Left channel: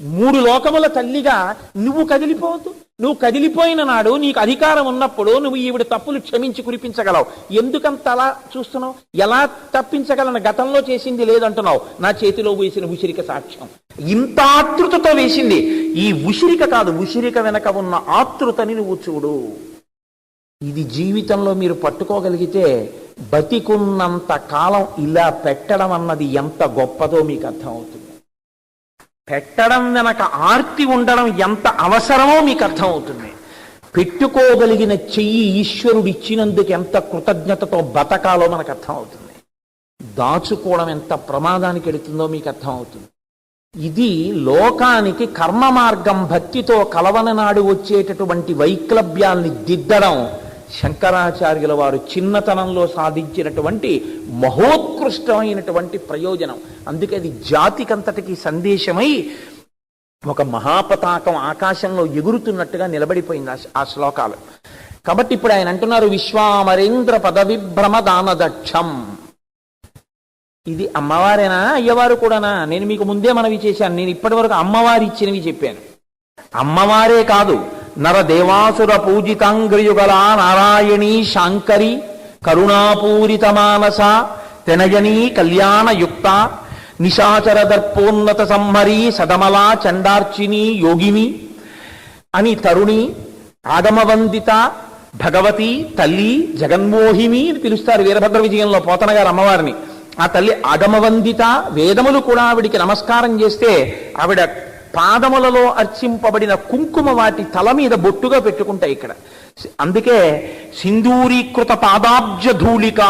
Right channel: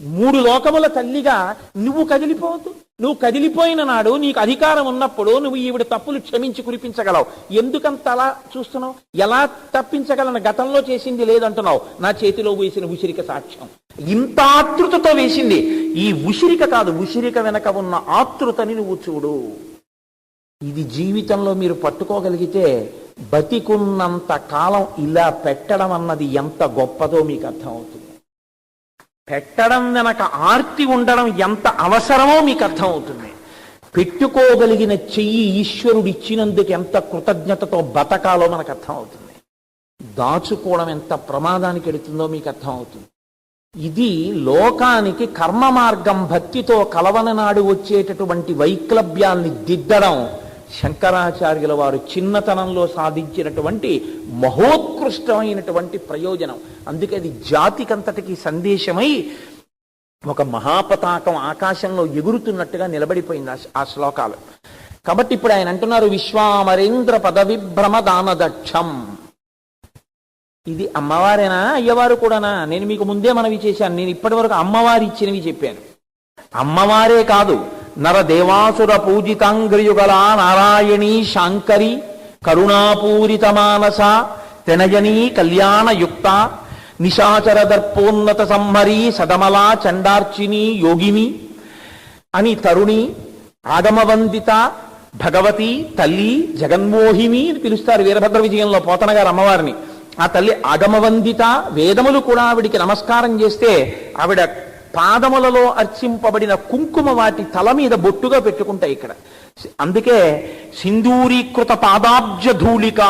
మూడు లోకముల తల్లిగా నువ్వు కదిలిపోవద్దు. నువ్వు కదిలిపోయిన నాడు నీకు అధికారం ఉన్నప్పుడు నువ్వు ఈవిడ తప్పులు క్షమించి కురిపించగలవు. ఎందుకంత అలా చూస్తున్నావు? ఎలా తప్పించగలను? గతంలో చేసింది లేదంటున్నావు. నా చేతిలో వేసిన ఉసిరిక సాక్ష్యం. ఇంత ఆతృతతో వేసింది. ఈ ఉసిరిక కాదు, ఉసిరిక వెనక ఉన్న ఆతృతని నువ్వు చూడు. ఇది జీవితంలో మీరు పట్టుకోగలిగితే బతికున్నంత కాలం ఇలా పెట్టడం అన్నది ఎంత గొప్పదో మీకు అర్థమవుతుంది. పెట్టడం వెనక ఆర్తి ఉండడం ఎంత అవసరమో మీకు అర్థమవుతుంది. పెట్టుకోగలిగిన చెయ్యి ఈశ్వరుడు ఇచ్చినందుకు ఎంత కృతజ్ఞతతో బతకాలో మనకు అర్థమవుతుంది. దాచుకోవడం ఎంత ప్రమాదానికి ఎడుతుందో మీకు అర్థమవుతుంది. ఇది లోకానికి కర్మ మార్గం భక్తితో కలవన నాడు వచ్చేటటువంటి వైక్లభ్యాల్ని దిద్దడం శంకరాచార్యుల వారు చిన్నతనంలో సాధించినటువంటి మహోత్కృష్టమైనటువంటి ప్రయోజనం. అందుకే అది జాతికంతటికి సందేశమై ఒక మహాపతాకం ఆకాశంలో ఎగురుతున్నట్టుగా నిలబడిపోయింది ఆ శ్లోకాలు. కాబట్టి ఇప్పుడు ఆయన అంటున్నారు, విశ్వామరేంద్ర పదవిభ్రమ దానదక్షం. ఇది అమ్మవారేనా అయ్యవారు కూడానా? నేను మీకు ముందే మనవి చేశాను. నేను ఇప్పటి వరకు అమ్మవారి ఇచ్చినవి చెప్పాను. అమ్మవారే కాదు, నరదేవాసుర పూజితాంగ్రయుగల నారాయణీ శాంకరి కరుణాపూరిత మానస తెనయనీ కళ్యాణయుక్త నిశాచర దర్పోన్నత సంహరి సదమలా చండార్చిని యోగిని అని తరుణి ఆగమవందిత భగవతి తల్లి జగన్మోహిని అని పిలుస్తారు వీరభద్ర విజయంలో పోతన గారు అమ్మవారిని. ఆ తల్లి ఆగమవందిత. వేదములు కూడా ఆవిడికి నమస్కారం చేస్తే ఆవిడ పాదములలో అర్చింపబడిన కుంకుమ వాటి తల మీద బొట్టుగా పెట్టుకుంటాయి ఇక్కడ. అందుకే సింధూరీకృత పాదాబ్జ ధూళిక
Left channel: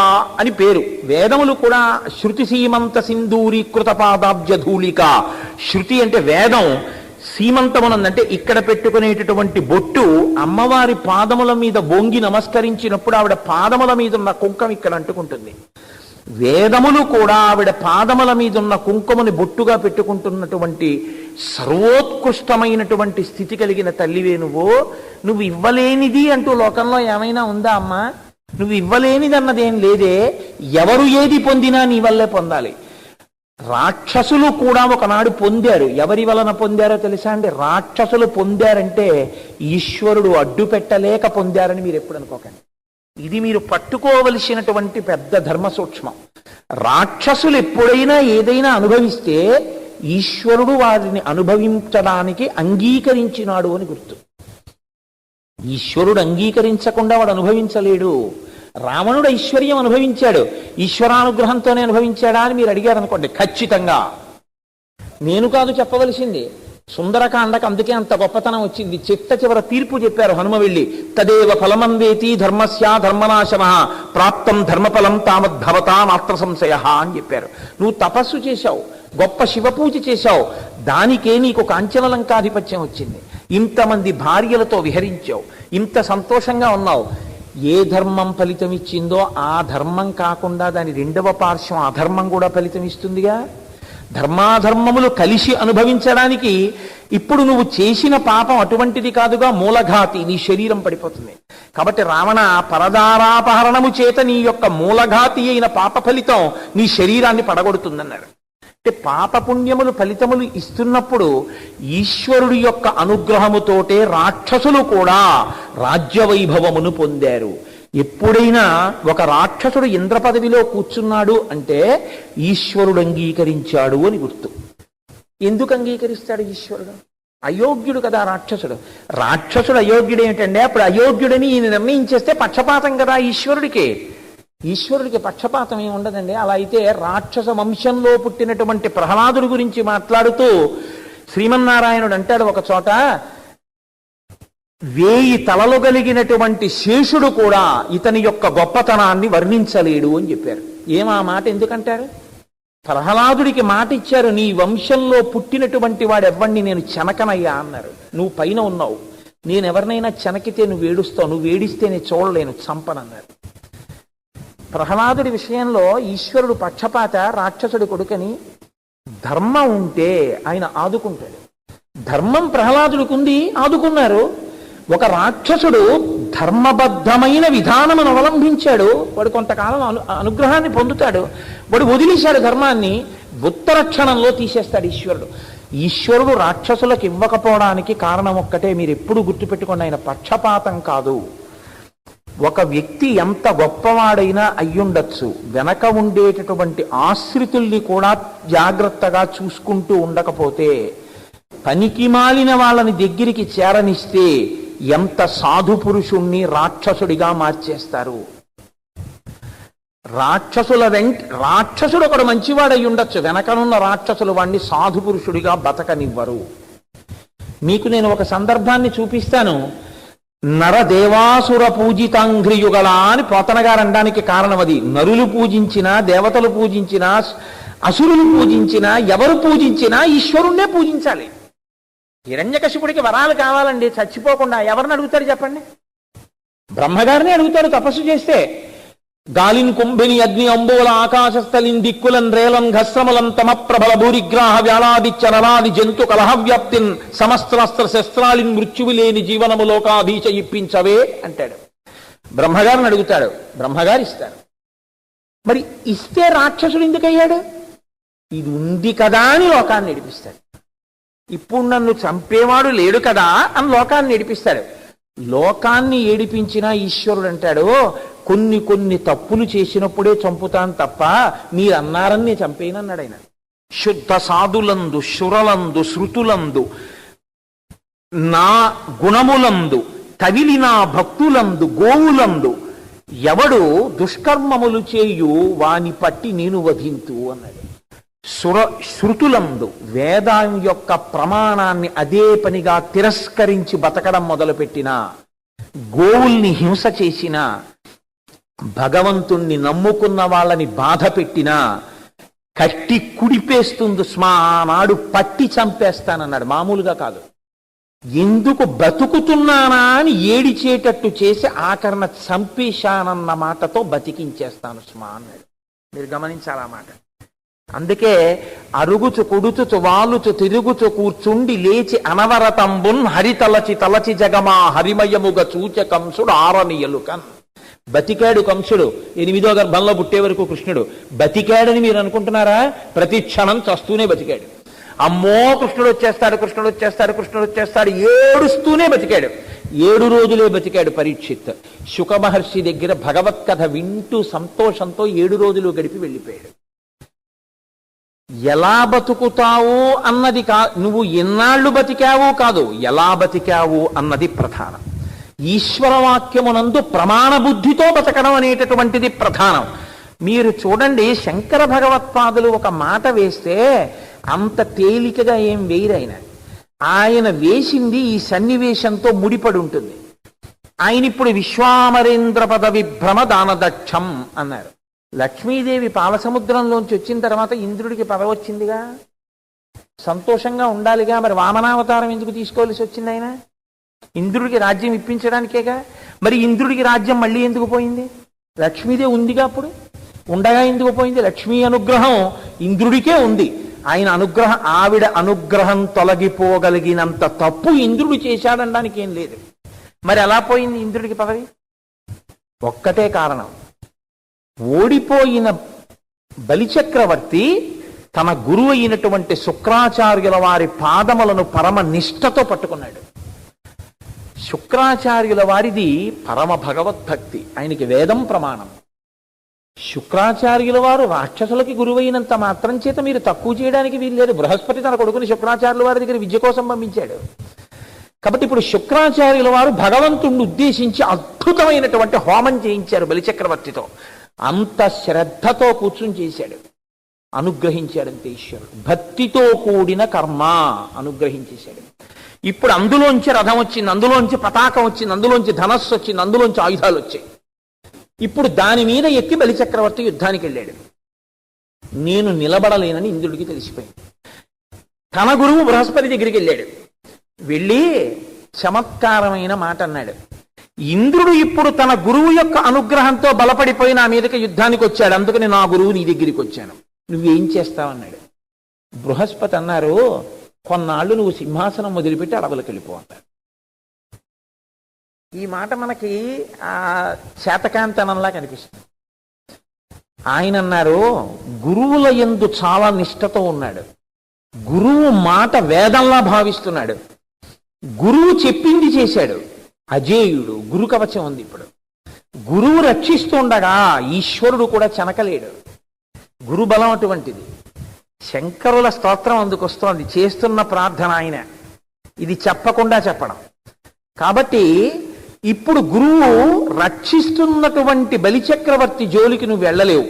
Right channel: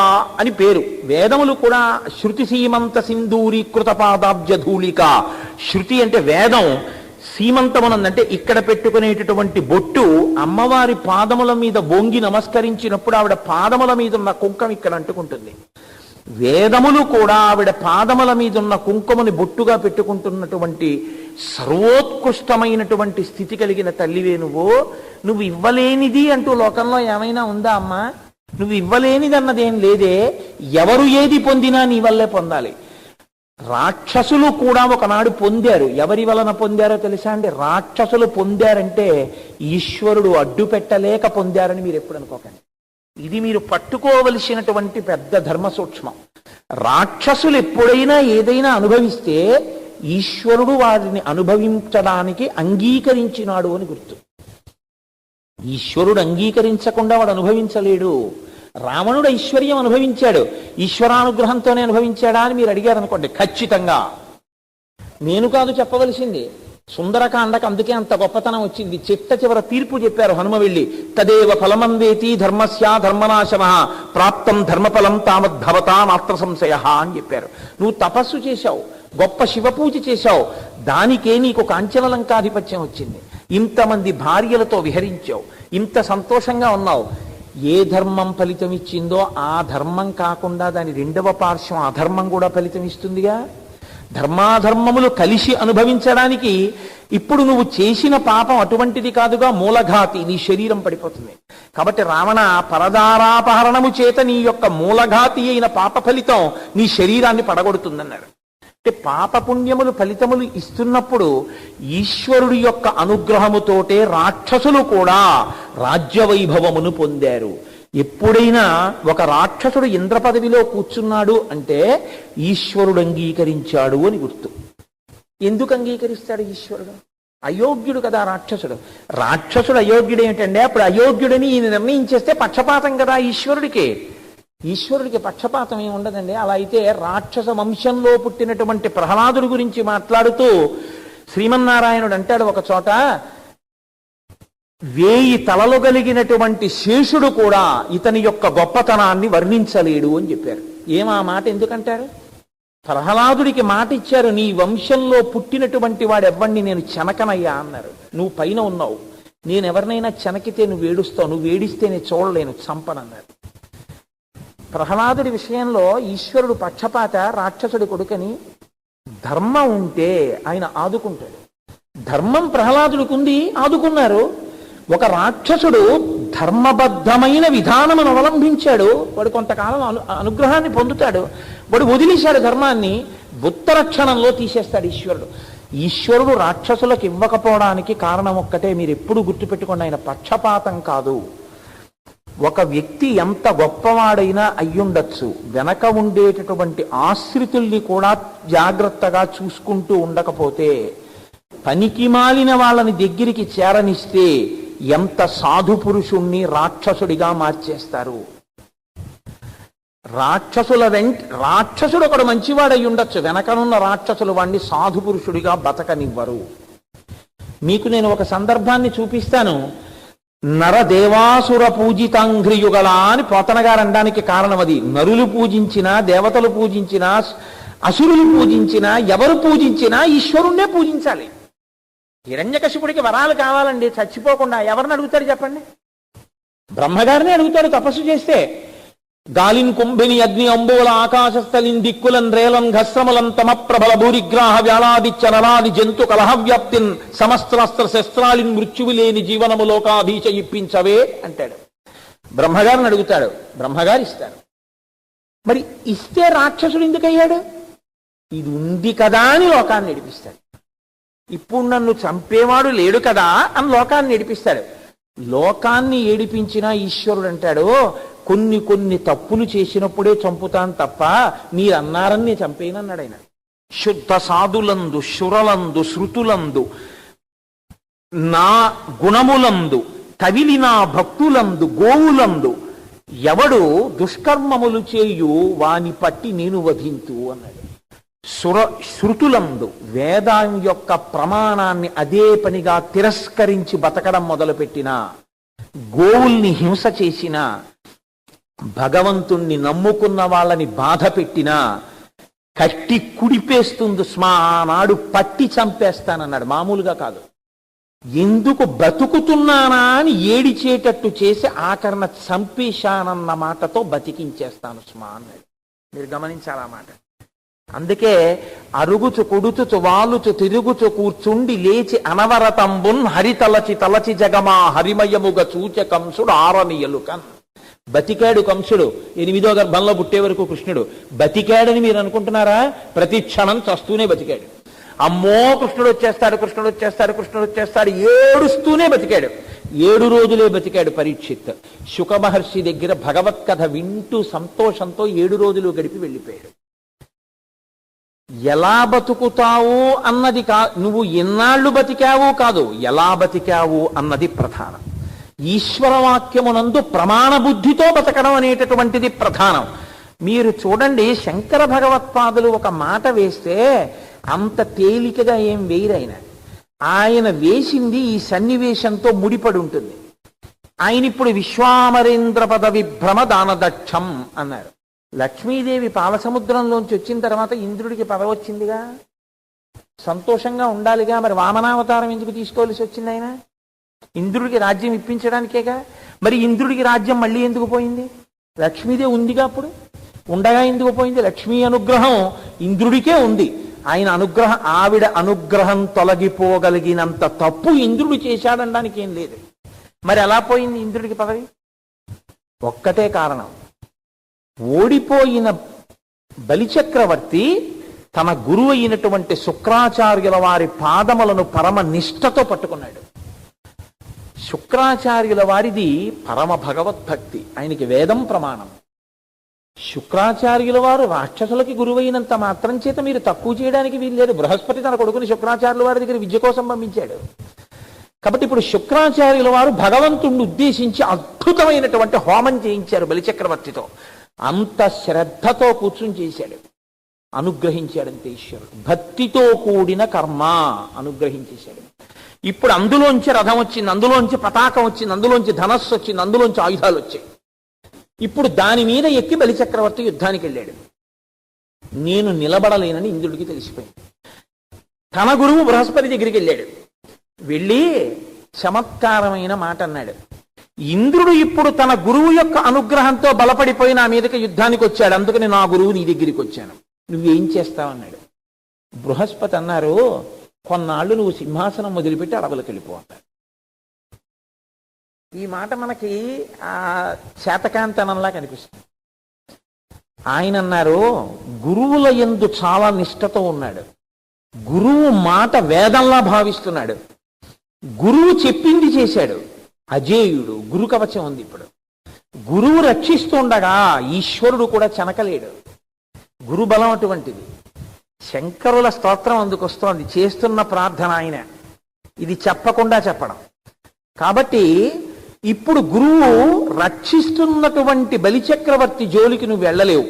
అని పేరు. వేదములు కూడా శృతి సీమంత సింధూరీకృత పాదాబ్జ ధూళిక. శృతి అంటే వేదం, సీమంతమునందంటే ఇక్కడ పెట్టుకునేటటువంటి బొట్టు అమ్మవారి పాదముల మీద బొంగి నమస్కరించినప్పుడు ఆవిడ పాదముల మీద ఉన్న కుంకం ఇక్కడ అంటుకుంటుంది. వేదములు కూడా ఆవిడ పాదముల మీద ఉన్న కుంకుమని బొట్టుగా పెట్టుకుంటున్నటువంటి సర్వోత్కృష్టమైనటువంటి స్థితి కలిగిన తల్లివే నువ్వు ఇవ్వలేనిది అంటూ లోకంలో ఏమైనా ఉందా అమ్మా? నువ్వు ఇవ్వలేనిది అన్నదేం లేదే. ఎవరు ఏది పొందినా నీ వల్లే పొందాలి. రాక్షసులు కూడా ఒకనాడు పొందారు. ఎవరి వలన పొందారో తెలుసా అండి? రాక్షసులు పొందారంటే ఈశ్వరుడు అడ్డు పెట్టలేక పొందారని మీరు ఎప్పుడు అనుకోకండి. ఇది మీరు పట్టుకోవలసినటువంటి పెద్ద ధర్మ సూక్ష్మం. రాక్షసులు ఎప్పుడైనా ఏదైనా అనుభవిస్తే ఈశ్వరుడు వారిని అనుభవించడానికి అంగీకరించినాడు అని గుర్తు. ఈశ్వరుడు అంగీకరించకుండా వాడు అనుభవించలేడు. రావణుడు ఐశ్వర్యం అనుభవించాడు, ఈశ్వరానుగ్రహంతోనే అనుభవించాడా అని మీరు అడిగారు అనుకోండి, ఖచ్చితంగా నేను కాదు చెప్పవలసింది. సుందరకాండకు అందుకే అంత గొప్పతనం వచ్చింది. చిట్ట చివర తీర్పు చెప్పారు హనుమ వెళ్ళి, తదేవ ఫలమందేతి ధర్మస్యా ధర్మనాశన ప్రాప్తం ధర్మఫలం తామద్భవతా నాత్ర సంశయ అని చెప్పారు. నువ్వు తపస్సు చేశావు, గొప్ప శివపూజ చేశావు, దానికే నీకు కాంచనలంకాధిపత్యం వచ్చింది. ఇంతమంది భార్యలతో విహరించావు, ఇంత సంతోషంగా ఉన్నావు. ఏ ధర్మం ఫలితం ఇచ్చిందో ఆ ధర్మం కాకుండా దాని రెండవ పార్శ్వం అధర్మం కూడా ఫలితం ఇస్తుందిగా. ధర్మాధర్మములు కలిసి అనుభవించడానికి ఇప్పుడు నువ్వు చేసిన పాపం అటువంటిది కాదుగా, మూలఘాతి, నీ శరీరం పడిపోతుంది. కాబట్టి రావణ, పరదారాపహరణము చేత నీ యొక్క మూలఘాతి అయిన పాప ఫలితం నీ శరీరాన్ని పడగొడుతుందన్నారు. అంటే పాపపుణ్యములు ఫలితములు ఇస్తున్నప్పుడు ఈశ్వరుడి యొక్క అనుగ్రహముతోటే రాక్షసులు కూడా రాజ్యవైభవమును పొందారు. ఎప్పుడైనా ఒక రాక్షసుడు ఇంద్ర పదవిలో కూర్చున్నాడు అంటే ఈశ్వరుడు అంగీకరించాడు అని గుర్తు. ఎందుకు అంగీకరిస్తాడు ఈశ్వరుడు? అయోగ్యుడు కదా రాక్షసుడు. రాక్షసుడు అయోగ్యుడు ఏమిటంటే అప్పుడు అయోగ్యుడని ఈయన నిర్ణయించేస్తే పక్షపాతం కదా ఈశ్వరుడికి. ఈశ్వరుడికి పక్షపాతం ఏమి ఉండదండి. అలా అయితే రాక్షస వంశంలో పుట్టినటువంటి ప్రహ్లాదుడి గురించి మాట్లాడుతూ శ్రీమన్నారాయణుడు అంటాడు ఒక చోట, 1000 తలలు కలిగినటువంటి శేషుడు కూడా ఇతని యొక్క గొప్పతనాన్ని వర్ణించలేడు అని చెప్పారు. ఏమా మాట ఎందుకంటారు? ప్రహ్లాదుడికి మాట ఇచ్చారు, నీ వంశంలో పుట్టినటువంటి వాడెవ్వడిని నేను చెనకనయ్యా అన్నారు. నువ్వు పైన ఉన్నావు, నేనెవరినైనా చెనకితే నువ్వు ఏడుస్తావు, నువ్వు ఏడిస్తే నేను చూడలేను, చంపనన్నారు. ప్రహ్లాదుడి విషయంలో ఈశ్వరుడు పక్షపాత, రాక్షసుడి కొడుకని. ధర్మం ఉంటే ఆయన ఆదుకుంటాడు. ధర్మం ప్రహ్లాదుడికి ఉంది, ఆదుకున్నారు. ఒక రాక్షసుడు ధర్మబద్ధమైన విధానమును అవలంబించాడు, వాడు కొంతకాలం అనుగ్రహాన్ని పొందుతాడు. వాడు వదిలేశాడు ధర్మాన్ని, ఉత్తర క్షణంలో తీసేస్తాడు ఈశ్వరుడు. ఈశ్వరుడు రాక్షసులకు ఇవ్వకపోవడానికి కారణం ఒక్కటే, మీరు ఎప్పుడు గుర్తుపెట్టుకోండి, ఆయన పక్షపాతం కాదు. ఒక వ్యక్తి ఎంత గొప్పవాడైనా అయ్యుండొచ్చు, వెనక ఉండేటటువంటి ఆశ్రితుల్ని కూడా జాగ్రత్తగా చూసుకుంటూ ఉండకపోతే, పనికి మాలిన వాళ్ళని దగ్గరికి చేరనిస్తే ఎంత సాధు పురుషుణ్ణి రాక్షసుడిగా మార్చేస్తారు. రాక్షసుడు ఒకడు మంచివాడై ఉండొచ్చు, వెనకనున్న రాక్షసులు వాణ్ణి సాధు పురుషుడిగా బతకనివ్వరు. మీకు నేను ఒక సందర్భాన్ని చూపిస్తాను. నరదేవాసుర పూజితాంఘ్రియుగళ అని పోతన గారు అనడానికి కారణం అది. నరులు పూజించినా, దేవతలు పూజించినా, అసురులు పూజించినా, ఎవరు పూజించినా ఈశ్వరుణ్ణే పూజించాలి. హిరణ్యకశిపుడికి వరాలు కావాలండి, చచ్చిపోకుండా ఎవరిని అడుగుతాడు చెప్పండి? బ్రహ్మగారిని అడుగుతాడు తపస్సు చేస్తే. గాలిన్ కుంభిని అగ్ని అంబోల ఆకాశస్థలిన్ దిక్కులన్ రేలన్ ఘస్రములం తమ ప్రబల భూరిగ్రాహ వ్యాళాదిత్య నరాది జంతు కలహవ్యాప్తిన్ సమస్త్రస్త్ర శస్త్రాలిన్ మృత్యువు లేని జీవనములోకాధీచ ఇప్పించవే అంటాడు. బ్రహ్మగారిని అడుగుతాడు, బ్రహ్మగారు ఇస్తాడు. మరి ఇస్తే రాక్షసుడు ఎందుకయ్యాడు? ఇది ఉంది కదా అని లోకాన్ని నడిపిస్తాడు. ఇప్పుడు నన్ను చంపేవాడు లేడు కదా అని లోకాన్ని నడిపిస్తాడు. లోకాన్ని ఏడిపించిన ఈశ్వరుడు అంటాడు, కొన్ని తప్పులు చేసినప్పుడే చంపుతాను తప్ప మీరన్నారని నేను చంపేనన్నాడు ఆయన. శుద్ధ సాధులందు, శురలందు, శృతులందు, నా గుణములందు, తవిలి నా భక్తులందు, గోవులందు ఎవడు దుష్కర్మములు చేయు వాని పట్టి నేను వధింతు అన్నాడు. శృతులందు, వేదం యొక్క ప్రమాణాన్ని అదే పనిగా తిరస్కరించి బతకడం మొదలుపెట్టిన, గోవుల్ని హింస చేసిన, భగవంతుణ్ణి నమ్ముకున్న వాళ్ళని బాధ పెట్టినా కట్టి కుడిపేస్తుంది స్మా, ఆనాడు పట్టి చంపేస్తానన్నాడు. మామూలుగా కాదు, ఎందుకు బతుకుతున్నానా అని ఏడిచేటట్టు చేసి ఆఖరణ చంపేశానన్న మాటతో బతికించేస్తాను స్మా అన్నాడు. మీరు గమనించాలా మాట. అందుకే అరుగుచు కొడుచుచు వాలుచు తిరుగుచు కూర్చుండి లేచి అనవరతంబున్ హరితలచి తలచి జగమా హరిమయముగ చూచ కంసుడు ఆరనియలుకన్. బతికాడు కంసుడు, 8వ గర్భంలో పుట్టే వరకు కృష్ణుడు బతికాడని మీరు అనుకుంటున్నారా? ప్రతి క్షణం చస్తూనే బతికాడు. అమ్మో కృష్ణుడు వచ్చేస్తాడు, కృష్ణుడు వచ్చేస్తాడు, కృష్ణుడు వచ్చేస్తాడు ఏడుస్తూనే బతికాడు. 7 రోజులే బతికాడు పరీక్షిత్. శుక మహర్షి దగ్గర భగవత్ కథ వింటూ సంతోషంతో 7 రోజులు గడిపి వెళ్ళిపోయాడు. ఎలా బతుకుతావు అన్నది నువ్వు ఎన్నాళ్ళు బతికావు కాదు, ఎలా బతికావు అన్నది ప్రధానం. ఈశ్వరవాక్యమునందు ప్రమాణ బుద్ధితో బతకడం అనేటటువంటిది ప్రధానం. మీరు చూడండి, శంకర భగవత్పాదులు ఒక మాట వేస్తే అంత తేలికగా ఏం వేయరైన. ఆయన వేసింది ఈ సన్నివేశంతో ముడిపడి ఉంటుంది. ఆయన ఇప్పుడు విశ్వామరేంద్ర పద విభ్రమ దానదక్షం అన్నారు. లక్ష్మీదేవి పాలసముద్రంలోంచి వచ్చిన తర్వాత ఇంద్రుడికి పదవి వచ్చిందిగా, సంతోషంగా ఉండాలిగా. మరి వామనావతారం ఎందుకు తీసుకోవాల్సి వచ్చింది? ఆయన ఇంద్రుడికి రాజ్యం ఇప్పించడానికేగా. మరి ఇంద్రుడికి రాజ్యం మళ్ళీ ఎందుకు పోయింది? లక్ష్మీదేవి ఉందిగా, అప్పుడు ఉండగా ఎందుకు పోయింది? లక్ష్మీ అనుగ్రహం ఇంద్రుడికే ఉంది. ఆవిడ అనుగ్రహం తొలగిపోగలిగినంత తప్పు ఇంద్రుడు చేశాడనడానికి ఏం లేదు. మరి ఎలా పోయింది ఇంద్రుడికి పదవి? ఒక్కటే కారణం, ఓడిపోయిన బలిచక్రవర్తి తన గురువు అయినటువంటి శుక్రాచార్యుల వారి పాదములను పరమ నిష్ఠతో పట్టుకున్నాడు. శుక్రాచార్యుల వారిది పరమ భగవద్భక్తి, ఆయనకి వేదం ప్రమాణం. శుక్రాచార్యుల వారు రాక్షసులకి గురువైనంత మాత్రం చేత మీరు తక్కువ చేయడానికి వీల్లేదు. బృహస్పతి తన కొడుకుని శుక్రాచార్యుల వారి దగ్గర విద్య కోసం పంపించాడు. కాబట్టి ఇప్పుడు శుక్రాచార్యుల వారు భగవంతుణ్ణి ఉద్దేశించి అద్భుతమైనటువంటి హోమం చేయించారు బలిచక్రవర్తితో. అంత శ్రద్ధతో కూర్చుని చేశాడు, అనుగ్రహించాడంతే ఈశ్వరుడు. భక్తితో కూడిన కర్మ అనుగ్రహించేశాడు. ఇప్పుడు అందులోంచి రథం వచ్చింది, అందులోంచి పతాకం వచ్చింది, అందులోంచి ధనస్సు వచ్చింది, అందులోంచి ఆయుధాలు వచ్చాయి. ఇప్పుడు దాని మీద ఎక్కి బలిచక్రవర్తి యుద్ధానికి వెళ్ళాడు. నేను నిలబడలేనని ఇంద్రుడికి తెలిసిపోయింది. తన గురువు బృహస్పతి దగ్గరికి వెళ్ళాడు. వెళ్ళి చమత్కారమైన మాట అన్నాడు. ఇంద్రుడు ఇప్పుడు తన గురువు యొక్క అనుగ్రహంతో బలపడిపోయి నా మీదకి యుద్ధానికి వచ్చాడు, అందుకని నా గురువు నీ దగ్గరికి వచ్చాను, నువ్వేం చేస్తావన్నాడు. బృహస్పతి అన్నారు, కొన్నాళ్ళు నువ్వు సింహాసనం వదిలిపెట్టి అడవులకు వెళ్ళిపో అన్నాడు. ఈ మాట మనకి శాతకాంతనంలా కనిపిస్తుంది. ఆయన అన్నారు, గురువుల యందు చాలా నిష్ఠతో ఉన్నాడు, గురువు మాట వేదంలా భావిస్తున్నాడు, గురువు చెప్పింది చేశాడు, అజేయుడు, గురు కవచం ఉంది. ఇప్పుడు గురువు రక్షిస్తుండగా ఈశ్వరుడు కూడా చెనకలేడు. గురు బలం అటువంటిది. శంకరుల స్తోత్రం అందుకొస్తోంది, చేస్తున్న ప్రార్థన ఆయన ఇది చెప్పకుండా చెప్పడం. కాబట్టి ఇప్పుడు గురువు రక్షిస్తున్నటువంటి బలిచక్రవర్తి జోలికి నువ్వు వెళ్ళలేవు,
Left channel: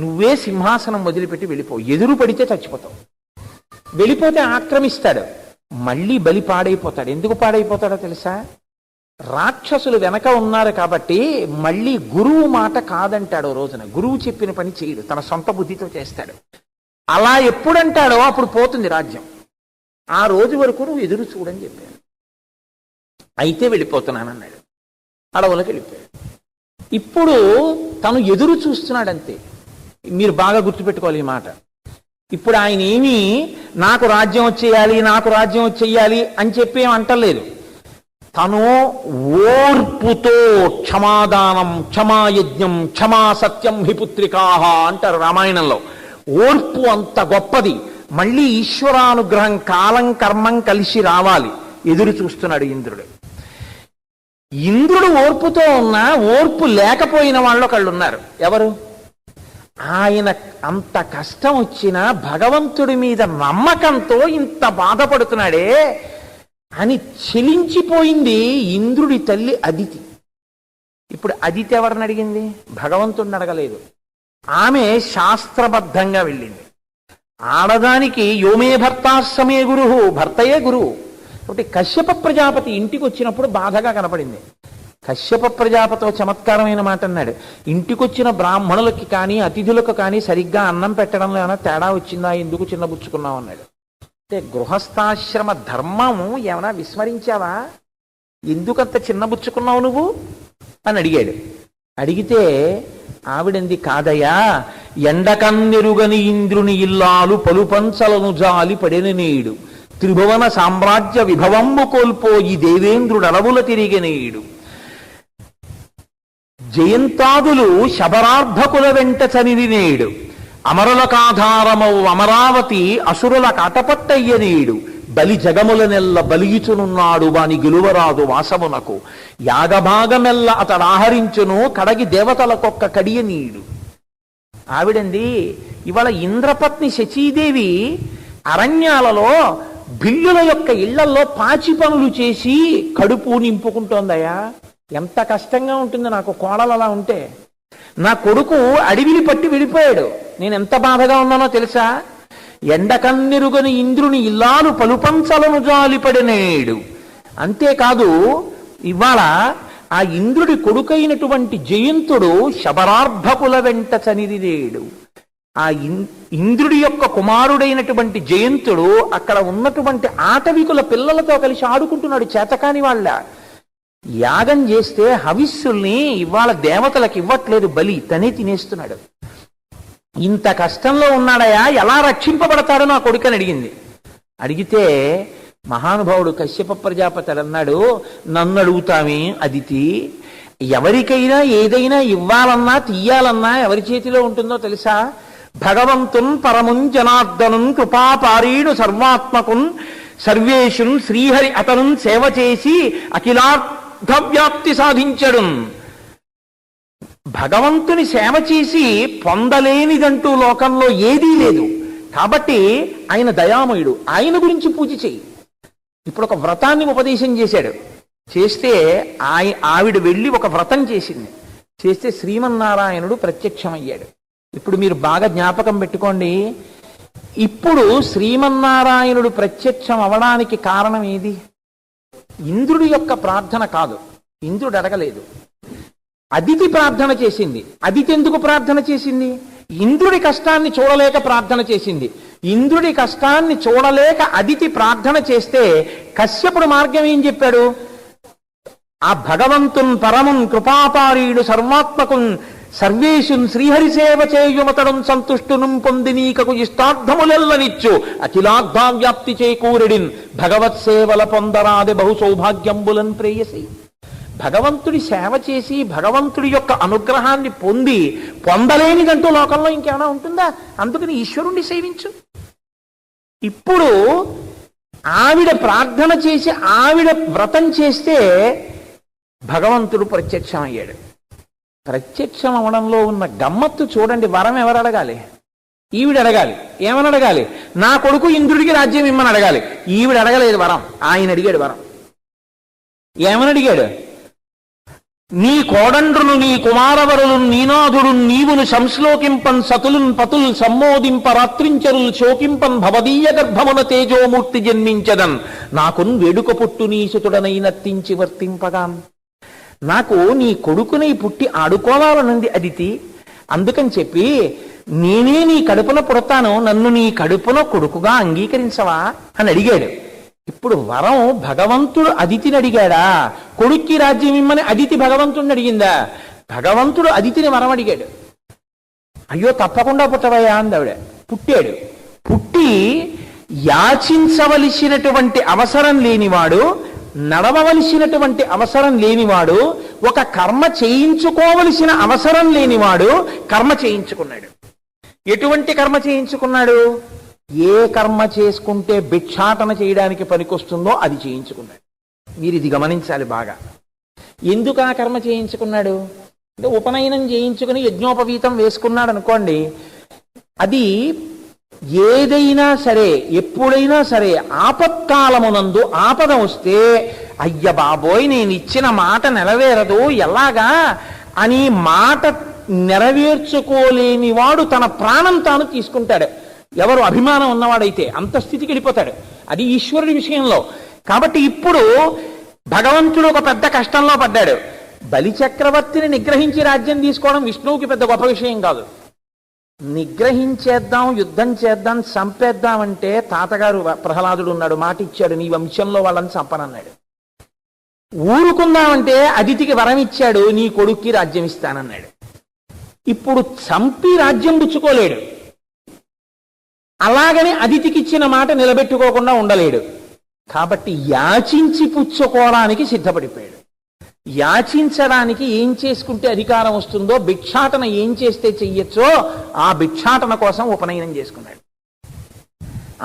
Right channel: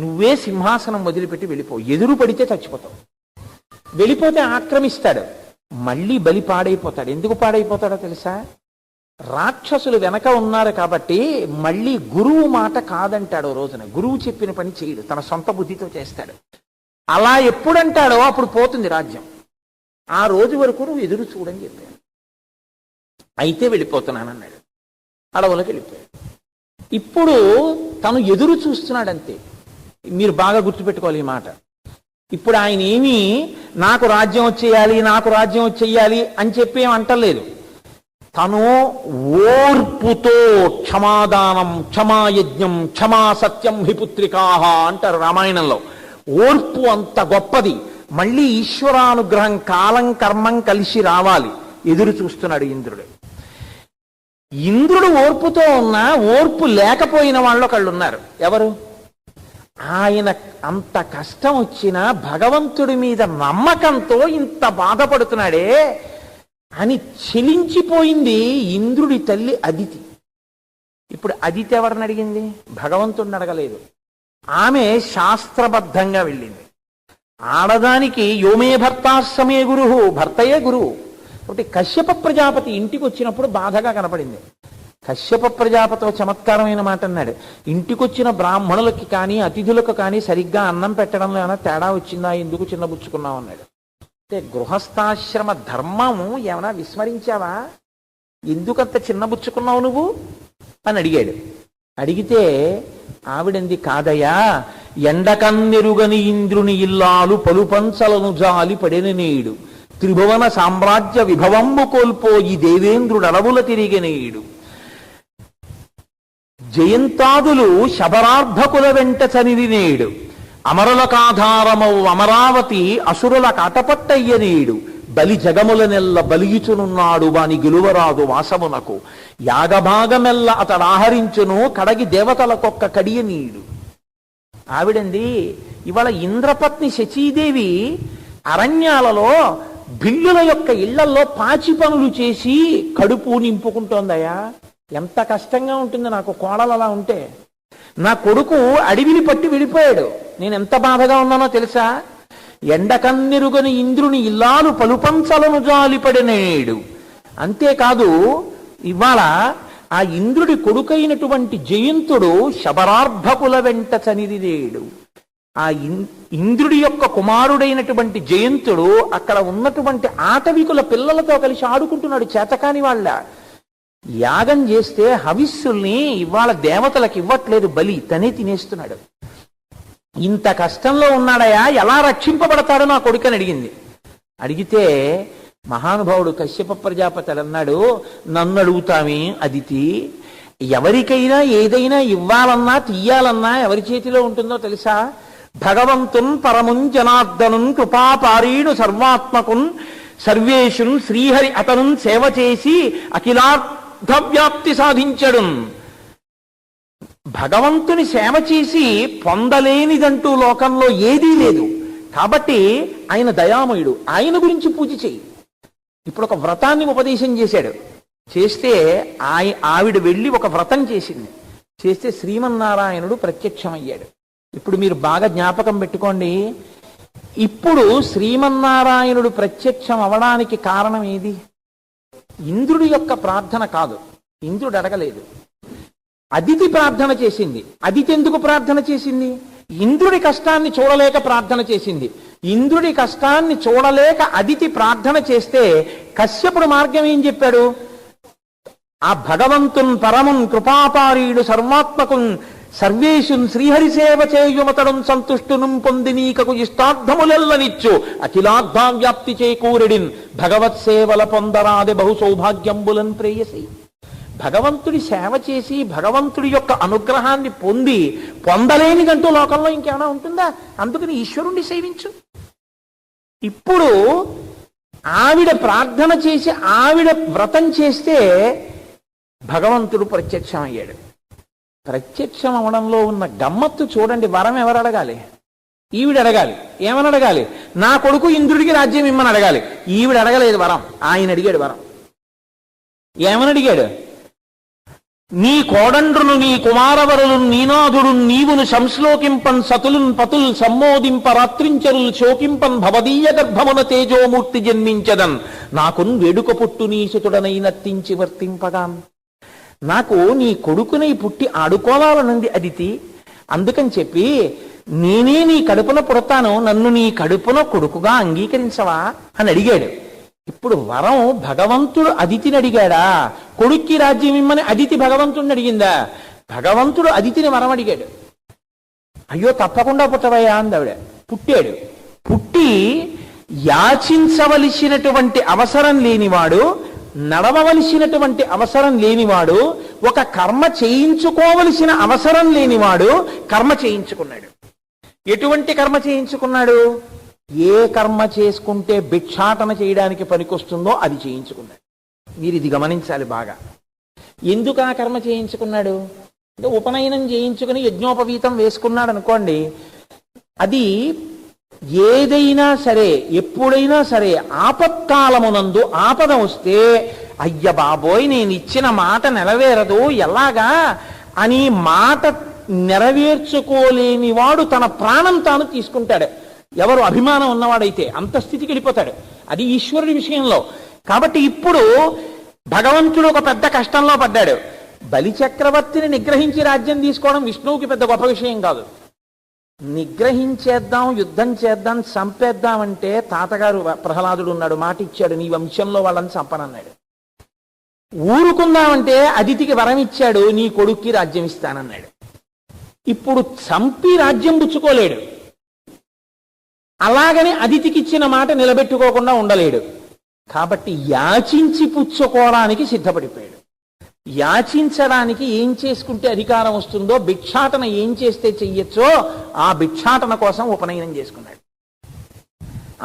నువ్వే సింహాసనం వదిలిపెట్టి వెళ్ళిపో, ఎదురు పడితే చచ్చిపోతావు, వెళ్ళిపోతే ఆక్రమిస్తాడు, మళ్ళీ బలి పాడైపోతాడు. ఎందుకు పాడైపోతాడో తెలుసా? రాక్షసులు వెనక ఉన్నారు కాబట్టి మళ్ళీ గురువు మాట కాదంటాడు. రోజున గురువు చెప్పిన పని చేయడు, తన సొంత బుద్ధితో చేస్తాడు. అలా ఎప్పుడంటాడో అప్పుడు పోతుంది రాజ్యం. ఆ రోజు వరకు నువ్వు ఎదురు చూడని చెప్పాడు. అయితే వెళ్ళిపోతున్నానన్నాడు, అడవులకు వెళ్ళిపోయాడు. ఇప్పుడు తను ఎదురు చూస్తున్నాడంతే. మీరు బాగా గుర్తుపెట్టుకోవాలి ఈ మాట. ఇప్పుడు ఆయన ఏమీ నాకు రాజ్యం వచ్చేయాలి, నాకు రాజ్యం వచ్చేయాలి అని చెప్పి ఏం అంటలేదు. తను ఓర్పుతో క్షమాదానం, క్షమాయజ్ఞం, క్షమా సత్యం హి పుత్రికాహ అంటారు రామాయణంలో. ఓర్పు అంత గొప్పది. మళ్ళీ ఈశ్వరానుగ్రహం, కాలం కర్మం కలిసి రావాలి. ఎదురు చూస్తున్నాడు ఇంద్రుడు. ఇంద్రుడు ఓర్పుతో ఉన్నా ఓర్పు లేకపోయిన వాళ్ళు ఒకళ్ళున్నారు. ఎవరు? ఆయన అంత కష్టం వచ్చినా భగవంతుడి మీద నమ్మకంతో ఇంత బాధపడుతున్నాడే అని చెలించిపోయింది ఇంద్రుడి తల్లి అదితి. ఇప్పుడు అదితి ఎవరిని అడిగింది? భగవంతుడిని అడగలేదు. ఆమె శాస్త్రబద్ధంగా వెళ్ళింది. ఆడదానికి యోమే భర్తాశ్రమే గురువు, భర్తయే గురువు. ఒకటి కశ్యప ప్రజాపతి ఇంటికి వచ్చినప్పుడు బాధగా కనపడింది. కశ్యప ప్రజాపతితో చమత్కారమైన మాట అన్నాడు, ఇంటికొచ్చిన బ్రాహ్మణులకి కానీ అతిథులకు కానీ సరిగ్గా అన్నం పెట్టడంలో ఏమైనా తేడా వచ్చిందా, ఎందుకు చిన్నబుచ్చుకున్నావు అన్నాడు. అంటే గృహస్థాశ్రమ ధర్మము ఏమైనా విస్మరించావా, ఎందుకంత చిన్నబుచ్చుకున్నావు నువ్వు అని అడిగాడు. అడిగితే ఆవిడంది, కాదయ్యా, ఎండకన్నెరుగని ఇంద్రుని ఇల్లాలు పలుపంచలను జాలి పడిన నేడు, త్రిభువన సామ్రాజ్య విభవమ్ము కోల్పోయి దేవేంద్రుడు అడవుల తిరిగినేడు, జయంతాదులు శబరార్భకుల వెంట చనిరినేడు, అమరులకాధారమౌ అమరావతి అసురుల కాటపట్టయ్యనేడు, బలి జగములనెల్ల బలియుచునున్నాడు వాని గెలువరాదు వాసమునకు, యాగభాగమెల్ల అతడాహరించును కడగి దేవతలకొక్క కడియనీడు. ఆవిడంది, ఇవాళ ఇంద్రపత్ని శచీదేవి అరణ్యాలలో బిల్లుల యొక్క ఇళ్లలో పాచి పనులు చేసి కడుపు నింపుకుంటోందయా. ఎంత కష్టంగా ఉంటుంది నాకు కోడలు అలా ఉంటే. నా కొడుకు అడవిని పట్టి విడిపోయాడు, నేను ఎంత బాధగా ఉన్నానో తెలుసా. ఎండకన్నెరుగని ఇంద్రుని ఇల్లాలు పలుపంచలను జాలిపడినేడు. అంతేకాదు, ఇవాళ ఆ ఇంద్రుడి కొడుకైనటువంటి జయంతుడు శబరార్భకుల వెంట చనిరినేడు. ఆ ఇంద్రుడి యొక్క కుమారుడైనటువంటి జయంతుడు అక్కడ ఉన్నటువంటి ఆటవికుల పిల్లలతో కలిసి ఆడుకుంటున్నాడు. చేతకాని వాళ్ళ యాగం చేస్తే హవిస్సుల్ని ఇవాళ దేవతలకు ఇవ్వట్లేదు, బలి తనే తినేస్తున్నాడు. ఇంత కష్టంలో ఉన్నాడయా, ఎలా రక్షింపబడతాడో నా కొడుకని అడిగింది. అడిగితే మహానుభావుడు కశ్యప ప్రజాపతి అన్నాడు, నన్ను అడుగుతామే అదితి, ఎవరికైనా ఏదైనా ఇవ్వాలన్నా తీయాలన్నా ఎవరి చేతిలో ఉంటుందో తెలుసా? భగవంతున్ పరమున్ జనార్దనున్ కృపాపారీణు సర్వాత్మకున్ సర్వేషున్ శ్రీహరి అతను సేవ చేసి అఖిలార్థవ్యాప్తి సాధించడు. భగవంతుని సేవ చేసి పొందలేనిదంటూ లోకంలో ఏదీ లేదు. కాబట్టి ఆయన దయామయుడు, ఆయన గురించి పూజ చేయి. ఇప్పుడు ఒక వ్రతాన్ని ఉపదేశం చేశాడు. చేస్తే ఆవిడ వెళ్ళి ఒక వ్రతం చేసింది. చేస్తే శ్రీమన్నారాయణుడు ప్రత్యక్షమయ్యాడు. ఇప్పుడు మీరు బాగా జ్ఞాపకం పెట్టుకోండి, ఇప్పుడు శ్రీమన్నారాయణుడు ప్రత్యక్షం అవడానికి కారణం ఏది? ఇంద్రుడి యొక్క ప్రార్థన కాదు, ఇంద్రుడు అడగలేదు. అదితి ప్రార్థన చేసింది. అదితి ఎందుకు ప్రార్థన చేసింది? ఇంద్రుడి కష్టాన్ని చూడలేక ప్రార్థన చేసింది. ఇంద్రుడి కష్టాన్ని చూడలేక అదితి ప్రార్థన చేస్తే కశ్యపుడు మార్గం ఏం చెప్పాడు? ఆ భగవంతున్ పరమున్ కృపాపారీడు సర్వాత్మకున్ సర్వేషున్ శ్రీహరి సేవ చేయుమతడం సంతుష్టును పొంది నీకకు ఇష్టార్థములెల్లనిచ్చు అఖిలార్థావ్యాప్తి చేకూరెడిన్ భగవత్ సేవల పొందరాది బహు సౌభాగ్యంబులన్ ప్రేయసి. భగవంతుడి సేవ చేసి భగవంతుడి యొక్క అనుగ్రహాన్ని పొందలేనిదంటూ లోకంలో ఇంకేమైనా ఉంటుందా? అందుకని ఈశ్వరుణ్ణి సేవించు. ఇప్పుడు ఆవిడ ప్రార్థన చేసి ఆవిడ వ్రతం చేస్తే భగవంతుడు ప్రత్యక్షమయ్యాడు. ప్రత్యక్షం అవడంలో ఉన్న గమ్మత్తు చూడండి. వరం ఎవరు అడగాలి? ఈవిడ అడగాలి. ఏమని అడగాలి? నా కొడుకు ఇంద్రుడికి రాజ్యం ఇమ్మని అడగాలి. ఈవిడ అడగలేదు వరం, ఆయన అడిగాడు వరం. ఏమని అడిగాడు? నీ కోడండ్రును నీ కుమారవరులు నీనాథుడు నీవును సంశ్లోకింపన్ సతులున్ పతుల్ సమ్మోదింప రాత్రించరులు శోకింపన్ భవదీయ గర్భమున తేజోమూర్తి జన్మించదన్ నాకున్ వేడుక పుట్టు నీ సుతుడనైనత్తించి వర్తింపగాన్. నాకు నీ కొడుకునై పుట్టి ఆడుకోవాలనుంది అదితి. అందుకని చెప్పి నేనే నీ కడుపున పుడతాను, నన్ను నీ కడుపున కొడుకుగా అంగీకరించవా అని అడిగాడు. ఇప్పుడు వరం భగవంతుడు అదితిని అడిగాడా? కొడుక్కి రాజ్యం ఇమ్మని అదితి భగవంతుడిని అడిగిందా? భగవంతుడు అదితిని వరం అడిగాడు. అయ్యో తప్పకుండా పుట్టవయ్యా అందావిడ. పుట్టాడు. పుట్టి యాచించవలసినటువంటి అవసరం లేనివాడు, నడవవలసినటువంటి అవసరం లేనివాడు, ఒక కర్మ చేయించుకోవలసిన అవసరం లేనివాడు కర్మ చేయించుకున్నాడు. ఎటువంటి కర్మ చేయించుకున్నాడు? ఏ కర్మ చేసుకుంటే భిక్షాటన చేయడానికి పనికొస్తుందో అది చేయించుకున్నాడు. మీరు ఇది గమనించాలి బాగా. ఎందుకు ఆ కర్మ చేయించుకున్నాడు అంటే, ఉపనయనం చేయించుకుని యజ్ఞోపవీతం వేసుకున్నాడు అనుకోండి, అది ఏదైనా సరే ఎప్పుడైనా సరే ఆపత్కాలమునందు ఆపద వస్తే అయ్య బాబోయ్ నేను ఇచ్చిన మాట నెరవేరదు ఎలాగా అని మాట నెరవేర్చుకోలేని వాడు తన ప్రాణం తాను తీసుకుంటాడు. ఎవరు అభిమానం ఉన్నవాడైతే అంత స్థితికి వెళ్ళిపోతాడు. అది ఈశ్వరుడి విషయంలో. కాబట్టి ఇప్పుడు భగవంతుడు ఒక పెద్ద కష్టంలో పడ్డాడు. బలిచక్రవర్తిని నిగ్రహించి రాజ్యం తీసుకోవడం విష్ణువుకి పెద్ద గొప్ప విషయం కాదు. నిగ్రహించేద్దాం, యుద్ధం చేద్దాం, చంపేద్దామంటే తాతగారు ప్రహ్లాదుడు ఉన్నాడు, మాట ఇచ్చాడు, నీ వంశంలో వాళ్ళని చంపనన్నాడు. ఊరుకుందామంటే అదితికి వరం ఇచ్చాడు, నీ కొడుక్కి రాజ్యం ఇస్తానన్నాడు. ఇప్పుడు చంపి రాజ్యం పుచ్చుకోలేడు. అలాగని అదితికి ఇచ్చిన మాట నిలబెట్టుకోకుండా ఉండలేడు. కాబట్టి యాచించి పుచ్చుకోవడానికి సిద్ధపడిపోయాడు. యాచించడానికి ఏం చేసుకుంటే అధికారం వస్తుందో, భిక్షాటన ఏం చేస్తే చెయ్యొచ్చో ఆ భిక్షాటన కోసం ఉపనయనం చేసుకున్నాడు.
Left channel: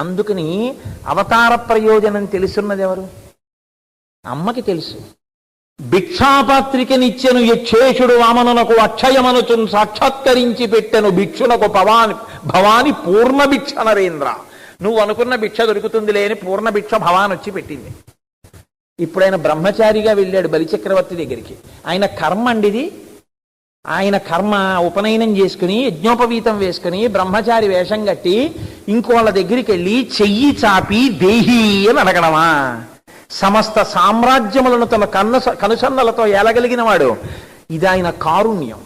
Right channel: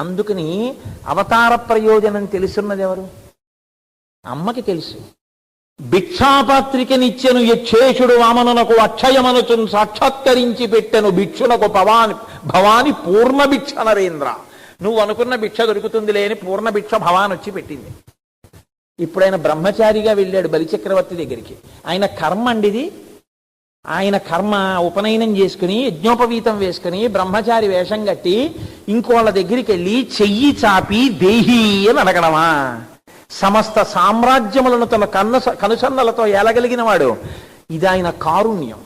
అందుకని అవతార ప్రయోజనం తెలుసున్నది ఎవరు? అమ్మకి తెలుసు. భిక్షాపాత్రికనిచ్చెను యక్షేషుడు వామనునకు అక్షయమనుచును సాక్షాత్కరించి పెట్టెను భిక్షునకు భవాని పూర్ణ భిక్ష నరేంద్ర. నువ్వు అనుకున్న భిక్ష దొరుకుతుంది లేని పూర్ణ భిక్ష భవాన్ వచ్చి పెట్టింది. ఇప్పుడు ఆయన బ్రహ్మచారిగా వెళ్ళాడు బలిచక్రవర్తి దగ్గరికి. ఆయన కర్మ అండిది. ఆయన కర్మ ఉపనయనం చేసుకుని యజ్ఞోపవీతం వేసుకుని బ్రహ్మచారి వేషం కట్టి ఇంకోళ్ళ దగ్గరికి వెళ్ళి చెయ్యి చాపి దేహి అని అడగడమా? సమస్త సామ్రాజ్యములను తన కనుసన్నలతో ఏలగలిగిన వాడు. ఇది ఆయన కారుణ్యం,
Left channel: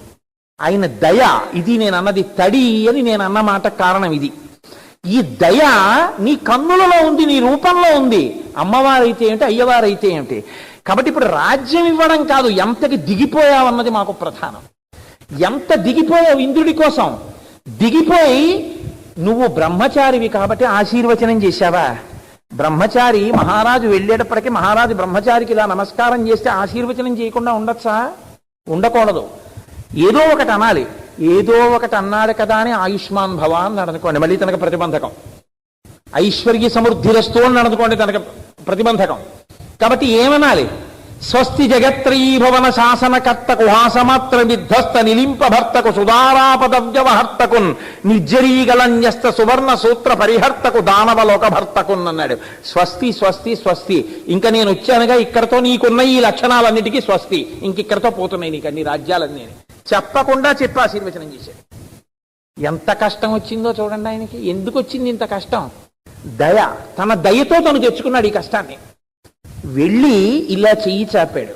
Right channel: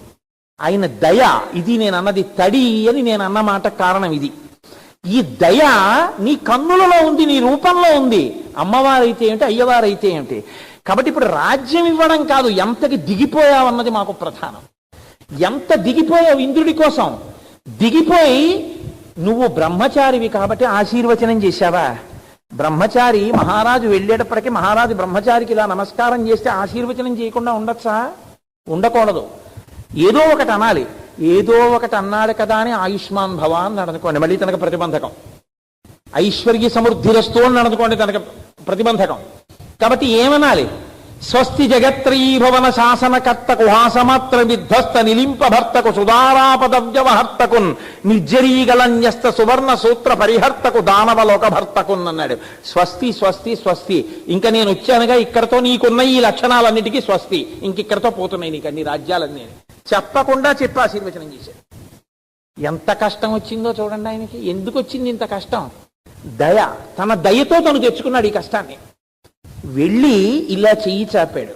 ఆయన దయ. ఇది నేను అన్నది తడి అని నేను అన్న మాట కారణం ఇది. ఈ దయ నీ కన్నులలో ఉంది, నీ రూపంలో ఉంది. అమ్మవారైతే ఏమిటి, అయ్యవారైతే ఏమిటి. కాబట్టి ఇప్పుడు రాజ్యం ఇవ్వడం కాదు, ఎంతకి దిగిపోయావన్నది మాకు ప్రధానం. ఎంత దిగిపోయావు ఇంద్రుడి కోసం? దిగిపోయి నువ్వు బ్రహ్మచారివి కాబట్టి ఆశీర్వచనం చేశావా? బ్రహ్మచారి మహారాజు వెళ్ళేటప్పటికీ మహారాజు బ్రహ్మచారికి ఇలా నమస్కారం చేస్తే ఆశీర్వచనం చేయకుండా ఉండొచ్చా? ఉండకూడదు. ఏదో ఒకటి అనాలి. ఏదో ఒకటి అన్నాడు కదా అని ఆయుష్మాన్ భవ అని అనుకోండి, మళ్ళీ తనకు ప్రతిబంధకం. ఐశ్వర్య సమృద్ధిరస్తు అని అనుకోండి, తనకు ప్రతిబంధకం. కాబట్టి ఏమనాలి? స్వస్తి జగత్రీభవన శాసనకర్తకు హాసమాత్ర విధ్వస్త నిలింప భర్తకు సుధారాపదవ్యవహర్తకున్ నిర్జరీగలన్యస్త సువర్ణ సూత్ర పరిహర్తకు దానవలోక భర్తకున్ అన్నాడు. స్వస్తి స్వస్తి స్వస్తి. ఇంకా నేను వచ్చానుగా, ఇక్కడతో నీకున్న ఈ లక్షణాలన్నిటికీ స్వస్తి, ఇంకిక్కడతో పోతున్నాయి నీకు అన్ని రాజ్యాలన్నీ చెప్పకుండా చెప్పి ఆశీర్వచనం చేశాడు. ఎంత కష్టం వచ్చిందో చూడండి ఆయనకి. ఎందుకు వచ్చింది ఇంత కష్టం? దయ. తన దయతో తను తెచ్చుకున్నాడు ఈ కష్టాన్ని. వెళ్ళి ఇలా చెయ్యి చాపాడు.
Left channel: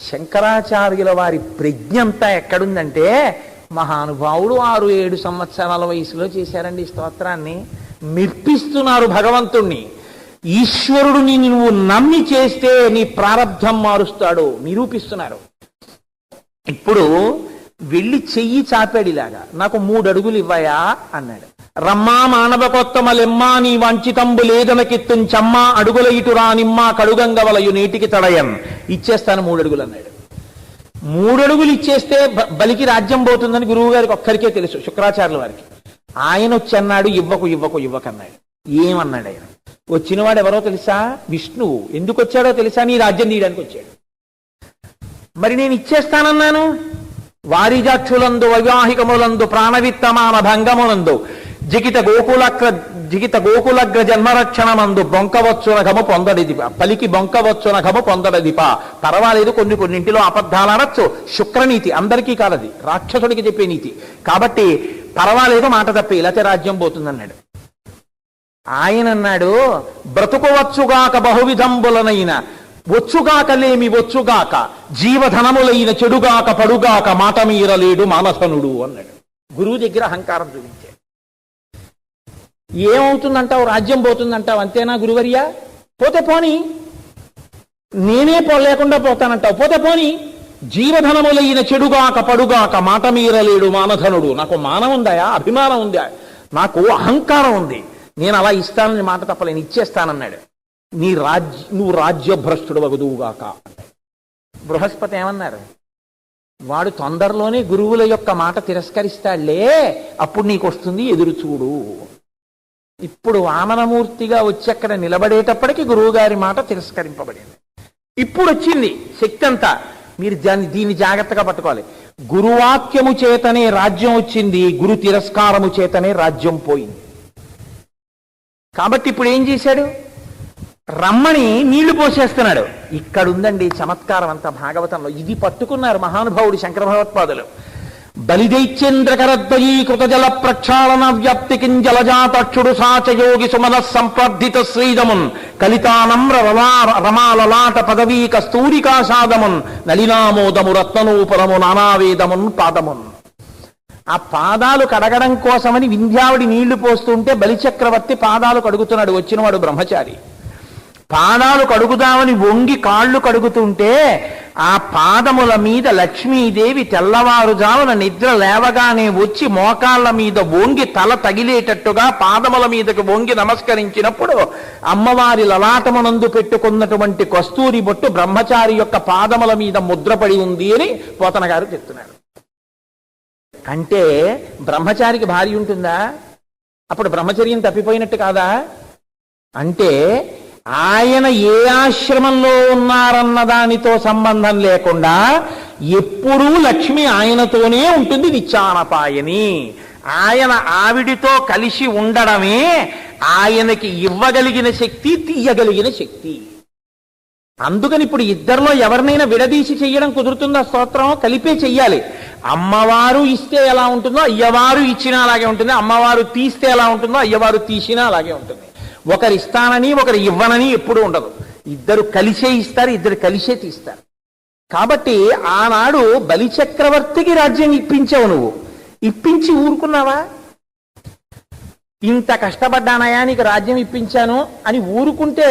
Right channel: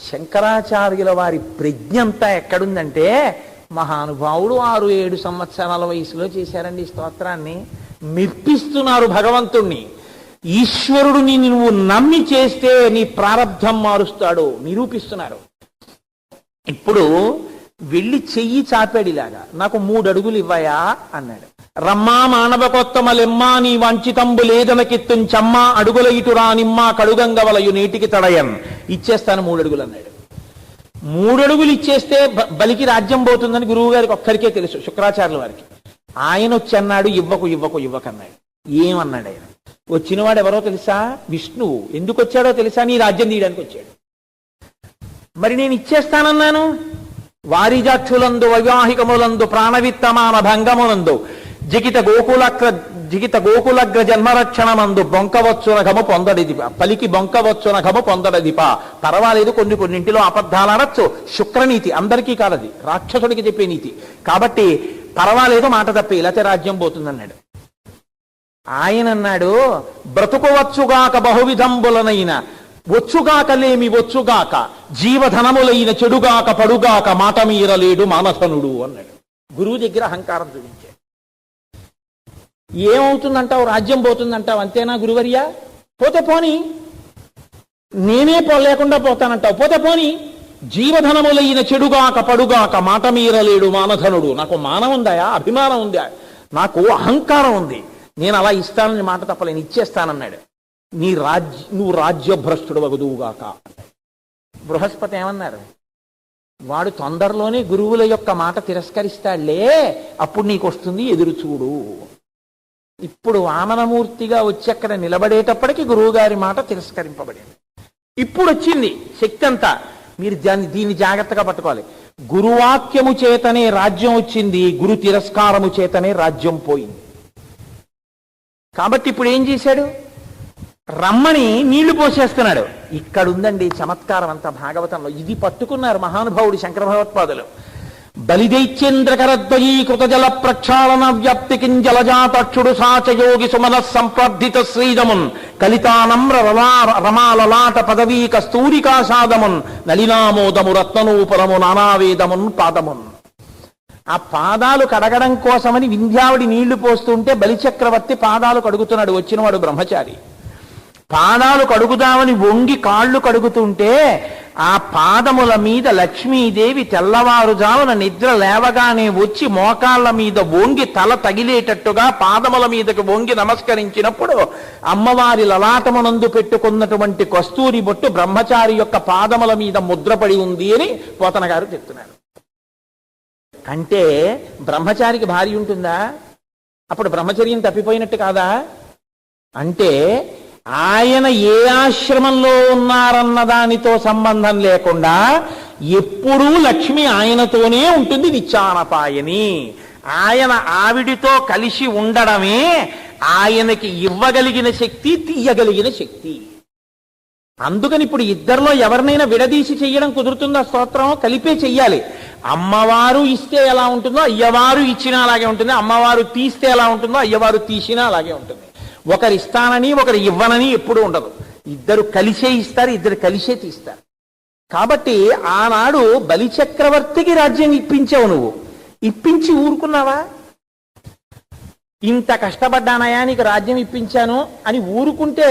శంకరాచార్యుల వారి ప్రజ్ఞ అంతా ఎక్కడుందంటే, మహానుభావుడు 6-7 సంవత్సరాల వయసులో చేశారండి ఈ స్తోత్రాన్ని. మెప్పిస్తున్నారు భగవంతుణ్ణి. ఈశ్వరుడిని నువ్వు నమ్మి చేస్తే నీ ప్రారబ్ధం మారుస్తాడు నిరూపిస్తున్నారు. ఇప్పుడు వెళ్ళి చెయ్యి చాపాడు ఇలాగా, నాకు 3 అడుగులు ఇవ్వయా అన్నాడు. రమ్మా మానవకొత్తమలెమ్మా నీ వంచితంబు లేదనకిత్తుం చమ్మా అడుగుల ఇటురా నిమ్మా కడుగంగవలయు నేటికి తడయన్. ఇచ్చేస్తాను 3 అడుగులు అన్నాడు. 3 అడుగులు ఇచ్చేస్తే బలికి రాజ్యం పోతుందని గురువు గారికి ఒక్కరికే తెలుసు, శుక్రాచార్యుల వారికి. ఆయన వచ్చి అన్నాడు ఇవ్వకన్నాడు. ఏమన్నాడు ఆయన? వచ్చినవాడు ఎవరో తెలుసా? విష్ణువు. ఎందుకు వచ్చాడో తెలుసా? నీ రాజ్యం తీయడానికి వచ్చాడు. మరి నేను ఇచ్చేస్తానన్నాను. వారిజాక్షులందు వైవాహికములందు ప్రాణవిత్తమాన భంగములందు జిగిత గోకులగ్ర జన్మరక్షణమందు బొంకవచ్చున ఘము పొందడిదిప. పలికి బొంకవచ్చున ఘము పొందడదిప. పర్వాలేదు, కొన్నింటిలో అబద్ధాలు అనొచ్చు. శుక్రనీతి, అందరికీ కాదది, రాక్షసుడికి చెప్పే నీతి. కాబట్టి పర్వాలేదు, మాట తప్పే, లేకపోతే రాజ్యం పోతుందన్నాడు. ఆయన అన్నాడు, బ్రతుకువచ్చుగాక బహువిధంబులనైన వచ్చుగాకలేమి వచ్చుగాక జీవధనములైన చెడుగాక పడుగాక మాట మీరలేడు మానసనుడు అన్నాడు. గురువు దగ్గర అహంకారం చూపించాడు. ఏమవుతుందంటావు? రాజ్యం పోతుందంటావు, అంతేనా గురువర్యా? పోతే పోని, నేనే లేకుండా పోతానంటావు, పోతే పోని. జీవధనములైన చెడుగాక పడుగాక మాట మీరలేడు మానధనుడు. నాకు మానం ఉందా? అభిమానం ఉందా? నాకు అహంకారం ఉంది. నేను అలా ఇస్తానని మాట తప్పలేను, ఇచ్చేస్తానన్నాడు. నువ్వు రాజ్యభ్రష్టుడు వగదువుగాక. బృహస్పతి ఏమన్నారు? వాడు తొందరలోనే గురువుల యొక్క మాట తిరస్కరిస్తాడులే, అప్పుడు నీకు వస్తుంది, ఎదురు చూడు. ఇప్పుడు వామనమూర్తిగా వచ్చి అక్కడ నిలబడేటప్పటికి గురువు గారి మాట తిరస్కరింపబడింది. ఇప్పుడు వచ్చింది శక్తి అంతా. మీరు దీన్ని జాగ్రత్తగా పట్టుకోవాలి. గురువాక్యము చేతనే రాజ్యం వచ్చింది, గురు తిరస్కారము చేతనే రాజ్యం పోయింది. కాబట్టి ఇప్పుడు ఏం చేశాడు? రమ్మని నీళ్లు పోసేస్తున్నాడు. ఇక్కడుందండి చమత్కారం అంతా భాగవతంలో. ఇది పట్టుకున్నారు మహానుభావుడు శంకర భగవత్పాదులు. బలిదైత్యేంద్రకరద్వయీ కృతజల ప్రక్షాళన వ్యాప్తికిం జలజాతక్షుడు సాచయోగి సుమన సంప్రద్ధిత శ్రీదమున్ కలితానమ్ర రమాలలాట పదవీ కస్తూరికాషాదమున్ నలినామోదము రత్ననూపురము నానావేదమున్ పాదమున్. ఆ పాదాలు కడగడం కోసమని వింధ్యావుడి నీళ్లు పోస్తుంటే బలిచక్రవర్తి పాదాలు కడుగుతున్నాడు. వచ్చినవాడు బ్రహ్మచారి. పాదాలు కడుగుదామని వంగి కాళ్ళు కడుగుతుంటే ఆ పాదముల మీద లక్ష్మీదేవి తెల్లవారుజామున నిద్ర లేవగానే వచ్చి మోకాళ్ళ మీద వంగి తల తగిలేటట్టుగా పాదముల మీదకి వంగి నమస్కరించినప్పుడు అమ్మవారి లలాటమునందు పెట్టుకున్నటువంటి కస్తూరి బొట్టు బ్రహ్మచారి యొక్క పాదముల మీద ముద్రపడి ఉంది అని పోతన గారు చెప్తున్నారు. అంటే బ్రహ్మచారికి భార్య ఉంటుందా? అప్పుడు బ్రహ్మచర్యం తప్పిపోయినట్టు కాదా? అంటే ఆయన ఏ ఆశ్రమంలో ఉన్నారన్న దానితో సంబంధం లేకుండా ఎప్పుడూ లక్ష్మి ఆయనతోనే ఉంటుంది. నిత్యానపాయని. ఆయన ఆవిడితో కలిసి ఉండడమే ఆయనకి ఇవ్వగలిగిన శక్తి, తీయగలిగిన శక్తి. అందుకని ఇప్పుడు ఇద్దరిలో ఎవరినైనా విడదీసి చెయ్యడం కుదురుతుందా? స్తోత్రం కలిపే చెయ్యాలి. అమ్మవారు ఇస్తే ఎలా ఉంటుందో అయ్యవారు ఇచ్చినా అలాగే ఉంటుంది. అమ్మవారు తీస్తే ఎలా ఉంటుందో అయ్యవారు తీసినా అలాగే ఉంటుంది. ఒకరు ఇస్తానని ఒకరు ఇవ్వనని ఎప్పుడూ ఉండదు. ఇద్దరు కలిసే ఇస్తారు, ఇద్దరు కలిసే తీస్తారు. కాబట్టి ఆనాడు బలిచక్రవర్తికి రాజ్యం ఇప్పించావు. నువ్వు ఇప్పించి ఊరుకున్నావా? ఇంత కష్టపడ్డానయా నీకు రాజ్యం ఇప్పించాను అని ఊరుకుంటే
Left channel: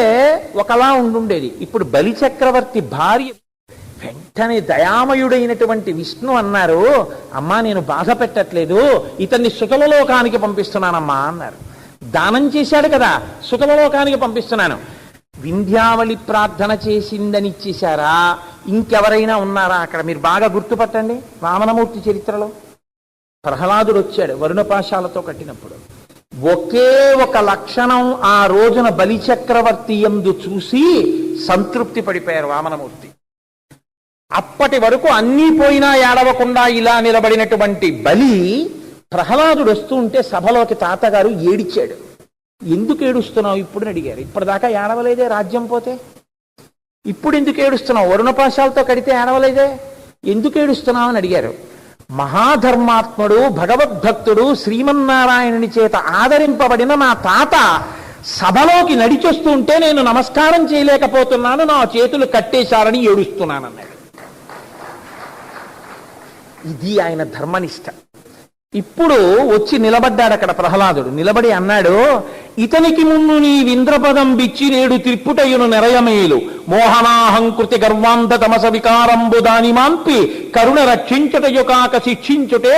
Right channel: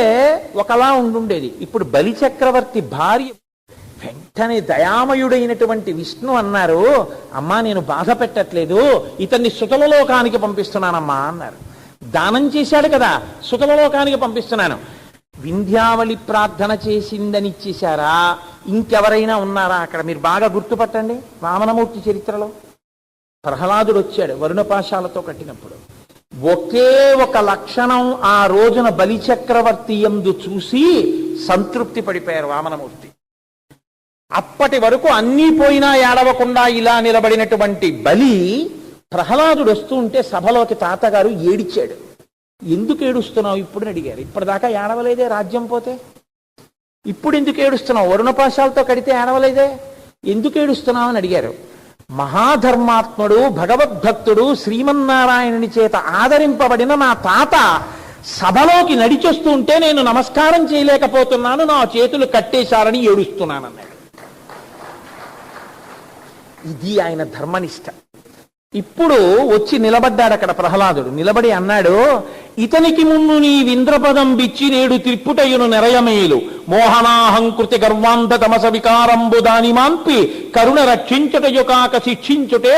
ఒకలా ఉండుండేది. ఇప్పుడు బలిచక్రవర్తి భార్య వెంటనే దయామయుడైనటువంటి విష్ణు అన్నారు, అమ్మా నేను బాధ పెట్టట్లేదు, ఇతన్ని సుతలలోకానికి పంపిస్తున్నానమ్మా అన్నారు. దానం చేశాడు కదా, సుతలలోకానికి పంపిస్తున్నాను. వింధ్యావళి ప్రార్థన చేసిందని ఇచ్చేశారా? ఇంకెవరైనా ఉన్నారా అక్కడ? మీరు బాగా గుర్తుపట్టండి. వామనమూర్తి చరిత్రలో ప్రహ్లాదుడు వచ్చాడు వరుణపాశాలతో కట్టినప్పుడు. ఒకే ఒక లక్షణం ఆ రోజున బలిచక్రవర్తి యందు చూసి సంతృప్తి పడిపోయారు వామనమూర్తి. అప్పటి వరకు అన్నీ పోయినా ఏడవకుండా ఇలా నిలబడినటువంటి బలి ప్రహ్లాదుడు వస్తూ ఉంటే సభలోకి తాతగారు ఏడిచాడు. ఎందుకు ఏడుస్తున్నావు ఇప్పుడు అని అడిగారు. ఇప్పటిదాకా ఏడవలేదే రాజ్యం పోతే, ఇప్పుడు ఎందుకు ఏడుస్తున్నావు? వరుణపాశాలతో కడితే ఏడవలేదే, ఎందుకు ఏడుస్తున్నావు అని అడిగారు. మహాధర్మాత్ముడు, భగవద్భక్తుడు, శ్రీమన్నారాయణుని చేత ఆదరింపబడిన నా తాత సభలోకి నడిచొస్తుంటే నేను నమస్కారం చేయలేకపోతున్నాను, నా చేతులు కట్టేశారని ఏడుస్తున్నానన్నాడు. ఇది ఆయన ధర్మనిష్ట. ఇప్పుడు వచ్చి నిలబడ్డాడు అక్కడ ప్రహ్లాదుడు. నిలబడి అన్నాడు, ఇతనికి ముందు నీ వింద్రపదం బిచ్చి నేడు త్రిప్పుటయును నెరయమేలు మోహనాహంకృతి గర్వాంధ తమస వికారంబు దాని మాన్పి కరుణ రక్షించుటయుకాక శిక్షించుటే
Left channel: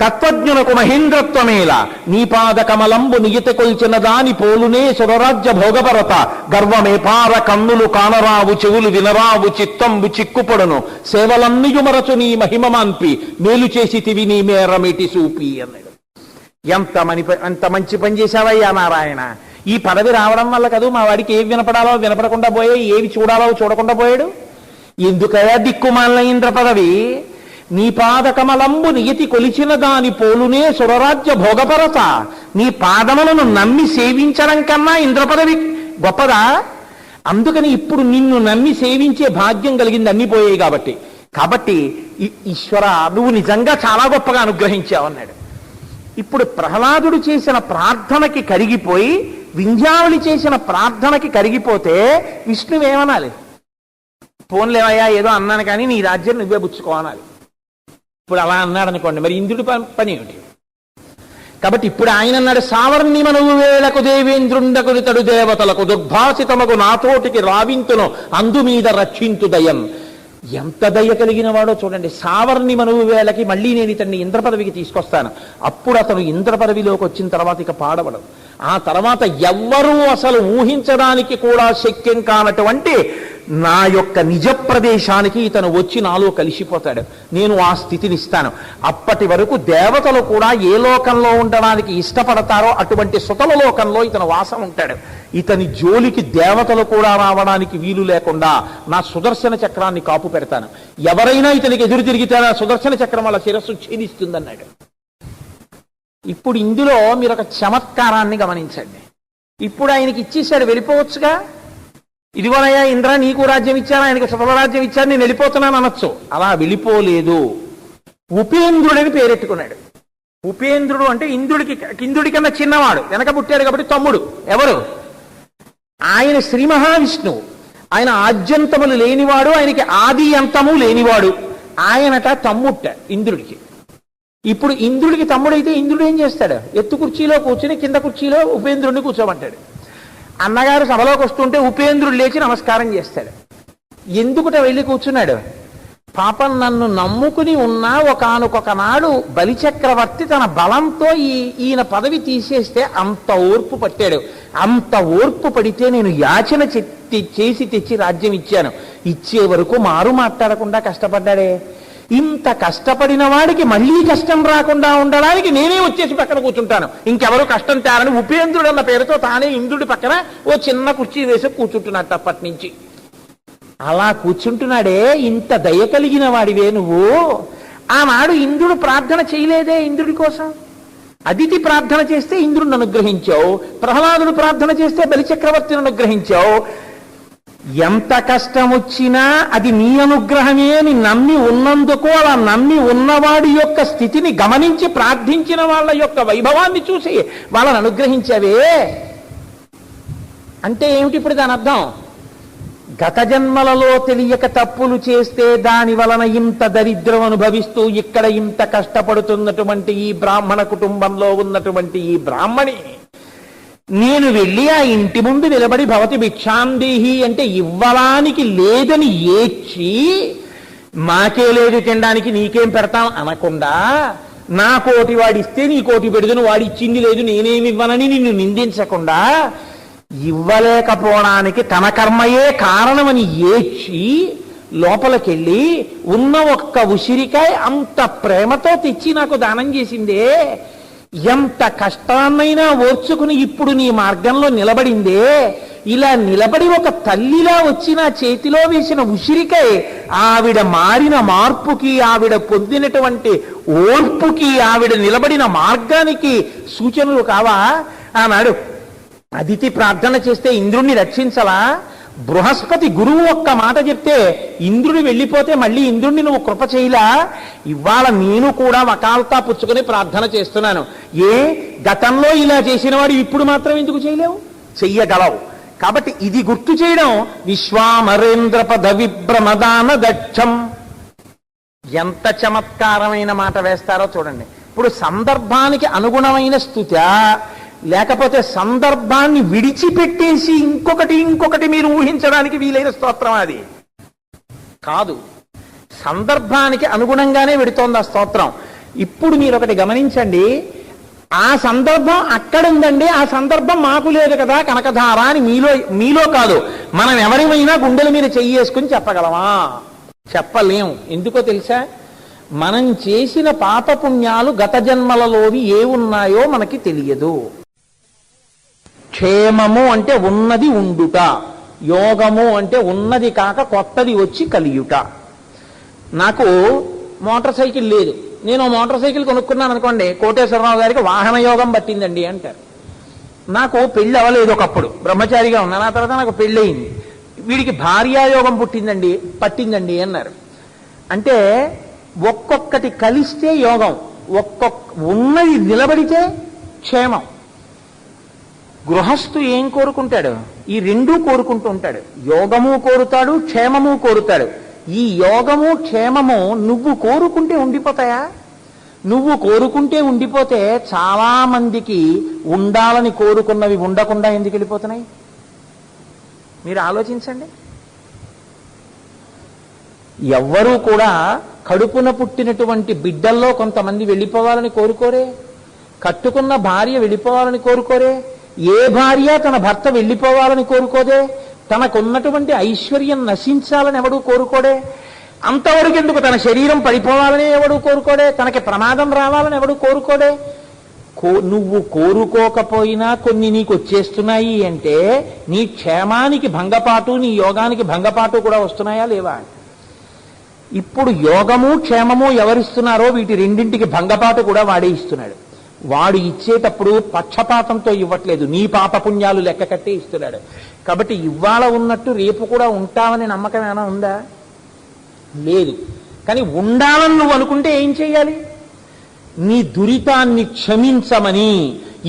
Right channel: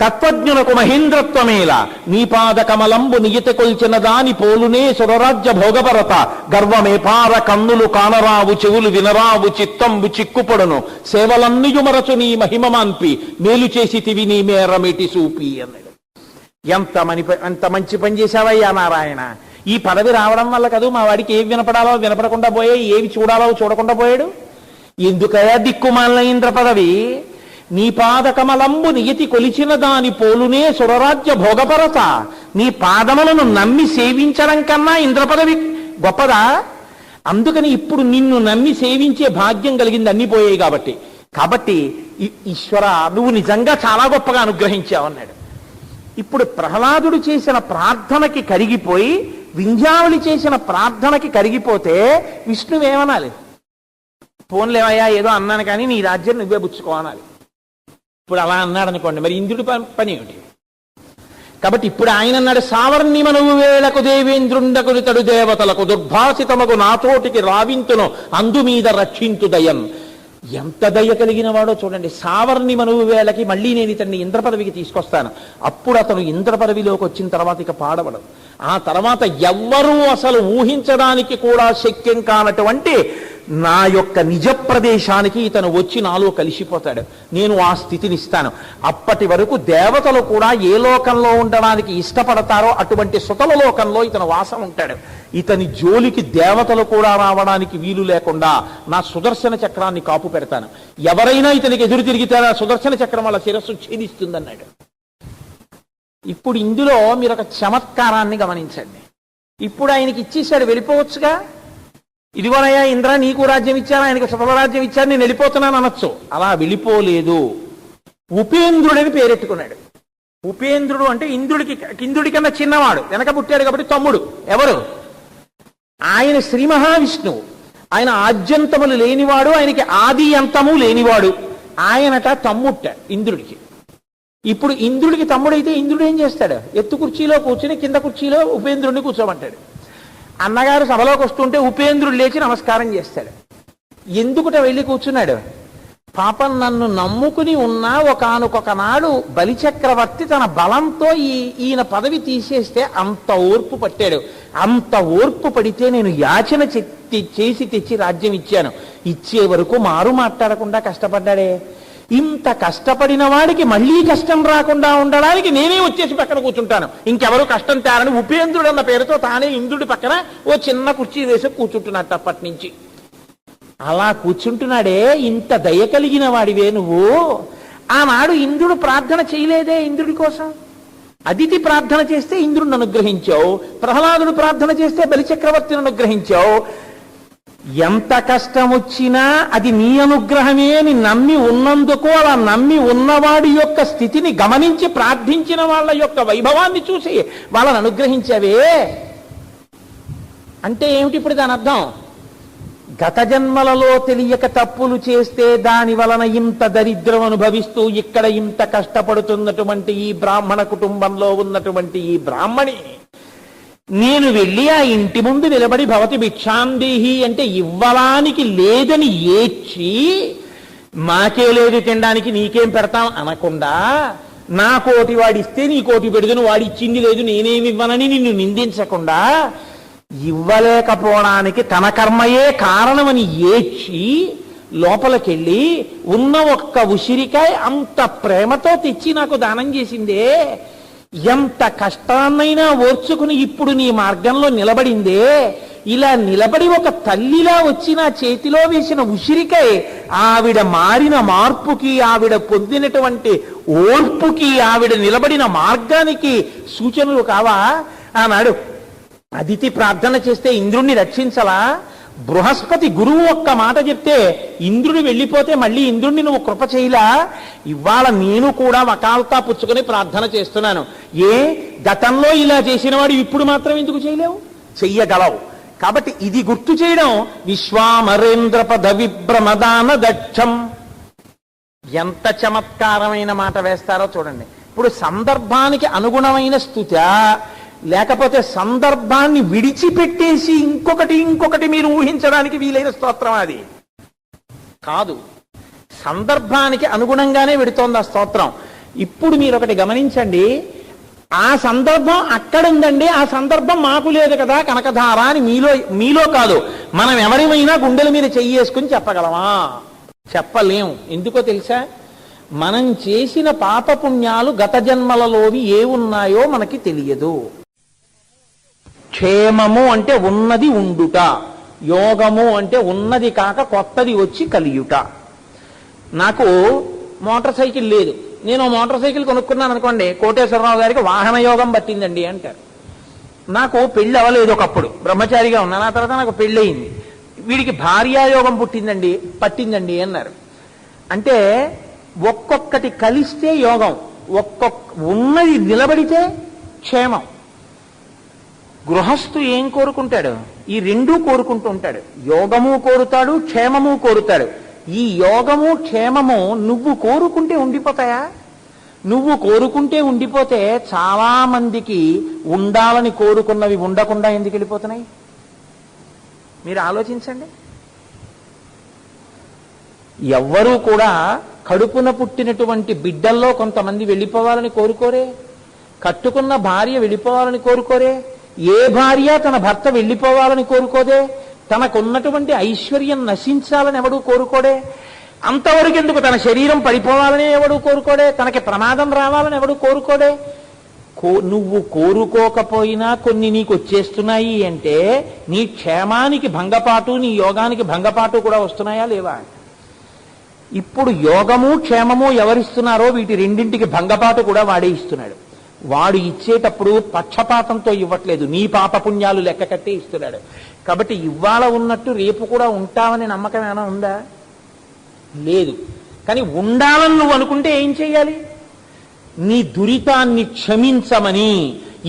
తత్వజ్ఞునకు మహేంద్రత్వమేల నీ పాద కమలంబు నియత కొల్చిన దాని పోలునే సురరాజ్య భోగపరత గర్వమే పార కన్నులు కానరావు చెవులు వినరావు చిత్తంబు చిక్కుపొడును సేవలన్నియుమరచు నీ మహిమమాన్పి మేలు చేసి తివి నీ మేరమిటి సూపి అన్నాడు. ఎంత మంచి పని చేశావయ్యా నారాయణ. ఈ పదవి రావడం వల్ల కదూ మా వాడికి ఏవి వినపడాలో వినపడకుండా పోయాయి, ఏవి చూడాలో చూడకుండా పోయాడు. ఎందుకయా దిక్కుమాలిన ఇంద్ర పదవి? నీ పాదకమలంబు నియతి కొలిచిన దాని పోలునే సురరాజ్య భోగపరత. నీ పాదములను నమ్మి సేవించడం కన్నా ఇంద్ర పదవి గొప్పదా? అందుకని ఇప్పుడు నిన్ను నమ్మి సేవించే భాగ్యం కలిగింది, అన్ని పోయాయి కాబట్టి ఈశ్వర నువ్వు నిజంగా చాలా గొప్పగా అనుగ్రహించావన్నాడు. ఇప్పుడు ప్రహ్లాదుడు చేసిన ప్రార్థనకి కరిగిపోయి వింధ్యావళి చేసిన ప్రార్థనకి కరిగిపోతే విష్ణువేమనాలి? పోన్లేవయ్యా ఏదో అన్నాను కానీ నీ రాజ్యం నువ్వే పుచ్చుకోవాలి. ఇప్పుడు అలా అన్నాడు అనుకోండి, మరి ఇంద్రుడి పని ఏమిటి? కాబట్టి ఇప్పుడు ఆయన అన్నాడు, సావర్ణి మనవు వేళకు దేవేంద్రుండకుని తడు దేవతలకు దుర్భాసితమగు నాతోటికి రావింతును అందు మీద రక్షింతు దయం. ఎంత దయ కలిగిన వాడో చూడండి. సావర్ణి మనువు వేళకి మళ్ళీ నేను ఇతన్ని ఇంద్ర పదవికి తీసుకొస్తాను. అప్పుడు అతను ఇంద్ర పదవిలోకి వచ్చిన తర్వాత ఇక పాడవడం. ఆ తర్వాత ఎవ్వరూ అసలు ఊహించడానికి కూడా శక్యం కానటువంటి నా యొక్క నిజ ప్రదేశానికి ఇతను వచ్చి నాలో కలిసిపోతాడు. నేను ఆ స్థితిని ఇస్తాను. అప్పటి వరకు దేవతలు కూడా ఏ లోకంలో ఉండడానికి ఇష్టపడతారో అటువంటి సుతల లోకంలో ఇతను వాసం ఉంటాడు. ఇతని జోలికి దేవతలు కూడా రావడానికి వీలు లేకుండా నా సుదర్శన చక్రాన్ని కాపు పెడతాను. ఎవరైనా ఇతనికి ఎదురు తిరిగితే ఆ సుదర్శన చక్రం వాళ్ళ శిరస్సు ఛేదిస్తుందన్నాడు. ఇప్పుడు ఇందులో మీరు ఒక చమత్కారాన్ని గమనించండి. ఇప్పుడు ఆయనకి ఇచ్చేశాడు, వెళ్ళిపోవచ్చుగా. ఇదిగోనయ్యా ఇంద్ర నీకు రాజ్యం ఇచ్చాను, ఆయనకి సుతరాజ్యం ఇచ్చాను, నేను వెళ్ళిపోతున్నాను అనొచ్చు. అలా వెళ్ళిపోలేదు. ఉపేంద్రుడని పేరెట్టుకున్నాడు. ఉపేంద్రుడు అంటే ఇంద్రుడి కన్నా చిన్నవాడు, వెనక పుట్టాడు కాబట్టి తమ్ముడు. ఎవరు? ఆయన శ్రీ మహావిష్ణువు. ఆయన ఆద్యంతములు లేనివాడు, ఆయనకి ఆది అంతము లేనివాడు. ఆయనట తమ్ముట్ట ఇంద్రుడికి. ఇప్పుడు ఇంద్రుడికి తమ్ముడైతే ఇంద్రుడు ఏం చేస్తాడు? ఎత్తు కుర్చీలో కూర్చుని కింద కుర్చీలో ఉపేంద్రుడిని కూర్చోమంటాడు. అన్నగారు సభలోకి వస్తుంటే ఉపేంద్రుడు లేచి నమస్కారం చేస్తాడు. ఎందుకుట వెళ్ళి కూర్చున్నాడు? పాపం నన్ను నమ్ముకుని ఉన్నా ఒకానొక నాడు బలిచక్రవర్తి తన బలంతో ఈయన పదవి తీసేస్తే అంత ఓర్పు పట్టాడు. అంత ఓర్పు పడితే నేను యాచన చేసి తెచ్చి రాజ్యం ఇచ్చాను. ఇచ్చే వరకు మారు మాట్లాడకుండా కష్టపడ్డాడే. ఇంత కష్టపడిన వాడికి మళ్ళీ కష్టం రాకుండా ఉండడానికి నేనే వచ్చేసి పక్కన కూర్చుంటాను, ఇంకెవరూ కష్టం తేరని ఉపేంద్రుడు అన్న పేరుతో తానే ఇంద్రుడి పక్కన ఓ చిన్న కుర్చీ వేసి కూర్చుంటున్నాడు అప్పటి నుంచి. అలా కూర్చుంటున్నాడే, ఇంత దయ కలిగిన వాడివే నువ్వు. ఆనాడు ఇంద్రుడు ప్రార్థన చేయలేదే ఇంద్రుడి కోసం? అదితి ప్రార్థన చేస్తే ఇంద్రుడిని అనుగ్రహించావు, ప్రహ్లాదుడు ప్రార్థన చేస్తే బలిచక్రవర్తిని అనుగ్రహించావు. ఎంత కష్టం వచ్చినా అది నీ అనుగ్రహమే అని నమ్మి ఉన్నందుకు, అలా నమ్మి ఉన్నవాడి యొక్క స్థితిని గమనించి ప్రార్థించిన వాళ్ళ యొక్క వైభవాన్ని చూసి వాళ్ళని అనుగ్రహించావే అంటే ఏమిటి? ఇప్పుడు దాని అర్థం, గత జన్మలలో తెలియక తప్పులు చేస్తే దాని వలన ఇంత దరిద్రం అనుభవిస్తూ ఇక్కడ ఇంత కష్టపడుతున్నటువంటి ఈ బ్రాహ్మణ కుటుంబంలో ఉన్నటువంటి ఈ బ్రాహ్మణి నేను వెళ్ళి ఆ ఇంటి ముందు నిలబడి భవతి భిక్షాందేహి అంటే ఇవ్వడానికి లేదని ఏడ్చి, మాకే లేదు తినడానికి నీకేం పెడతాం అనకుండా, నా కోటి వాడిస్తే నీ కోటి పెడుదును, వాడి ఇచ్చింది లేదు నేనేమి ఇవ్వనని నిన్ను నిందించకుండా, ఇవ్వలేకపోవడానికి తన కర్మయే కారణమని ఏడ్చి లోపలికెళ్ళి ఉన్న ఒక్క ఉసిరికాయ అంత ప్రేమతో తెచ్చి నాకు దానం చేసిందే. ఎంత కష్టాన్నైనా ఓర్చుకుని ఇప్పుడు నీ మార్గంలో నిలబడిందే. ఇలా నిలబడి ఒక తల్లిలా వచ్చి నా చేతిలో వేసిన ఉసిరికాయ ఆవిడ మారిన మార్పుకి, ఆవిడ పొందినటువంటి ఓర్పుకి, ఆవిడ నిలబడిన మార్గానికి సూచనలు కావా? ఆనాడు అదితి ప్రార్థన చేస్తే ఇంద్రుణ్ణి రక్షించలా? బృహస్పతి గురువు ఒక్క మాట చెప్తే ఇంద్రుడు వెళ్ళిపోతే మళ్ళీ ఇంద్రుణ్ణి నువ్వు కృప చేయలా? ఇవాళ నేను కూడా వకాల్తా పుచ్చుకొని ప్రార్థన చేస్తున్నాను. గతంలో ఇలా చేసిన వాడు ఇప్పుడు మాత్రం ఎందుకు చేయలేవు? చెయ్యగలవు. కాబట్టి ఇది గుర్తు చేయడం. విశ్వామరేంద్ర పద విభ్రమదాన దక్షం. ఎంత చమత్కారమైన మాట వేస్తారో చూడండి. ఇప్పుడు సందర్భానికి అనుగుణమైన స్తుత్యా, లేకపోతే సందర్భాన్ని విడిచిపెట్టేసి ఇంకొకటి మీరు ఊహించడానికి వీలైన స్తోత్రం అది కాదు. సందర్భానికి అనుగుణంగానే వెడుతోంది ఆ స్తోత్రం. ఇప్పుడు మీరు ఒకటి గమనించండి, ఆ సందర్భం అక్కడ ఉందండి, ఆ సందర్భం మాకు లేదు కదా కనకధార అని మీలో కాదు, మనం ఎవరిమైనా గుండెల మీద చెయ్యేసుకుని చెప్పగలమా? చెప్పలేం. ఎందుకో తెలుసా? మనం చేసిన పాపపుణ్యాలు గత జన్మలలోవి ఏ ఉన్నాయో మనకి తెలియదు. క్షేమము అంటే ఉన్నది ఉండుట, యోగము అంటే ఉన్నది కాక కొత్తది వచ్చి కలియుట. నాకు మోటార్ సైకిల్ లేదు, నేను మోటార్ సైకిల్ కొనుక్కున్నాను అనుకోండి, కోటేశ్వరరావు గారికి వాహన యోగం పట్టిందండి అంటారు. నాకు పెళ్లి అవ్వలేదు, ఒకప్పుడు బ్రహ్మచారిగా ఉన్నాను, ఆ తర్వాత నాకు పెళ్లి అయింది, వీడికి భార్యాయోగం పట్టిందండి అన్నారు. అంటే ఒక్కొక్కటి కలిస్తే యోగం, ఉన్నది నిలబడితే క్షేమం. గృహస్థు ఏం కోరుకుంటాడు? ఈ రెండూ కోరుకుంటూ ఉంటాడు. యోగము కోరుతాడు, క్షేమము కోరుతాడు. ఈ యోగము క్షేమము నువ్వు కోరుకుంటే ఉండిపోతాయా? నువ్వు కోరుకుంటే ఉండిపోతే చాలా మందికి ఉండాలని కోరుకున్నవి ఉండకుండా ఎందుకు వెళ్ళిపోతున్నాయి? మీరు ఆలోచించండి. ఎవ్వరూ కూడా కడుపున పుట్టినటువంటి బిడ్డల్లో కొంతమంది వెళ్ళిపోవాలని కోరుకోరే, కట్టుకున్న భార్య వెళ్ళిపోవాలని కోరుకోరే, ఏ భార్య తన భర్త వెళ్ళిపోవాలని కోరుకోదే, తనకున్నటువంటి ఐశ్వర్యం నశించాలని ఎవడూ కోరుకోడే, అంతవరకు ఎందుకు తన శరీరం పడిపోవాలని ఎవడూ కోరుకోడే, తనకి ప్రమాదం రావాలని ఎవడూ కోరుకోడే. నువ్వు కోరుకోకపోయినా కొన్ని నీకు వచ్చేస్తున్నాయి అంటే నీ క్షేమానికి భంగపాటు, నీ యోగానికి భంగపాటు కూడా వస్తున్నాయా లేవా? ఇప్పుడు యోగము క్షేమము ఎవరిస్తున్నారో వీటి రెండింటికి భంగపాటు కూడా వాడే ఇస్తున్నాడు. వాడు ఇచ్చేటప్పుడు పక్షపాతంతో ఇవ్వట్లేదు, నీ పాపపుణ్యాలు లెక్క కట్టే ఇస్తున్నాడు. కాబట్టి ఇవాళ ఉన్నట్టు రేపు కూడా ఉంటామని నమ్మకం ఏమైనా ఉందా? లేదు. కానీ ఉండాలని నువ్వు అనుకుంటే ఏం చెయ్యాలి? నీ దురితాన్ని క్షమించమని,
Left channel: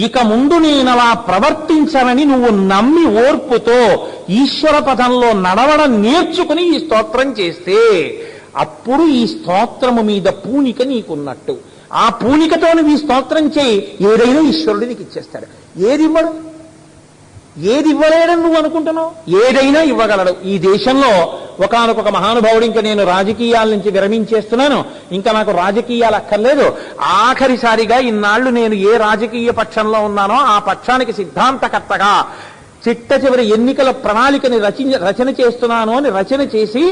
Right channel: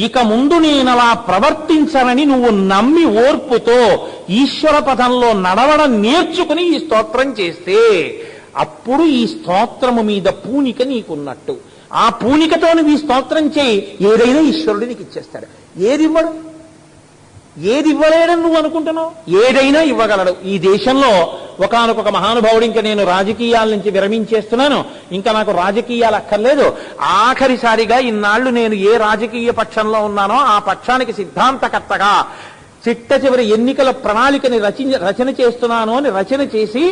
ఇక ముందు నేనలా ప్రవర్తించనని నువ్వు నమ్మి ఓర్పుతో ఈశ్వర పదంలో నడవడం నేర్చుకుని ఈ స్తోత్రం చేస్తే అప్పుడు ఈ స్తోత్రము మీద పూనిక నీకున్నట్టు. ఆ పూనికతో నువ్వు ఈ స్తోత్రం చేయి, ఏదైనా ఈశ్వరుడు నీకు ఇచ్చేస్తాడు. ఏది ఇవ్వడు? ఏది ఇవ్వలేడని నువ్వు అనుకుంటున్నావు? ఏదైనా ఇవ్వగలడు. ఈ దేశంలో ఒకానొక మహానుభావుడు, ఇంకా నేను రాజకీయాల నుంచి విరమించేస్తున్నాను, ఇంకా నాకు రాజకీయాలు అక్కర్లేదు, ఆఖరిసారిగా ఇన్నాళ్లు నేను ఏ రాజకీయ పక్షంలో ఉన్నానో ఆ పక్షానికి సిద్ధాంతకర్తగా చిట్ట చివరి ఎన్నికల ప్రణాళికని రచన చేస్తున్నాను అని రచన చేసి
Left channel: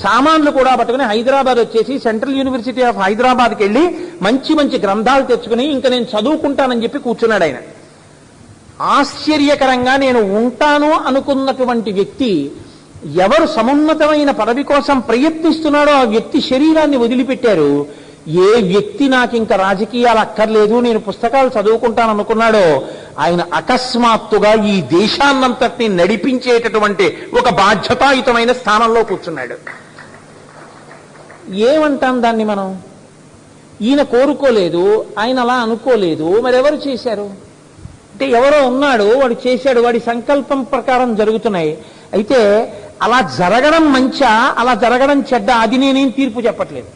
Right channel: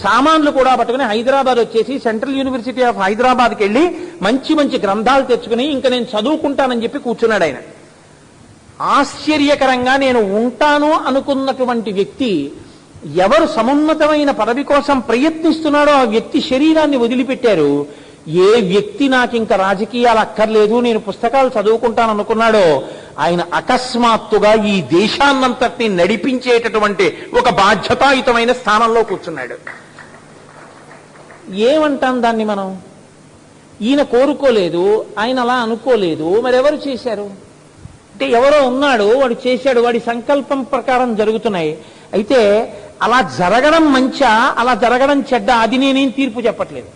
సామాన్లు కూడా పట్టుకుని హైదరాబాద్ వచ్చేసి సెంట్రల్ యూనివర్సిటీ ఆఫ్ హైదరాబాద్కి వెళ్లి మంచి మంచి గ్రంథాలు తెచ్చుకుని ఇంకా నేను చదువుకుంటానని చెప్పి కూర్చున్నాడు ఆయన. ఆశ్చర్యకరంగా నేను ఉంటాను అనుకున్నటువంటి వ్యక్తి ఎవరు సమున్నతమైన పదవి కోసం ప్రయత్నిస్తున్నాడో ఆ వ్యక్తి శరీరాన్ని వదిలిపెట్టారు. ఏ వ్యక్తి నాకు ఇంకా రాజకీయాలు అక్కర్లేదు, నేను పుస్తకాలు చదువుకుంటాను అనుకున్నాడో ఆయన అకస్మాత్తుగా ఈ దేశాన్నంతటినీ నడిపించేటటువంటి ఒక బాధ్యతాయుతమైన స్థానంలో కూర్చున్నాడు. ఏమంటాం దాన్ని మనం? ఈయన కోరుకోలేదు, ఆయన అలా అనుకోలేదు, మరెవరు చేశారు? అంటే ఎవరో ఉన్నాడు, వాడు చేశాడు, వాడి సంకల్పం ప్రకారం జరుగుతున్నాయి. అయితే అలా జరగడం మంచా, అలా జరగడం చెడ్డ, అది నేనేం తీర్పు చెప్పట్లేదు.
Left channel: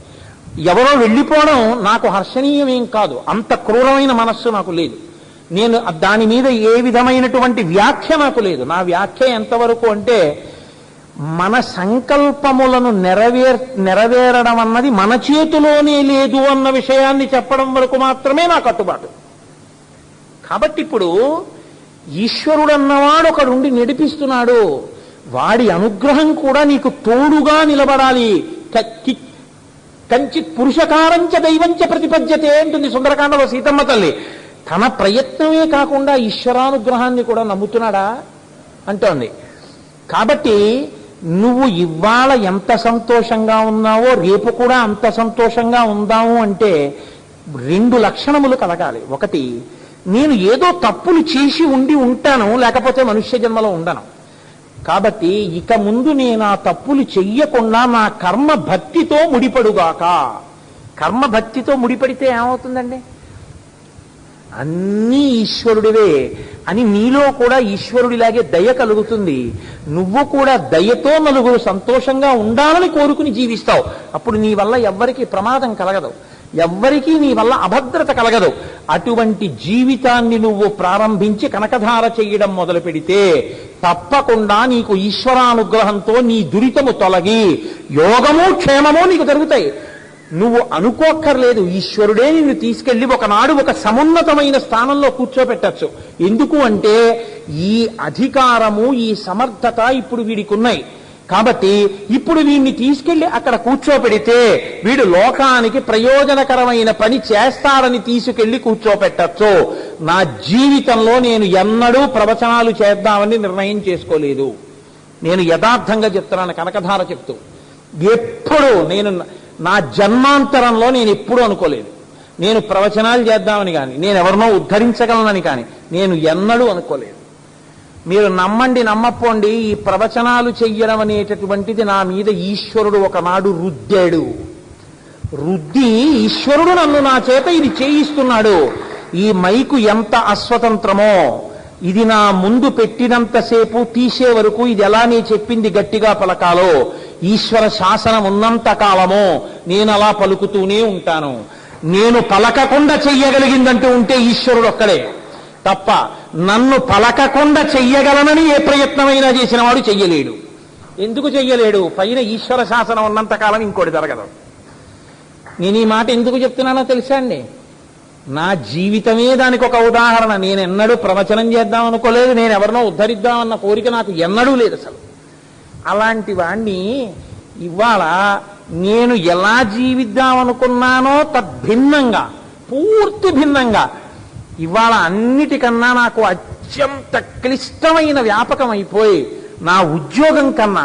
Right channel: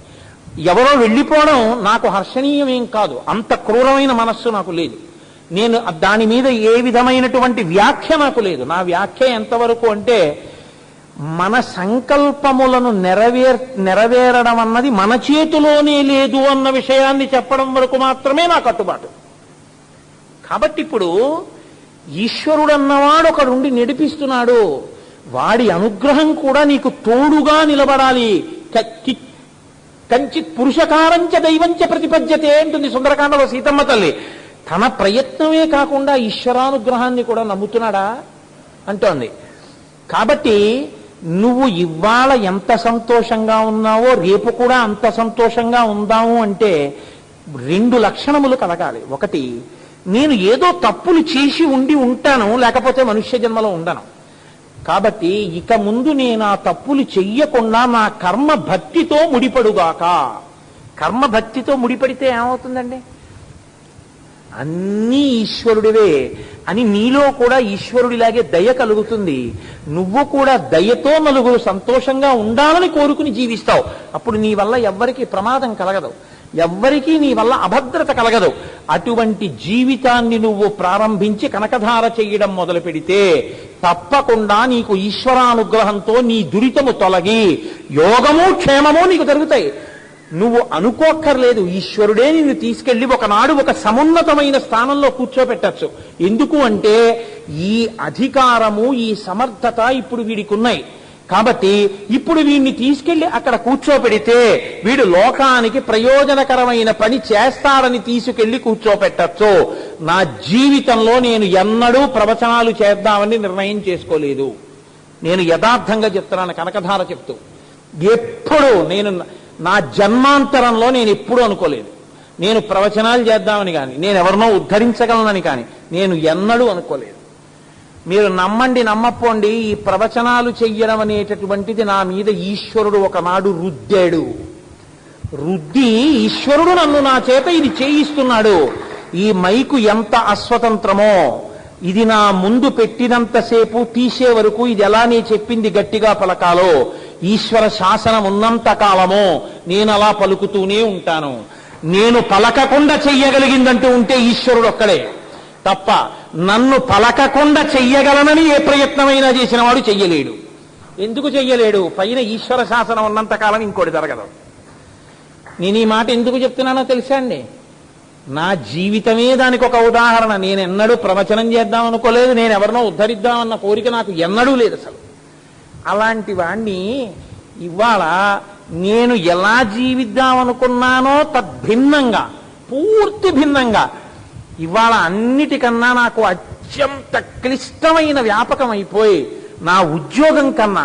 ఎవరో వెళ్ళిపోవడం నాకు హర్షణీయమేం కాదు, అంత క్రూరమైన మనస్సు నాకు లేదు. నేను దాని మీద ఏ విధమైనటువంటి వ్యాఖ్య నాకు లేదు. నా వ్యాఖ్య ఎంతవరకు అంటే మన సంకల్పములను నెరవేరడం అన్నది మన చేతిలోనే లేదు అన్న విషయాన్ని చెప్పడం వరకు మాత్రమే నా కట్టుబాటు. కాబట్టి ఇప్పుడు ఈశ్వరుడు అన్నవాడు ఒకడుండి నడిపిస్తున్నాడు, వాడి అనుగ్రహం కూడా నీకు తోడుగా నిలబడాలి. కంచిత్ పురుషకారంచ దైవంచ ప్రతిపద్యతే అంటుంది సుందరకాండలో సీతమ్మ తల్లి. తన ప్రయత్నమే కాకుండా ఈశ్వరానుగ్రహాన్ని కూడా నమ్ముతున్నాడా అంటోంది. కాబట్టి నువ్వు ఇవాళ ఎంత సంతోషంగా ఉన్నావో రేపు కూడా అంత సంతోషంగా ఉందాము అంటే 2 లక్షణములు కలగాలి. ఒకటి, నేను ఏదో తప్పులు చేసి ఉంటాను, లేకపోతే మనుష్య జన్మలో ఉండను. కాబట్టి ఇక ముందు నేను ఆ తప్పులు చెయ్యకుండా నా కర్మ భక్తితో ముడిపడుగాక. కర్మ భక్తితో ముడిపడితే ఏమవుతుందండి? అన్నీ ఈశ్వరుడివే అని నీలో కూడా ఈశ్వరుడిలాగే దయ కలుగుతుంది. నువ్వు కూడా దయతో నలుగురు సంతోషంగా ఉండాలని కోరుకుని జీవిస్తావు. అప్పుడు నీ వల్ల ఎవ్వరికీ ప్రమాదం కలగదు, ఎవ్వరికీ నీ వల్ల అభద్రత కలగదు. అటువంటి జీవితాన్ని నువ్వు ప్రారంభించి కనకధార చెయ్యడం మొదలు పెడితే తప్పకుండా నీకు ఈశ్వరానుగ్రహంతో నీ దురితము తొలగి యోగము క్షేమము నీకు జరుగుతాయి. నువ్వు అనుకోక్కర్లేదు, ఈశ్వరుడే నిన్ను తీసుకెళ్లి ఒకనాడు ఒక సమున్నతమైన స్థానంలో కూర్చోబెట్టచ్చు. ఎందుకు అంటే ఈ అధికారము, ఈ సమర్థత ఇప్పుడు వీడికి ఉన్నాయి. కాబట్టి ఇప్పుడు వీడిని తీసుకెళ్లి అక్కడ కూర్చోపెడితే వీడు లోకానికి ప్రయోజనకరమైన పని చేస్తాడని తీసుకెళ్లి కూర్చోపెట్టచ్చు. నా జీవితంలో నేను ఎన్నడూ ప్రవచనాలు చేద్దామని నిర్ణయం చేసుకోలేదు. నేను యథార్థంగా చెప్తున్నాను, కనకధార చెప్తూ. ఎప్పుడు నేను నా జన్మాంతరంలో నేను ఎప్పుడూ అనుకోలేదు నేను ప్రవచనాలు చేద్దామని కానీ, నేను ఎవరినో ఉద్ధరించగలనని కానీ నేను ఎన్నడూ అనుకోలేదు. మీరు నమ్మండి నమ్మపోండి, ఈ ప్రవచనాలు చెయ్యడం అనేటటువంటిది నా మీద ఈశ్వరుడు ఒకనాడు రుద్దాడు. రుద్ది ఈశ్వరుడు నన్ను నా చేత ఇది చేయిస్తున్నాడు. ఈ మైకు ఎంత అస్వతంత్రమో, ఇది నా ముందు పెట్టినంతసేపు తీసే వరకు ఇది ఎలా నీ చెప్పింది గట్టిగా పలకాలో, ఈశ్వర శాసనం ఉన్నంత కాలమో నేను అలా పలుకుతూనే ఉంటాను. నేను పలకకుండా చెయ్యగలిగిందంటూ ఉంటే ఈశ్వరుడు ఒక్కడే తప్ప, నన్ను పలకకుండా చెయ్యగలనని ఏ ప్రయత్నమైనా చేసిన వాడు చెయ్యలేడు. ఎందుకు చెయ్యలేడు? పైన ఈశ్వర శాసనం ఉన్నంత కాలం ఇంకోటి జరగదు. నేను ఈ మాట ఎందుకు చెప్తున్నానో తెలుసా అండి? నా జీవితమే దానికి ఒక ఉదాహరణ. నేను ఎన్నడూ ప్రవచనం చేద్దాం అనుకోలేదు, నేను ఎవరినో ఉద్ధరిద్దామన్న కోరిక నాకు ఎన్నడూ లేదు అసలు. అలాంటి వాణ్ణి ఇవాళ నేను ఎలా జీవిద్దామనుకున్నానో తద్భిన్నంగా, పూర్తి భిన్నంగా ఇవాళ అన్నిటికన్నా నాకు అత్యంత క్లిష్టమైన వ్యాపకం అయిపోయి, నా ఉద్యోగం కన్నా,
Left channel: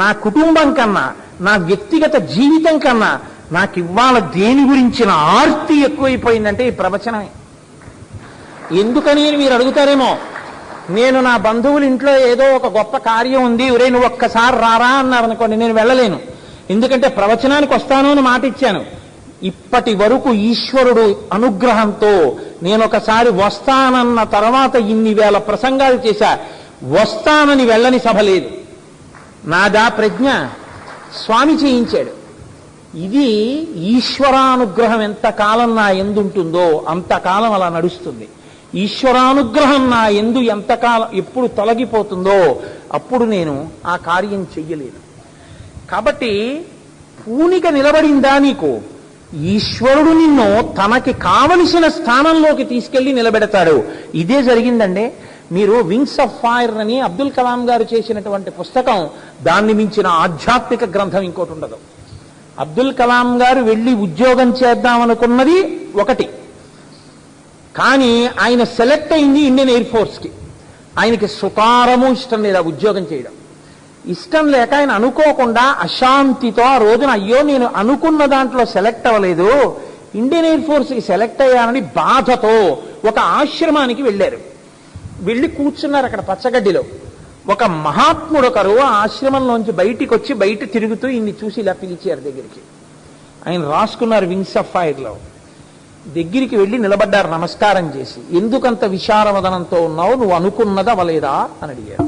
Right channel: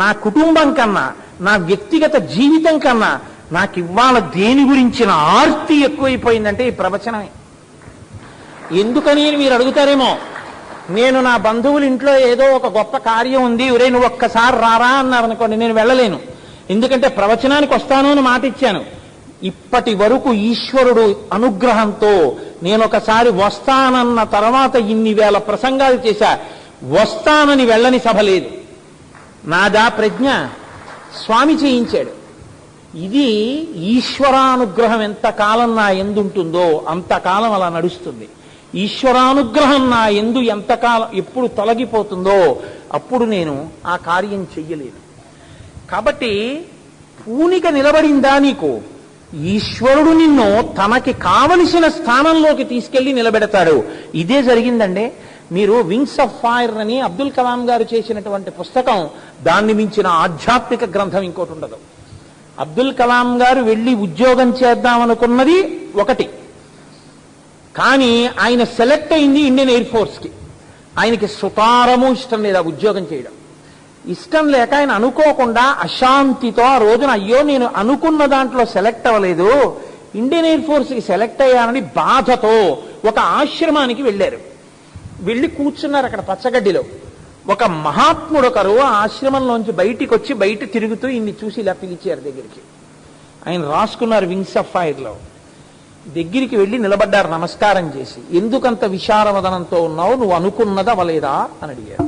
నా కుటుంబం కన్నా, నా వ్యక్తిగత జీవితం కన్నా నాకు ఇవాళ దేని గురించిన ఆర్తి ఎక్కువైపోయిందంటే ఈ ప్రవచనమే. ఎందుకని మీరు అడుగుతారేమో. నేను నా బంధువుల ఇంట్లో ఏదో ఒక గొప్ప కార్యం ఉంది, ఒరే నువ్వు ఒక్కసారి రారా అన్నారనుకోండి, నేను వెళ్ళలేను. ఎందుకంటే ప్రవచనానికి వస్తాను అని మాట ఇచ్చాను. ఇప్పటి వరకు ఈశ్వరుడు అనుగ్రహంతో నేను ఒకసారి వస్తానన్న తర్వాత ఇన్ని వేల ప్రసంగాలు చేశా, వస్తానని వెళ్ళని సభ లేదు. నాదా ప్రజ్ఞ, స్వామి చేయించాడు. ఇది ఈశ్వరానుగ్రహం ఎంతకాలం నా ఎందుంటుందో అంతకాలం అలా నడుస్తుంది. ఈశ్వరానుగ్రహం నా ఎందు ఎంతకాలం ఎప్పుడు తొలగిపోతుందో అప్పుడు నేను ఆ కార్యం చెయ్యలేదు. కాబట్టి పూనిక నిలబడిందా నీకు? ఈశ్వరుడు నిన్ను తనకి కావలసిన స్థానంలోకి తీసుకెళ్లి నిలబెడతాడు. ఇదే జరిగిందండి. మీరు వింగ్స్ ఆఫ్ ఫైర్ అని అబ్దుల్ కలాం గారు చేసినటువంటి పుస్తకం, దాన్ని మించిన ఆధ్యాత్మిక గ్రంథం ఇంకోటి ఉండదు. అబ్దుల్ కలాం గారు వెళ్లి ఉద్యోగం చేద్దామనుకున్నది ఒకటి, కానీ ఆయన సెలెక్ట్ అయింది ఇండియన్ ఎయిర్ ఫోర్స్ కి. ఆయనకి సుతారము ఇష్టం లేదు ఆ ఉద్యోగం చేయడం. ఇష్టం లేక ఆయన అనుకోకుండా అశాంతితో ఆ రోజున, అయ్యో నేను అనుకున్న దాంట్లో సెలెక్ట్ అవ్వలేదు, ఇండియన్ ఎయిర్ ఫోర్స్ కి సెలెక్ట్ అయ్యానని బాధతో ఒక ఆశ్రమానికి వెళ్లారు. వెళ్లి కూర్చున్నారు అక్కడ పచ్చగడ్డిలో. ఒక మహాత్ముడు ఒకరు ఆ ఆశ్రమంలోంచి బయటికి వచ్చి బయట తిరుగుతూ ఇన్ని చూసి ఇలా పిలిచారు దగ్గరికి. ఆయన రాసుకున్నారు వింగ్స్ ఆఫ్ ఫైర్ లో. దగ్గరికి వెళ్లి నిలబడ్డారు నమస్కారం చేసి. ఎందుకంత విశారవదనంతో ఉన్నావు, నువ్వు అనుకున్నది అవలేదా అని అడిగారు.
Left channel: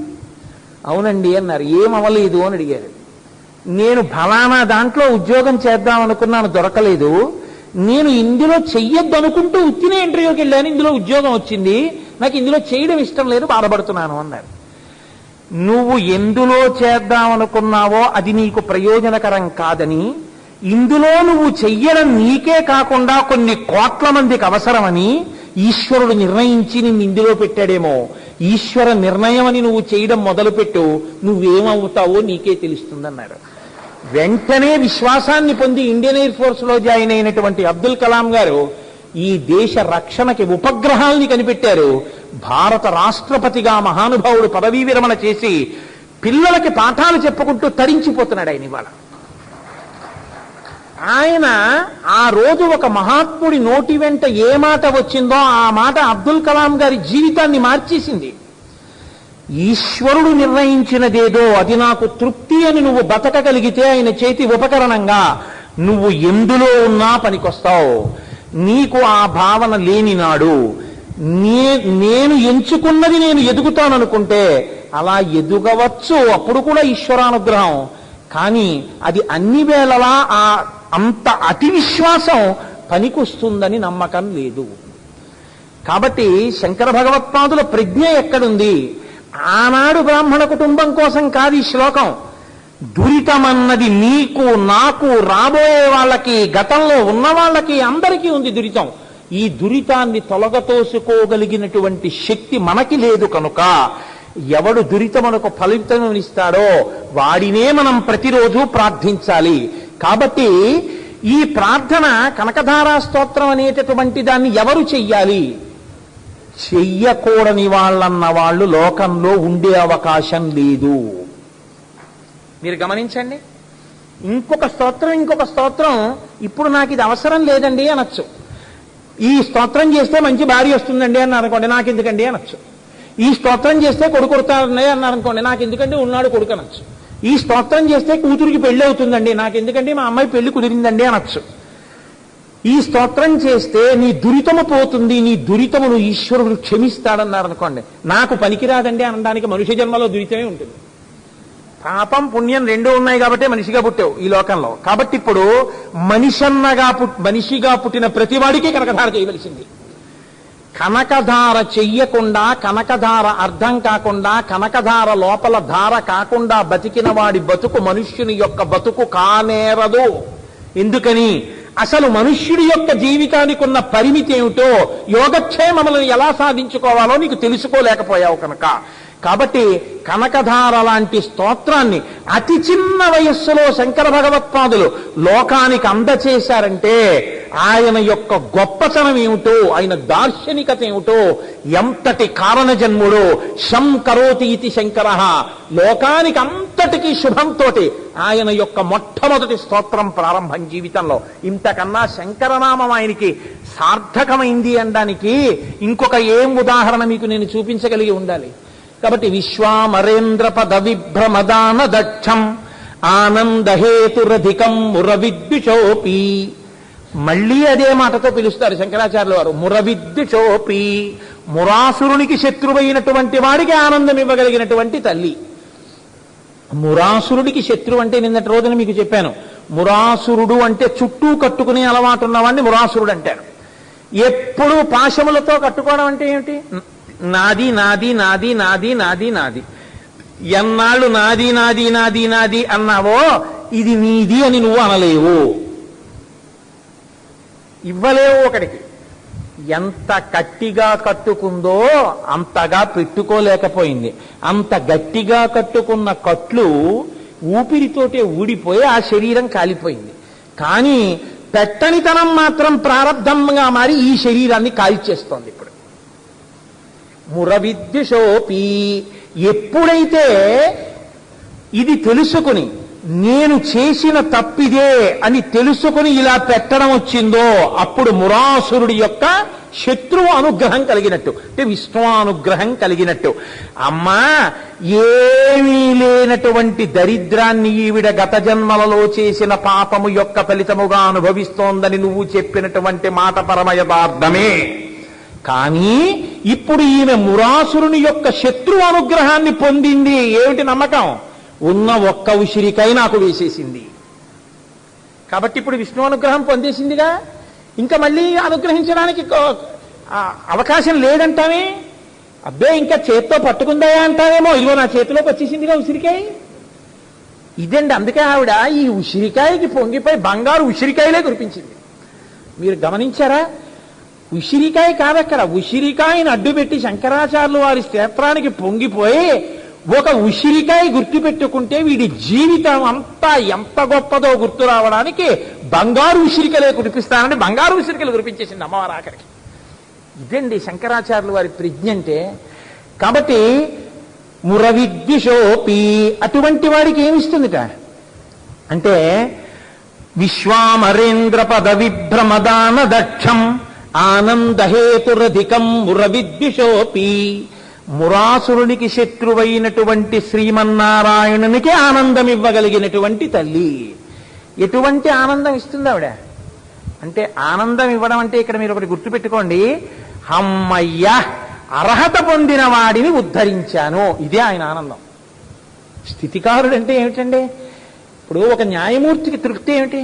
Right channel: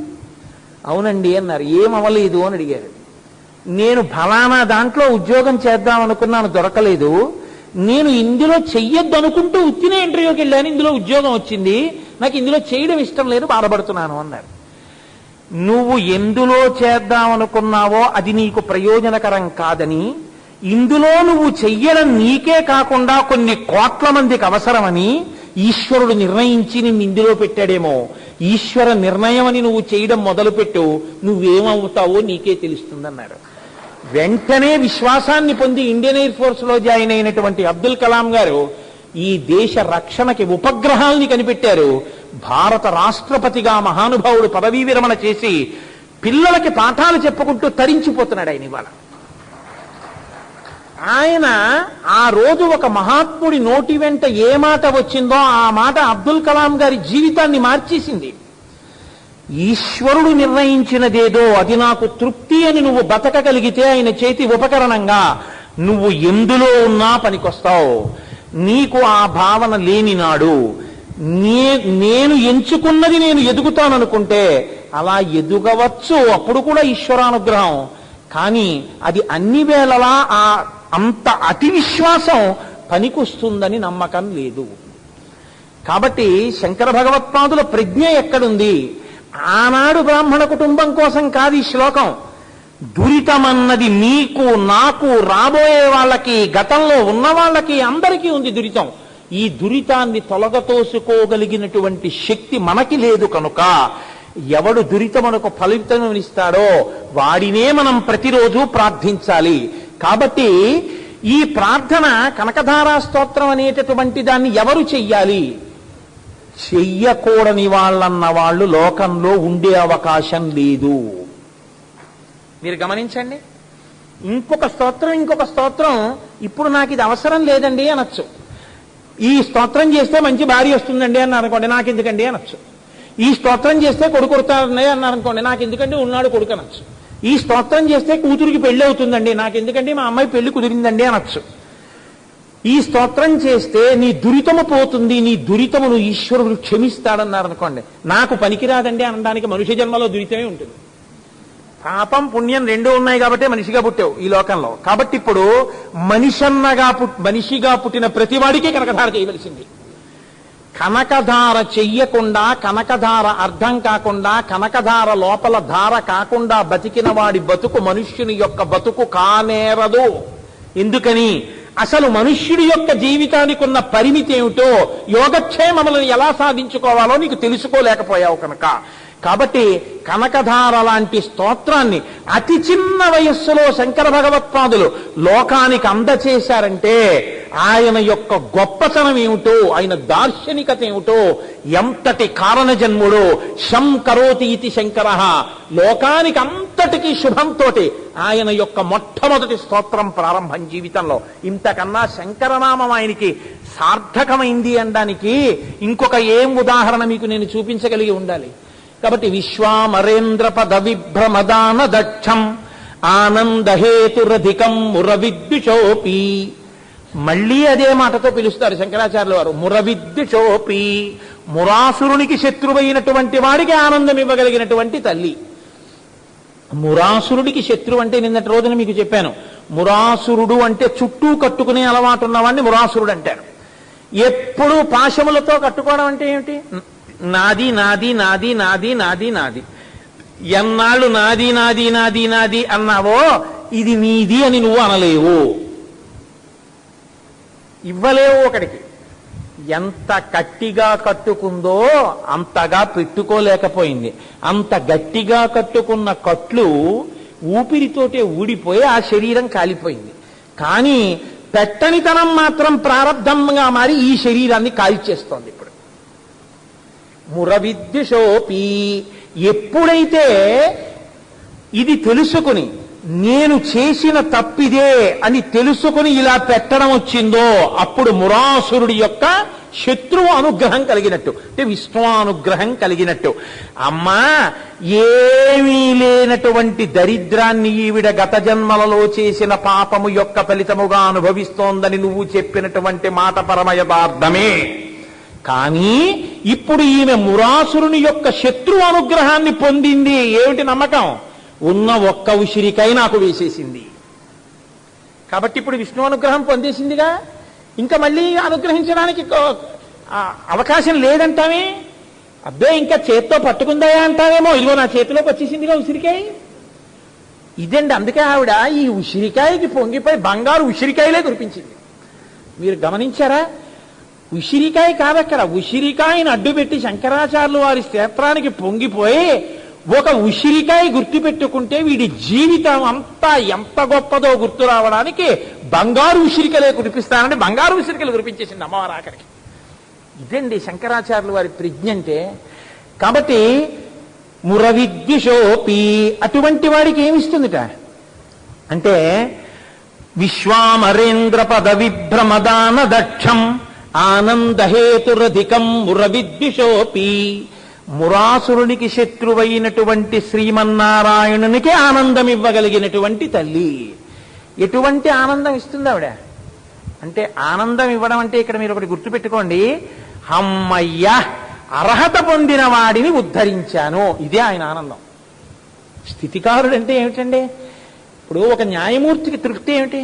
అవునండి అన్నారు. ఏమవలేదు అని అడిగారు. నేను ఫలానా దాంట్లో ఉద్యోగం చేద్దాం అనుకున్నాను, దొరకలేదు. నేను ఇందులో చెయ్యొద్దు అనుకుంటూ ఉత్తినే ఇంటర్వ్యూకి వెళ్ళాను, ఇందులో ఉద్యోగం వచ్చింది, నాకు ఇందులో చేయడం ఇష్టం లేదు, బాధపడుతున్నాను అన్నారు. నువ్వు ఎందులో చేద్దామనుకున్నావో అది నీకు ప్రయోజనకరం కాదని, ఇందులో నువ్వు చెయ్యడం నీకే కాకుండా కొన్ని కోట్ల మందికి అవసరమని ఈశ్వరుడు నిర్ణయించి నిన్ను ఇందులో పెట్టాడేమో. ఈశ్వర నిర్ణయం అని నువ్వు చేయడం మొదలుపెట్టు, నువ్వేమవుతావో నీకే తెలుస్తుందన్నారు. వెంటనే విశ్వాసాన్ని పొంది ఇండియన్ ఎయిర్ ఫోర్స్ లో జాయిన్ అయినటువంటి అబ్దుల్ కలాం గారు ఈ దేశ రక్షణకి ఉపగ్రహాల్ని కనిపెట్టారు. భారత రాష్ట్రపతిగా మహానుభావుడు పదవీ విరమణ చేసి పిల్లలకి పాఠాలు చెప్పుకుంటూ తరించిపోతున్నాడు ఆయన ఇవాళ. ఆయన ఆ రోజు ఒక మహాత్ముడి నోటి వెంట ఏ మాట వచ్చిందో ఆ మాట అబ్దుల్ కలాం గారి జీవితాన్ని మార్చేసింది. ఈశ్వరుడు నిర్ణయించినదేదో అది నాకు తృప్తి అని నువ్వు బతకగలిగితే ఆయన చేతి ఉపకరణంగా నువ్వు ఎందులో ఉన్నా పనికొస్తావు. నీకు ఆ భావన లేని నాడు నేను ఎంచుకున్నది నేను ఎదుగుతాననుకుంటే అలా ఎదుగవచ్చు, అప్పుడు కూడా ఈశ్వరానుగ్రహం. కానీ అది అన్ని వేళలా అంత అతి విశ్వాసం పనికొస్తుందని నమ్మకం లేదు. కాబట్టి శంకర భగవత్పాదుల ప్రజ్ఞ ఎక్కడుంది? ఆనాడు బ్రాహ్మణ కుటుంబం కోసం కాదు ఈ శ్లోకం. దురితమన్నది నీకు, నాకు, రాబోయే వాళ్ళకి, గతంలో ఉన్న వాళ్ళకి, అందరికీ ఉంది దురితం. ఈ దురితాన్ని తొలగతోసుకోగలిగినటువంటి శక్తి మనకి లేదు కనుక ఎవడు దురితమనకు ఫలితమిస్తాడో వాడినే మనం ప్రతిరోజు ప్రార్థించాలి. కాబట్టి ఈ ప్రార్థన కనకధారా స్తోత్రం అనేటటువంటి దాన్ని ఎవరు చెయ్యాలి? చెయ్యకూడని వాళ్ళన్న వాళ్ళు లోకంలో ఉండే అవకాశం లేదు. మీరు గమనించండి. ఇంకొక స్తోత్రం ఇప్పుడు నాకు ఇది అవసరం లేదండి అనొచ్చు. ఈ స్తోత్రం చేస్తే మంచి భార్య వస్తుందండి అన్నారు అనుకోండి, నాకు ఎందుకండి అనొచ్చు. ఈ స్తోత్రం చేస్తే కొడుకు కొడతారని అన్నారు అనుకోండి, నాకు ఎందుకంటే ఉన్నాడు కొడుకు అనొచ్చు. ఈ స్తోత్రం చేస్తే కూతురికి పెళ్లి అవుతుందండి, నాకు ఎందుకంటే మా అమ్మాయి పెళ్లి కుదిరిందండి అనొచ్చు. ఈ స్తోత్రం చేస్తే నీ దురితము పోతుంది, నీ దురితమును ఈశ్వరుడు క్షమిస్తాడన్నారు అనుకోండి, నాకు పనికిరాదండి అనడానికి మనుష్య జన్మలో దురితమే ఉంటుంది. పాపం పుణ్యం రెండూ ఉన్నాయి కాబట్టి మనిషిగా పుట్టావు ఈ లోకంలో. కాబట్టి ఇప్పుడు మనిషిగా పుట్టిన ప్రతివాడికి కనకధార చేయవలసింది. కనకధార చెయ్యకుండా, కనకధార అర్థం కాకుండా, కనకధార లోపల ధార కాకుండా బతికిన వాడి బతుకు మనుష్యుని యొక్క బతుకు కానేరదు. ఎందుకని? అసలు మనుష్యుడి యొక్క జీవితానికి ఉన్న పరిమితి ఏమిటో, యోగక్షేమములను ఎలా సాధించుకోవాలో నీకు తెలుసుకోలేకపోయావు కనుక. కాబట్టి కనకధార లాంటి స్తోత్రాన్ని అతి చిన్న వయస్సులో శంకర భగవత్పాదులు లోకానికి అందచేశారంటే ఆయన యొక్క గొప్పతనం ఏమిటో, ఆయన దార్శనికత ఏమిటో, ఎంతటి కారణజన్ముడో. శం కరోతి ఇతి శంకర, లోకానికి అంతటికీ శుభంతో ఆయన యొక్క మొట్టమొదటి స్తోత్రం ప్రారంభం జీవితంలో. ఇంతకన్నా శంకరనామం ఆయనకి సార్థకమైంది అనడానికి ఇంకొక ఏం ఉదాహరణ మీకు నేను చూపించగలిగి ఉండాలి. కాబట్టి విశ్వామరేంద్ర పద విభ్రమదాన దక్షం ఆనందహేతురధికం మురవిద్యుషోపి. మళ్లీ అదే మాటతో పిలుస్తారు శంకరాచార్యుల వారు. మురవిద్యుషోపి, మురాసురునికి శత్రువైనటువంటి వాడికి ఆనందం ఇవ్వగలిగినటువంటి తల్లి. మురాసురుడికి శత్రువు అంటే నిన్నటి రోజున మీకు చెప్పాను. మురాసురుడు అంటే చుట్టూ కట్టుకునే అలవాటు ఉన్నవాడిని మురాసురుడు అంటారు. ఎప్పుడూ పాశములతో కట్టుకోవడం అంటే ఏమిటి? నాది నాది నాది నాది నాది నాది. ఎన్నాళ్ళు నాది నాది నాది నాది అన్నావో ఇది నీది అని నువ్వు అనలేవు, ఇవ్వలేవు ఒకడికి. ఎంత గట్టిగా కట్టుకుందో అంతగా పెట్టుకోలేకపోయింది. అంత గట్టిగా కట్టుకున్న కట్లు ఊపిరితోటే ఊడిపోయి ఆ శరీరం కాలిపోయింది. కానీ పెట్టనితనం మాత్రం ప్రారంధంగా మారి ఈ శరీరాన్ని కాల్చేస్తోంది. ఇప్పుడు మురవిద్యుషోపి, ఎప్పుడైతే ఇది తెలుసుకుని నేను చేసిన తప్పిదే అని తెలుసుకుని ఇలా పెట్టడం వచ్చిందో అప్పుడు మురాసురుడి యొక్క శత్రువు అనుగ్రహం కలిగినట్టు, అంటే విశ్వానుగ్రహం కలిగినట్టు. అమ్మా, ఏమీ లేనటువంటి దరిద్రాన్ని ఈవిడ గత జన్మలలో చేసిన పాపము యొక్క ఫలితముగా అనుభవిస్తోందని నువ్వు చెప్పినటువంటి మాట పరమ యథార్థమే. కానీ ఇప్పుడు ఈమె మురాసురుని యొక్క శత్రు అనుగ్రహాన్ని పొందింది. ఏమిటి నమ్మకం? ఉన్న ఒక్క ఉసిరికాయ నాకు వేసేసింది. కాబట్టి ఇప్పుడు విష్ణు అనుగ్రహం పొందేసిందిగా, ఇంకా మళ్ళీ అనుగ్రహించడానికి అవకాశం లేదంటామే. అబ్బే, ఇంకా చేత్తో పట్టుకుందా అంటావేమో. ఇదిగో నా చేతిలోకి వచ్చేసిందిగా ఉసిరికాయ. ఇదండి. అందుకే ఆవిడ ఈ ఉసిరికాయకి పొంగిపోయి బంగారు ఉసిరికాయలే కురిపించింది. మీరు గమనించారా? ఉసిరికాయ కాదక్కడ, ఉసిరికాయని అడ్డుపెట్టి శంకరాచార్యులు వారి స్తోత్రానికి పొంగిపోయి ఒక ఉసిరికాయ గుర్తు పెట్టుకుంటే వీడి జీవితం అంతా ఎంత గొప్పదో గుర్తు రావడానికి బంగారు ఉసిరికలే కురిపిస్తానని బంగారు ఉసిరికలు కురిపించేసింది అమ్మవారు ఆఖరికి. ఇదండి శంకరాచార్యులు వారి ప్రజ్ఞ అంటే. కాబట్టి మురవిద్యుషోపి, అటువంటి వాడికి ఏమిస్తుందిట అంటే విశ్వామరేంద్ర పద విభ్రమదాన దక్షం ఆనందహేతురధికం మురవిద్యుషోపి. మురాసురునికి శత్రువైనటువంటి శ్రీమన్నారాయణునికి ఆనందం ఇవ్వగలిగినటువంటి తల్లి. ఎటువంటి ఆనందం ఇస్తుంది ఆవిడ అంటే, ఆనందం ఇవ్వడం అంటే ఇక్కడ మీరు ఒకటి గుర్తుపెట్టుకోండి, అమ్మయ్య అర్హత పొందిన వాడిని ఉద్ధరించాను, ఇదే ఆయన ఆనందం. స్థితికారుడు అంటే ఏమిటండి? ఇప్పుడు ఒక న్యాయమూర్తికి తృప్తి ఏమిటి?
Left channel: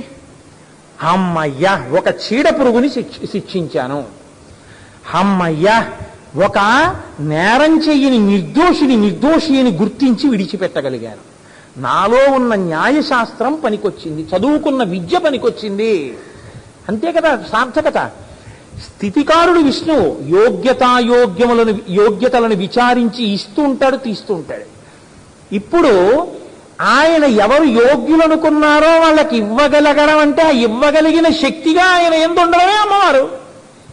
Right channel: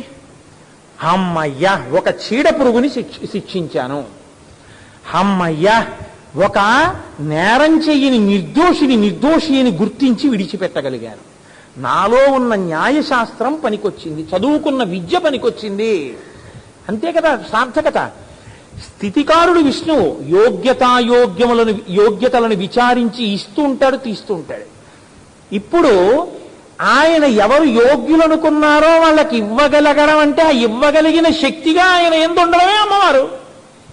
అమ్మయ్య ఒక చీడ పురుగుని శిక్షించాను, అమ్మయ్య ఒక నేరం చెయ్యని నిర్దోషిని గుర్తించి విడిచిపెట్టగలిగాను, నాలో ఉన్న న్యాయశాస్త్రం పనికొచ్చింది, చదువుకున్న విద్య పనికొచ్చింది. అంతే కదా సార్థకత. స్థితికారుడు విష్ణువు యోగ్యతలను విచారించి ఇస్తూ ఉంటాడు, తీస్తూ ఉంటాడు. ఇప్పుడు ఆయన ఎవరు యోగ్యులనుకున్నారో వాళ్ళకి ఇవ్వగలగడం అంటే ఆ ఇవ్వగలిగిన శక్తిగా ఆయన ఎందుండవే అమ్మవారు.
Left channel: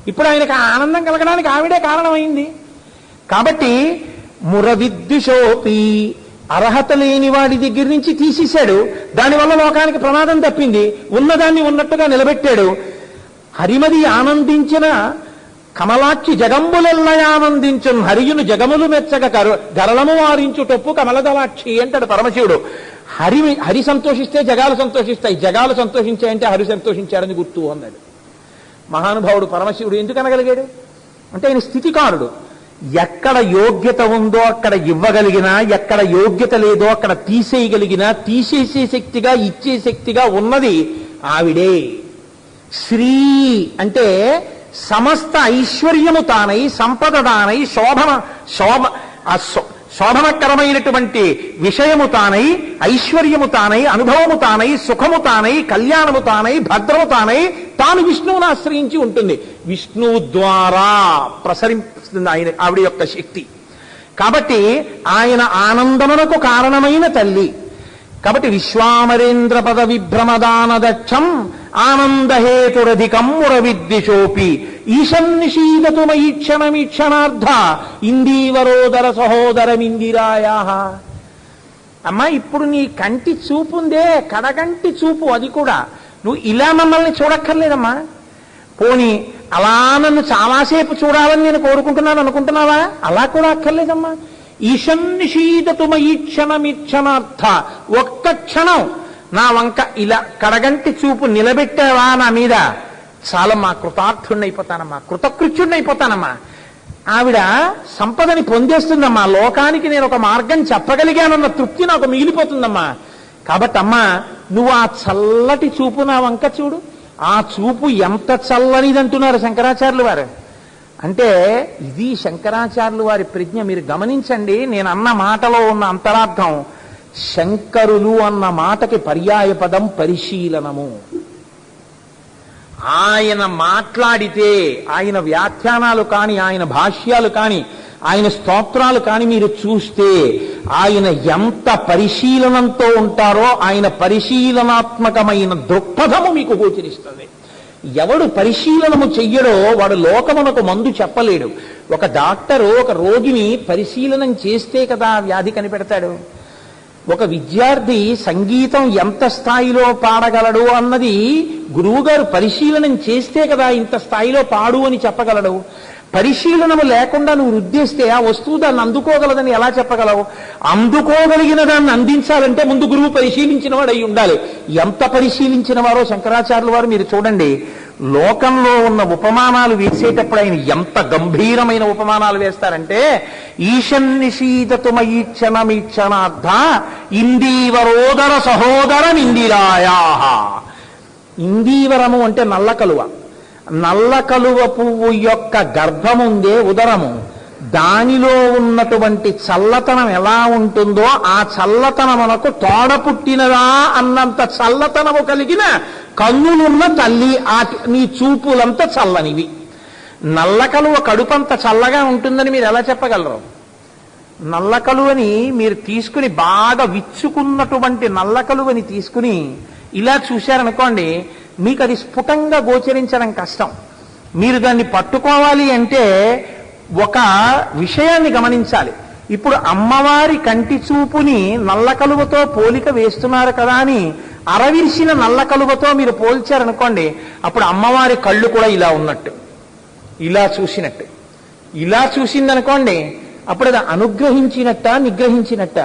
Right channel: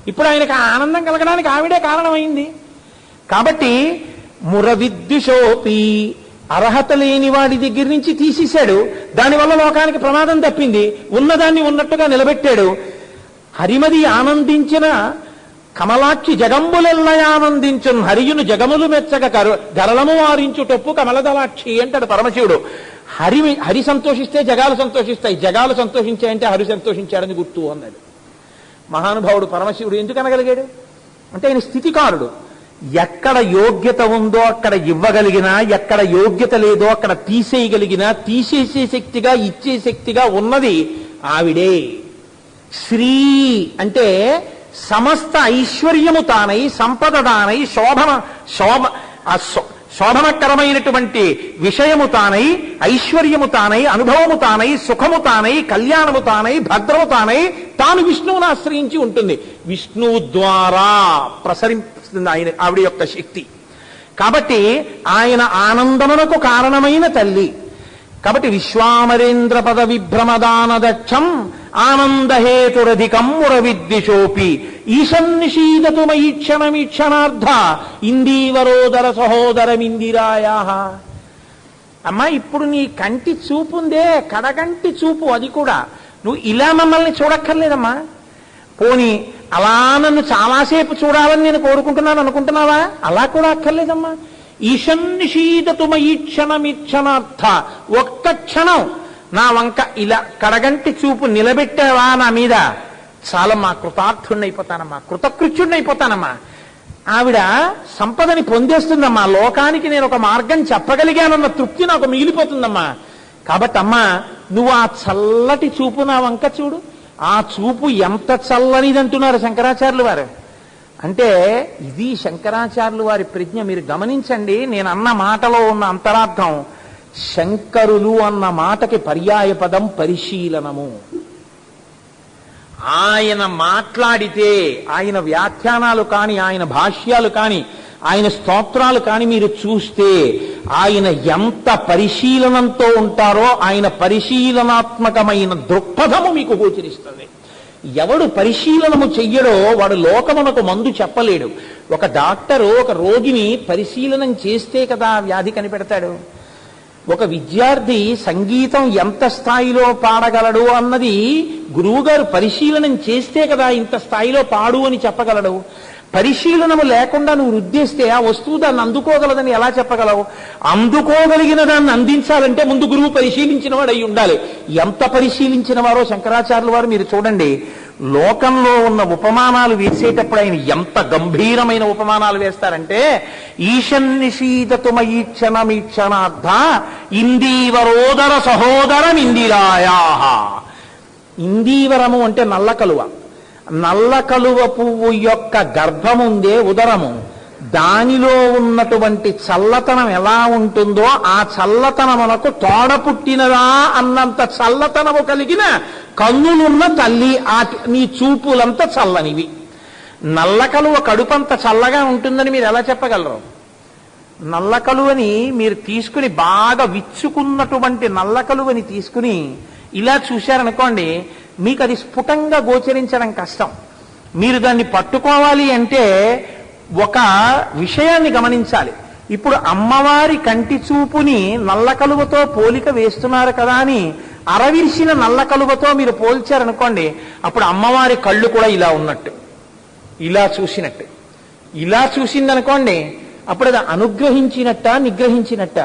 ఇప్పుడు ఆయనకు ఆనందం కలగడానికి ఆవిడే కారణమైంది. కాబట్టి మురవిద్యుషోపి, అర్హత లేని వాడి దగ్గర నుంచి తీసేశాడు. దానివల్ల లోకానికి ప్రమాదం తప్పింది. ఉన్నదాన్ని ఉన్నట్టుగా నిలబెట్టాడు. హరిమది ఆనందించిన కమలాక్షి జగంబులెల్ల ఆనందించున్ హరియును జగములు మెచ్చగ గరళము వారించుటప్పు కమలదలాక్షి అంటాడు పరమశివుడు. హరి సంతోషిస్తే జగాలు సంతోషిస్తాయి, జగాలు సంతోషించాయంటే హరి సంతోషించాడని గుర్తు అన్నాడు మహానుభావుడు పరమశివుడు. ఎందుకు అనగలిగాడు అంటే ఆయన స్థితికారుడు. ఎక్కడ యోగ్యత ఉందో అక్కడ ఇవ్వగలిగినా, ఎక్కడ యోగ్యత లేదో అక్కడ తీసేయగలిగినా, తీసేసే శక్తిగా ఇచ్చే శక్తిగా ఉన్నది ఆవిడే. శ్రీ అంటే సమస్త ఐశ్వర్యము తానై, సంపద తానై, శోభనకరమైనటువంటి విషయము తానై, ఐశ్వర్యము తానై, అనుభవము తానై, సుఖము తానై, కళ్యాణము తానై, భద్రము తానై తాను విష్ణువును ఆశ్రయించి ఉంటుంది. విష్ణువు ద్వారా ప్రసరిస్తుంది ఆవిడ యొక్క శక్తి. కాబట్టి ఆయన ఆనందమునకు కారణమైన తల్లి. కాబట్టి విశ్వామరేంద్ర పద విభ్రమదానదక్షం ఆనందహేతురధికం మురవిద్విషోపి ఈశన్నిషీదతు మయీక్షణమీక్షణార్థ ఇందీవరోదర సహోదరమిందిరాయా. అమ్మా, ఇప్పుడు నీ కంటి చూపుందే, కడగంటి చూపు, అది కూడా నువ్వు ఇలా మమ్మల్ని చూడక్కర్లేదమ్మా. పోనీ అలా నన్ను చాలాసేపు చూడాలని నేను కోరుకుంటున్నాను అనుకుంటున్నావా? అలా కూడా అక్కర్లేదమ్మా. ఈశన్నిషీదతు మయీక్షణమీక్షణార్థ, ఒక్క క్షణం నా వంక ఇలా కడగంటి చూపు నిలబెట్టావా నా మీద, చాలమ్మా, కృతార్థుణ్ణైపోతానమ్మా, కృతకృత్యుణ్ణైపోతానమ్మా. ఆవిడ సంపదని పొందేస్తుందమ్మా. లోకానికి నేను ఒక మార్గం చెప్పగలిగానన్న తృప్తి నాకు మిగిలిపోతుందమ్మా. కాబట్టి అమ్మా, నువ్వు ఆ చల్లటి చూపు నా వంక చూడు. ఆ చూపు ఎంత చల్లనిదంటున్నారు శంకరాచార్యులు వారు. అంటే ఇది శంకరాచార్యులు వారి ప్రజ్ఞ. మీరు గమనించండి, నేను అన్న మాటలో ఉన్న అంతరార్థం. శంకరులు అన్న మాటకి పర్యాయ పదం పరిశీలనము. ఆయన మాట్లాడితే, ఆయన వ్యాఖ్యానాలు కాని, ఆయన భాష్యాలు కాని, ఆయన స్తోత్రాలు కాని మీరు చూస్తే ఆయన ఎంత పరిశీలనంతో ఉంటారో ఆయన పరిశీలనాత్మకమైన దృక్పథము మీకు గోచరిస్తుంది. ఎవడు పరిశీలనము చెయ్యడో వాడు లోకమునకు మందు చెప్పలేడు. ఒక డాక్టరు ఒక రోగిని పరిశీలనం చేస్తే కదా వ్యాధి కనిపెడతాడు. ఒక విద్యార్థి సంగీతం ఎంత స్థాయిలో పాడగలడు అన్నది గురువుగారు పరిశీలనం చేస్తే కదా ఇంత స్థాయిలో పాడు అని చెప్పగలడు. పరిశీలనము లేకుండా నువ్వు రుద్దేస్తే ఆ వస్తువు దాన్ని అందుకోగలదని ఎలా చెప్పగలవు? అందుకోగలిగిన దాన్ని అందించాలంటే ముందు గురువు పరిశీలించిన వాడు అయి ఉండాలి. ఎంత పరిశీలించిన వారో శంకరాచార్యుల వారు మీరు చూడండి. లోకంలో ఉన్న ఉపమానాలు వేసేటప్పుడు ఆయన ఎంత గంభీరమైన ఉపమానాలు వేస్తారంటే, ఈశన్నిషీదతు మయీక్షణమీక్షణార్థ ఇందీవరోదర సహోదరమిందిరాయా. ఇందీవరము అంటే నల్ల కలువ. నల్ల కలువ పువ్వు యొక్క గర్భముందే ఉదరము, దానిలో ఉన్నటువంటి చల్లతనం ఎలా ఉంటుందో ఆ చల్లతనమునకు తోడ పుట్టినదా అన్నంత చల్లతనము కలిగిన కన్నులున్న తల్లి నీ చూపులంత చల్లనివి. నల్ల కలువ కడుపంత చల్లగా ఉంటుందని మీరు ఎలా చెప్పగలరు? నల్ల కలువని మీరు తీసుకుని బాగా విచ్చుకున్నటువంటి నల్ల కలువని తీసుకుని ఇలా చూశారనుకోండి, మీకు అది స్ఫుటంగా గోచరించడం కష్టం. మీరు దాన్ని పట్టుకోవాలి అంటే ఒక విషయాన్ని గమనించాలి. ఇప్పుడు అమ్మవారి కంటి చూపుని నల్ల కలువతో పోలిక వేస్తున్నారు కదా అని అరవిరిసిన నల్ల కలువతో మీరు పోల్చారనుకోండి, అప్పుడు అమ్మవారి కళ్ళు కూడా ఇలా ఉన్నట్టు, ఇలా చూసినట్టు. ఇలా చూసిందనుకోండి, అప్పుడు అది అనుగ్రహించినట్ట నిగ్రహించినట్ట?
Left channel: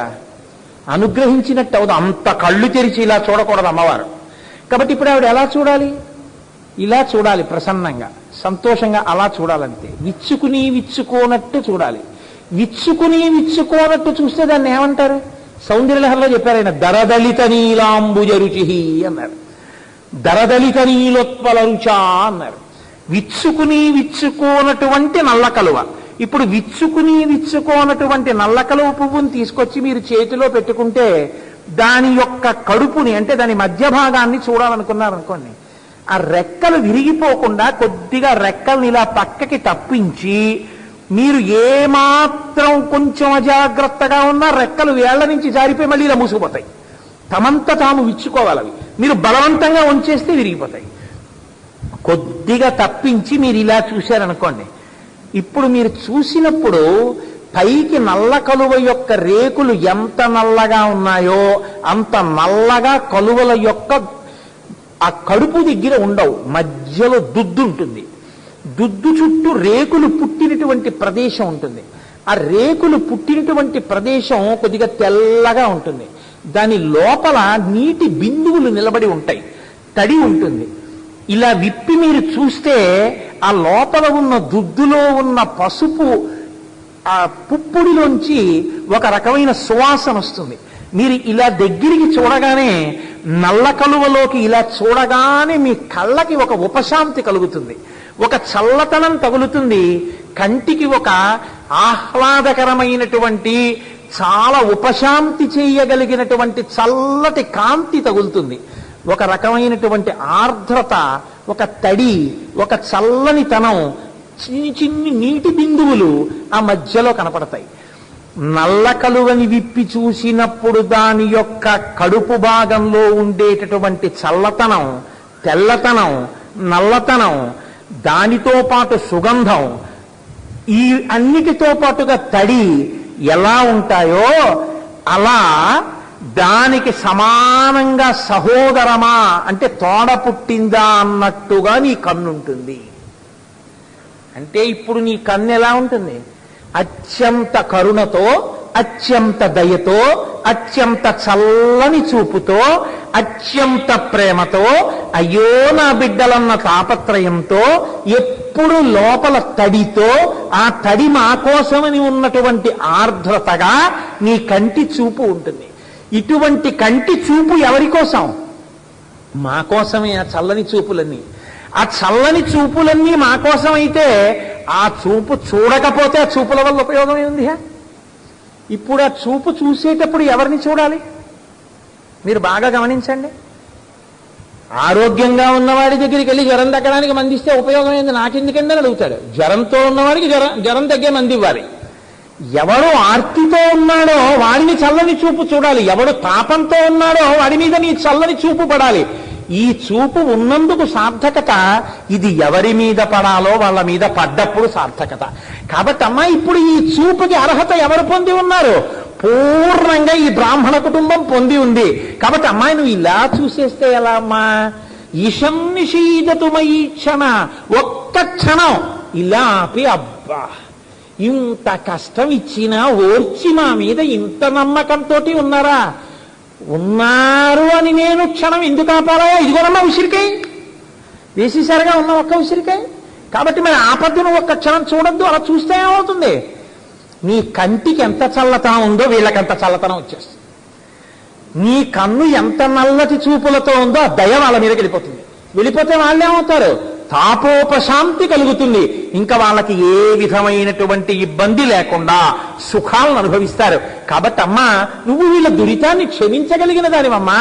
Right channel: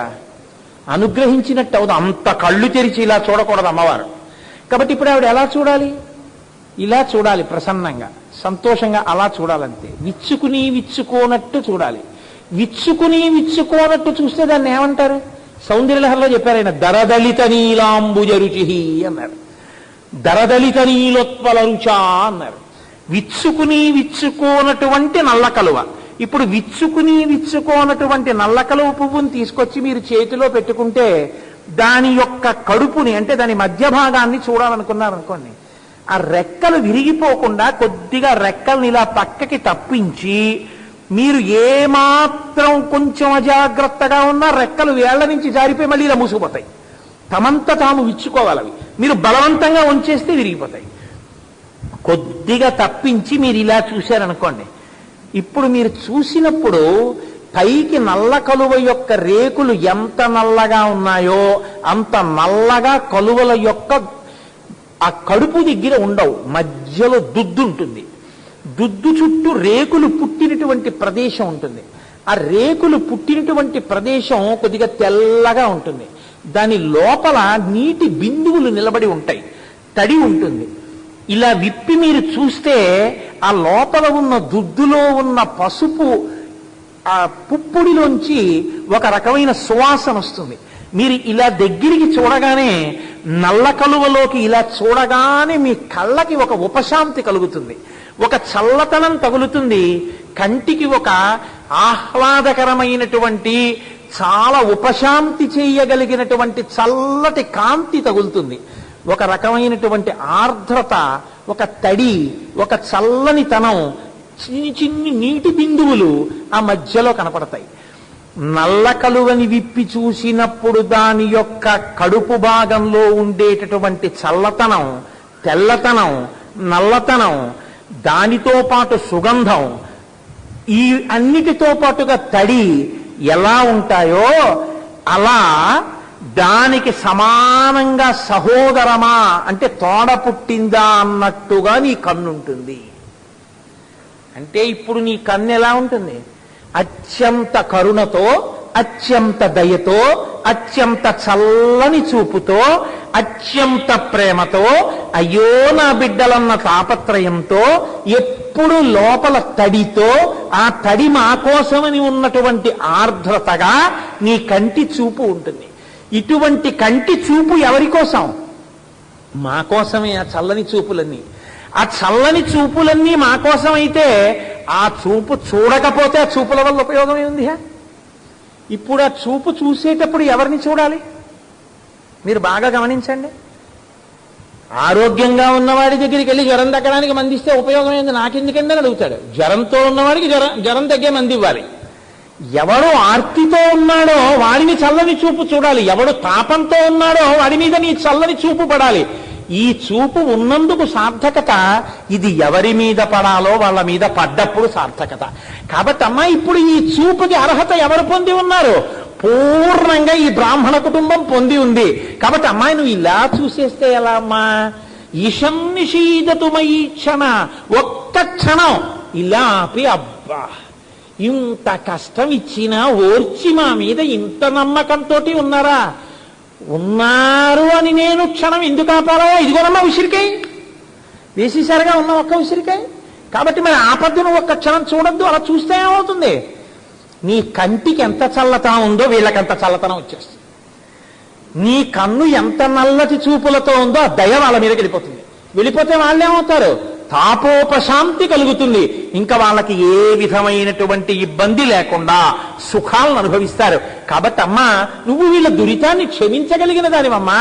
అనుగ్రహించినట్టు అవుదు. అంత కళ్ళు తెరిచి ఇలా చూడకూడదు అమ్మవారు. కాబట్టి ఇప్పుడు ఆవిడ ఎలా చూడాలి? ఇలా చూడాలి, ప్రసన్నంగా సంతోషంగా అలా చూడాలంతే. విచ్చుకుని విచ్చుకోనట్టు చూడాలి. విచ్చుకుని విచ్చుకోనట్టు చూస్తే దాన్ని ఏమంటారు? సౌందర్యలహరిలో చెప్పారు ఆయన, దరదలిత నీలాంబుజ రుచి అన్నారు. దరదలిత నీలోత్పల రుచా అన్నారు. విచ్చుకుని విచ్చుకోనటువంటి నల్ల కలువ. ఇప్పుడు విచ్చుకుని విచ్చుకోనటువంటి నల్ల కలువ పువ్వుని తీసుకొచ్చి మీరు చేతిలో పెట్టుకుంటే దాని యొక్క కడుపుని అంటే దాని మధ్య భాగాన్ని చూడాలనుకున్నారనుకోండి, ఆ రెక్కలు విరిగిపోకుండా కొద్దిగా రెక్కల్ని ఇలా పక్కకి తప్పించి మీరు ఏమాత్రం కొంచెం అజాగ్రత్తగా ఉన్నా రెక్కలు వేళ్ల నుంచి జారిపోయి మళ్ళీ ఇలా మూసుకుపోతాయి. తమంత తాము విచ్చుకోవాలి అవి. మీరు బలవంతంగా ఉంచేస్తే విరిగిపోతాయి. కొద్దిగా తప్పించి మీరు ఇలా చూశారనుకోండి, ఇప్పుడు మీరు చూసినప్పుడు పైకి నల్ల కలువ యొక్క రేకులు ఎంత నల్లగా ఉన్నాయో అంత నల్లగా కలువల యొక్క ఆ కడుపు దగ్గర ఉండవు, మధ్యలో దుద్దు ఉంటుంది. దుద్దు చుట్టూ రేకులు పుట్టినటువంటి ప్రదేశం ఉంటుంది. ఆ రేకులు పుట్టినటువంటి ప్రదేశం కొద్దిగా తెల్లగా ఉంటుంది. దాని లోపల నీటి బిందువులు నిలబడి ఉంటాయి, తడి ఉంటుంది. ఇలా విప్పి మీరు చూస్తే ఆ లోపల ఉన్న దుద్దులో ఉన్న పసుపు ఆ పుప్పుడిలోంచి ఒక రకమైన సువాసన వస్తుంది. మీరు ఇలా దగ్గరికి చూడగానే నల్ల కలువలోకి ఇలా చూడగానే మీ కళ్ళకి ఒక ఉపశాంతి కలుగుతుంది, ఒక చల్లతనం తగులుతుంది, కంటికి ఒక ఆహ్లాదకరమైనటువంటి చాలా ఉపశాంతి చేయగలిగినటువంటి చల్లటి కాంతి తగులుతుంది. ఒక రకమైనటువంటి ఆర్ద్రత, ఒక తడి, ఒక చల్లని తనం, చిన్ని చిన్ని నీటి బిందువులు ఆ మధ్యలో కనపడతాయి. నల్ల కలువని విప్పి చూసినప్పుడు దాని యొక్క కడుపు భాగంలో ఉండేటటువంటి చల్లతనం, తెల్లతనం, నల్లతనం, దానితో పాటు సుగంధం, ఈ అన్నిటితో పాటుగా తడి ఎలా ఉంటాయో అలా దానికి సమానంగా సహోదరమా అంటే తోడ పుట్టిందా అన్నట్టుగా నీ కన్నుంటుంది. అంటే ఇప్పుడు నీ కన్ను ఎలా ఉంటుంది? అత్యంత కరుణతో, అత్యంత దయతో, అత్యంత చల్లని చూపుతో, అత్యంత ప్రేమతో, అయ్యో నా బిడ్డలన్న తాపత్రయంతో, ఎప్పుడు లోపల తడితో, ఆ తడి మా కోసమని ఉన్నటువంటి ఆర్ద్రతగా నీ కంటి చూపు ఉంటుంది. ఇటువంటి కంటి చూపు ఎవరి కోసం? మా కోసమే ఆ చల్లని చూపులన్నీ. ఆ చల్లని చూపులన్నీ మా కోసమైతే ఆ చూపు చూడకపోతే ఆ చూపుల వల్ల ఉపయోగం ఏముంది? ఇప్పుడు ఆ చూపు చూసేటప్పుడు ఎవరిని చూడాలి? మీరు బాగా గమనించండి. ఆరోగ్యంగా ఉన్నవాడి దగ్గరికి వెళ్ళి జ్వరం తగ్గడానికి మంది ఇస్తే ఉపయోగం ఏంది, నాకెందుకండి అని అడుగుతాడు. జ్వరంతో ఉన్నవాడికి జ్వరం తగ్గే మంది ఇవ్వాలి. ఎవడు ఆర్తితో ఉన్నాడో వాడిని చల్లని చూపు చూడాలి, ఎవడు తాపంతో ఉన్నాడో వాడి మీద నీ చల్లని చూపు పడాలి. ఈ చూపు ఉన్నందుకు సార్థకత, ఇది ఎవరి మీద పడాలో వాళ్ళ మీద పడ్డప్పుడు సార్థకత. కాబట్టి అమ్మా, ఇప్పుడు ఈ చూపుకి అర్హత ఎవరు పొంది ఉన్నారు? పూర్ణంగా ఈ బ్రాహ్మణ కుటుంబం పొంది ఉంది. కాబట్టి అమ్మాయి నువ్వు ఇలా చూసేస్తే ఎలా అమ్మా? ఈశం నిషీదతుమయీ క్షణ, ఒక్క క్షణం ఇలా ఆపి, అబ్బా ఇంత కష్టం ఇచ్చినా ఓర్చి మా మీద ఇంత నమ్మకంతో ఉన్నారా? ఉన్నారు అని నేను క్షణం ఎందుకు ఆపాలా? ఇదిగోనమ్మా ఉసిరికాయ వేసేసారుగా ఉన్న ఒక్క ఉసిరికాయ. కాబట్టి మరి ఆపద్దును ఒక్క క్షణం చూడద్దు. అలా చూస్తే ఏమవుతుంది? నీ కంటికి ఎంత చల్లతనం ఉందో వీళ్ళకంత చల్లతనం వచ్చేస్తుంది. నీ కన్ను ఎంత నల్లటి చూపులతో ఉందో ఆ దయ వాళ్ళ మీదకి వెళ్ళిపోతుంది. వెళ్ళిపోతే వాళ్ళేమవుతారు? తాపోపశాంతి కలుగుతుంది. ఇంకా వాళ్ళకి ఏ విధమైనటువంటి ఇబ్బంది లేకుండా సుఖాలను అనుభవిస్తారు. కాబట్టి అమ్మా, నువ్వు వీళ్ళ దురితాన్ని క్షమించగలిగిన దానివమ్మా.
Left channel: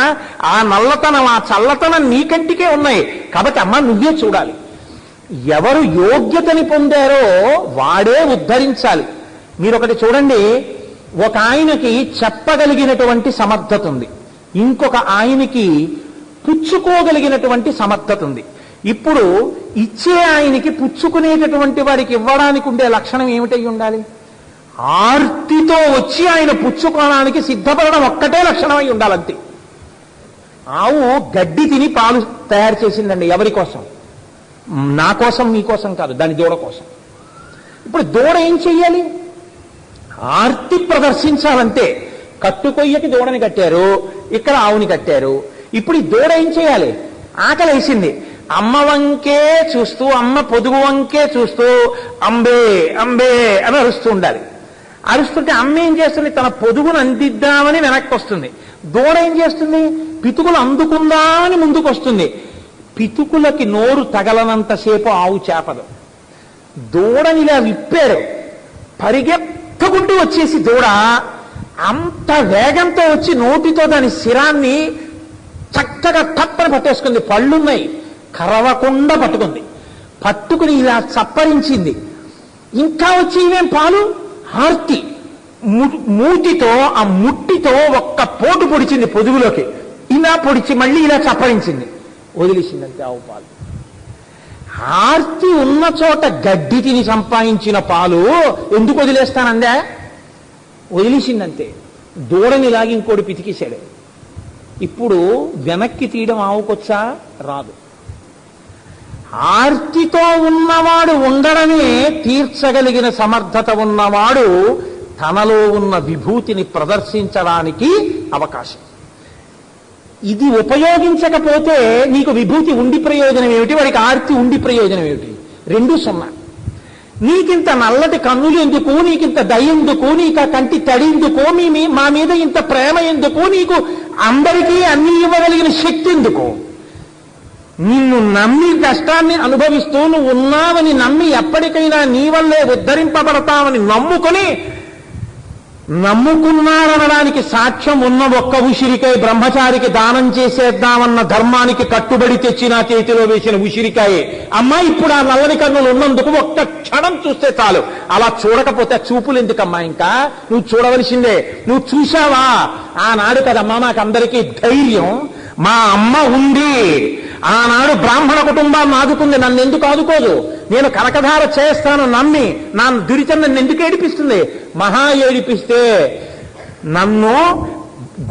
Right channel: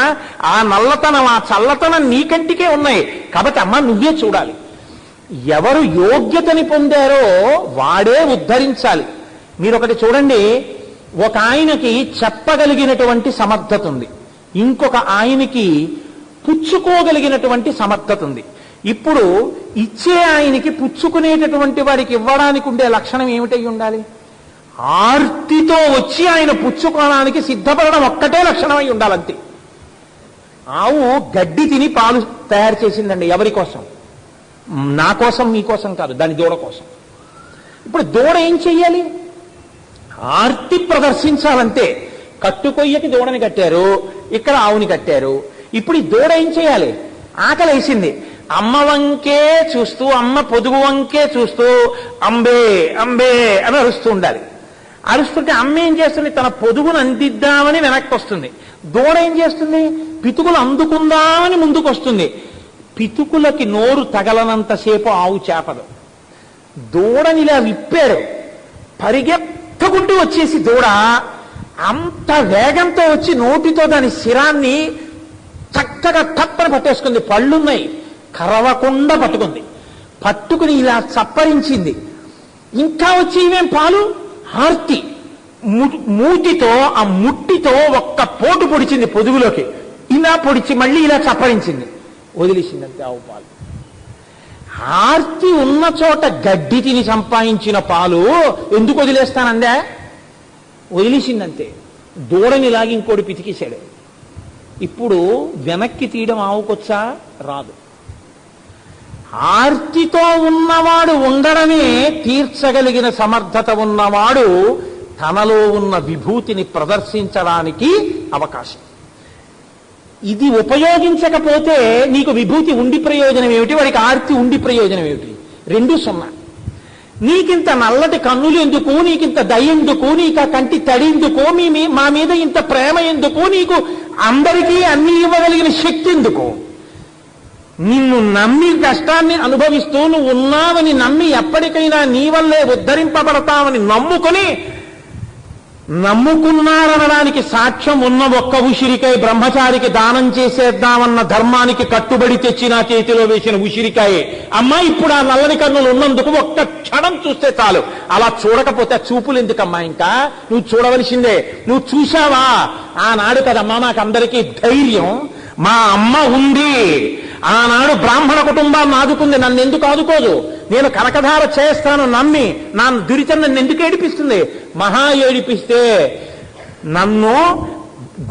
ఆ నల్లతనం, ఆ చల్లతనం నీ కంటికే ఉన్నాయి. కాబట్టి అమ్మా, నువ్వే చూడాలి. ఎవరు యోగ్యతని పొందారో వాడే ఉద్ధరించాలి. మీరొకటి చూడండి, ఒక ఆయనకి చెప్పగలిగినటువంటి సమర్థత ఉంది, ఇంకొక ఆయనకి పుచ్చుకోగలిగినటువంటి సమర్థత ఉంది. ఇప్పుడు ఇచ్చే ఆయనకి పుచ్చుకునేటటువంటి వారికి ఇవ్వడానికి ఉండే లక్షణం ఏమిటై ఉండాలి? ఆర్తితో వచ్చి ఆయన పుచ్చుకోవడానికి సిద్ధపడడం ఒక్కటే లక్షణమై ఉండాలంతే. ఆవు గడ్డి తిని పాలు తయారు చేసిందండి. ఎవరి కోసం? నా కోసం, నీ కోసం కాదు, దాని దూడ కోసం. ఇప్పుడు దూడ ఏం చెయ్యాలి? ఆర్తి ప్రదర్శించాలంతే. కట్టుకొయ్యకి దూడని కట్టారు, ఇక్కడ ఆవుని కట్టారు. ఇప్పుడు ఈ దూడ ఏం చేయాలి? ఆకలి వేసింది, అమ్మ వంకే చూస్తూ, అమ్మ పొదుగు వంకే చూస్తూ అంబే అంబే అని అరుస్తూ ఉండాలి. అరుస్తుంటే అమ్మ ఏం చేస్తుంది? తన పొదుగును అందిద్దామని వెనక్కి వస్తుంది. దూడ ఏం చేస్తుంది? పితుకులు అందుకుందామని ముందుకు వస్తుంది. పితుకులకి నోరు తగలనంతసేపు ఆవు చేపదు. దూడని ఇలా విప్పారు, పరిగెత్తుకుంటూ వచ్చేసి దూడ అంత వేగంతో వచ్చి నోటితో దాని శిరాన్ని చక్కగా తప్పని పట్టేసుకుంది. పళ్ళున్నాయి, కరవకుండా పట్టుకుంది. పట్టుకుని ఇలా చప్పరించింది. ఇంకా వచ్చి ఇవేం పాలు, ఆర్తి మూతితో ఆ ముట్టితో ఒక్క పోటు పొడిచింది పొదుగులోకి. ఇలా పొడిచి మళ్ళీ ఇలా చప్పరించింది, వదిలేసిందంతే ఆవు పాలు. ఆర్తి ఉన్న చోట గడ్డి తిని సంపాదించిన పాలు ఎందుకు వదిలేస్తానందా? వదిలేసిందంతే. దూడని లాగి ఇంకోటి పితికేశాడు. ఇప్పుడు వెనక్కి తీయడం ఆవుకొచ్చా? రాదు. ఆర్తితో ఉన్నవాడు ఉండడమే తీర్చగలిగిన సమర్థత ఉన్నవాడు తనలో ఉన్న విభూతిని ప్రదర్శించడానికి అవకాశం. ఇది ఉపయోగించకపోతే నీకు విభూతి ఉండి ప్రయోజనం ఏమిటి, వాడికి ఆర్తి ఉండి ప్రయోజనం ఏమిటి? రెండు సున్నా. నీకింత నల్లటి కన్నులు ఎందుకు, నీకింత దయ ఎందుకు, నీకు కంటి తడి ఎందుకు, మా మీద ఇంత ప్రేమ ఎందుకు, నీకు అందరికీ అన్ని ఇవ్వగలిగిన శక్తి ఎందుకు? నిన్ను నమ్మి కష్టాన్ని అనుభవిస్తూ నువ్వు ఉన్నావని నమ్మి ఎప్పటికైనా నీ వల్లే ఉద్ధరింపబడతావని నమ్ముకున్నారనడానికి సాక్ష్యం ఉన్న ఒక్క ఉసిరికాయ బ్రహ్మచారికి దానం చేసేద్దామన్న ధర్మానికి కట్టుబడి తెచ్చి నా చేతిలో వేసిన ఉసిరికాయే. అమ్మా, ఇప్పుడు ఆ నల్లని కన్నులు ఉన్నందుకు ఒక్క క్షణం చూస్తే చాలు. అలా చూడకపోతే చూపులు ఎందుకమ్మా? ఇంకా నువ్వు చూడవలసిందే. నువ్వు చూశావా? ఆనాడు కదమ్మా మాకందరికీ ధైర్యం. మా అమ్మ ఉంది, ఆనాడు బ్రాహ్మణ కుటుంబాన్ని ఆదుకుంది, నన్ను ఎందుకు ఆదుకోదు? నేను కనకధార చేస్తాను నమ్మి నా దురితం నన్ను ఎందుకు ఏడిపిస్తుంది? మహా ఏడిపిస్తే నన్ను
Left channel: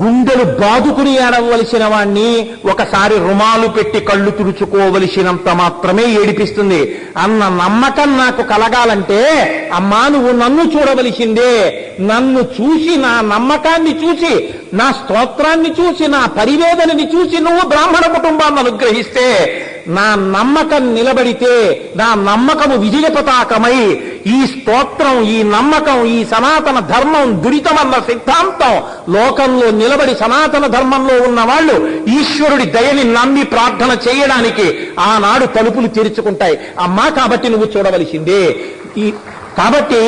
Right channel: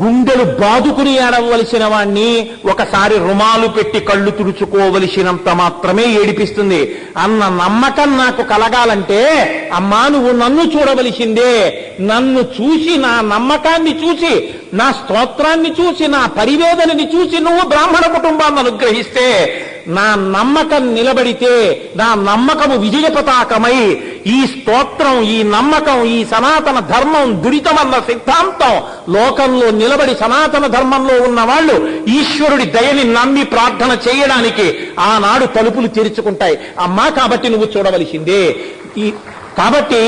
గుండెలు బాదుకుని ఏడవలసిన వాణ్ణి ఒకసారి రుమాలు పెట్టి కళ్ళు తుడుచుకోవలసినంత మాత్రమే ఏడిపిస్తుంది. అన్న నమ్మకం నాకు కలగాలంటే అమ్మా నువ్వు నన్ను చూడవలసిందే. నన్ను చూసి, నా నమ్మకాన్ని చూసి, నా స్తోత్రాన్ని చూసి, నా పరివేదనని చూసి నువ్వు బ్రాహ్మణ కుటుంబాన్ని అనుగ్రహిస్తే, నా నమ్మకం నిలబడితే, నా నమ్మకము విజయ పతాకమై ఈ స్తోత్రం, ఈ నమ్మకం, ఈ సనాతన ధర్మం దురితమన్న సిద్ధాంతం లోకంలో నిలబడి సనాతన ధర్మంలో ఉన్న వాళ్ళు ఈశ్వరుడి దయని నమ్మి ప్రార్థన చేయడానికి ఆనాడు తలుపులు తెరుచుకుంటాయి. అమ్మా, కాబట్టి నువ్వు చూడవలసిందే. కాబట్టి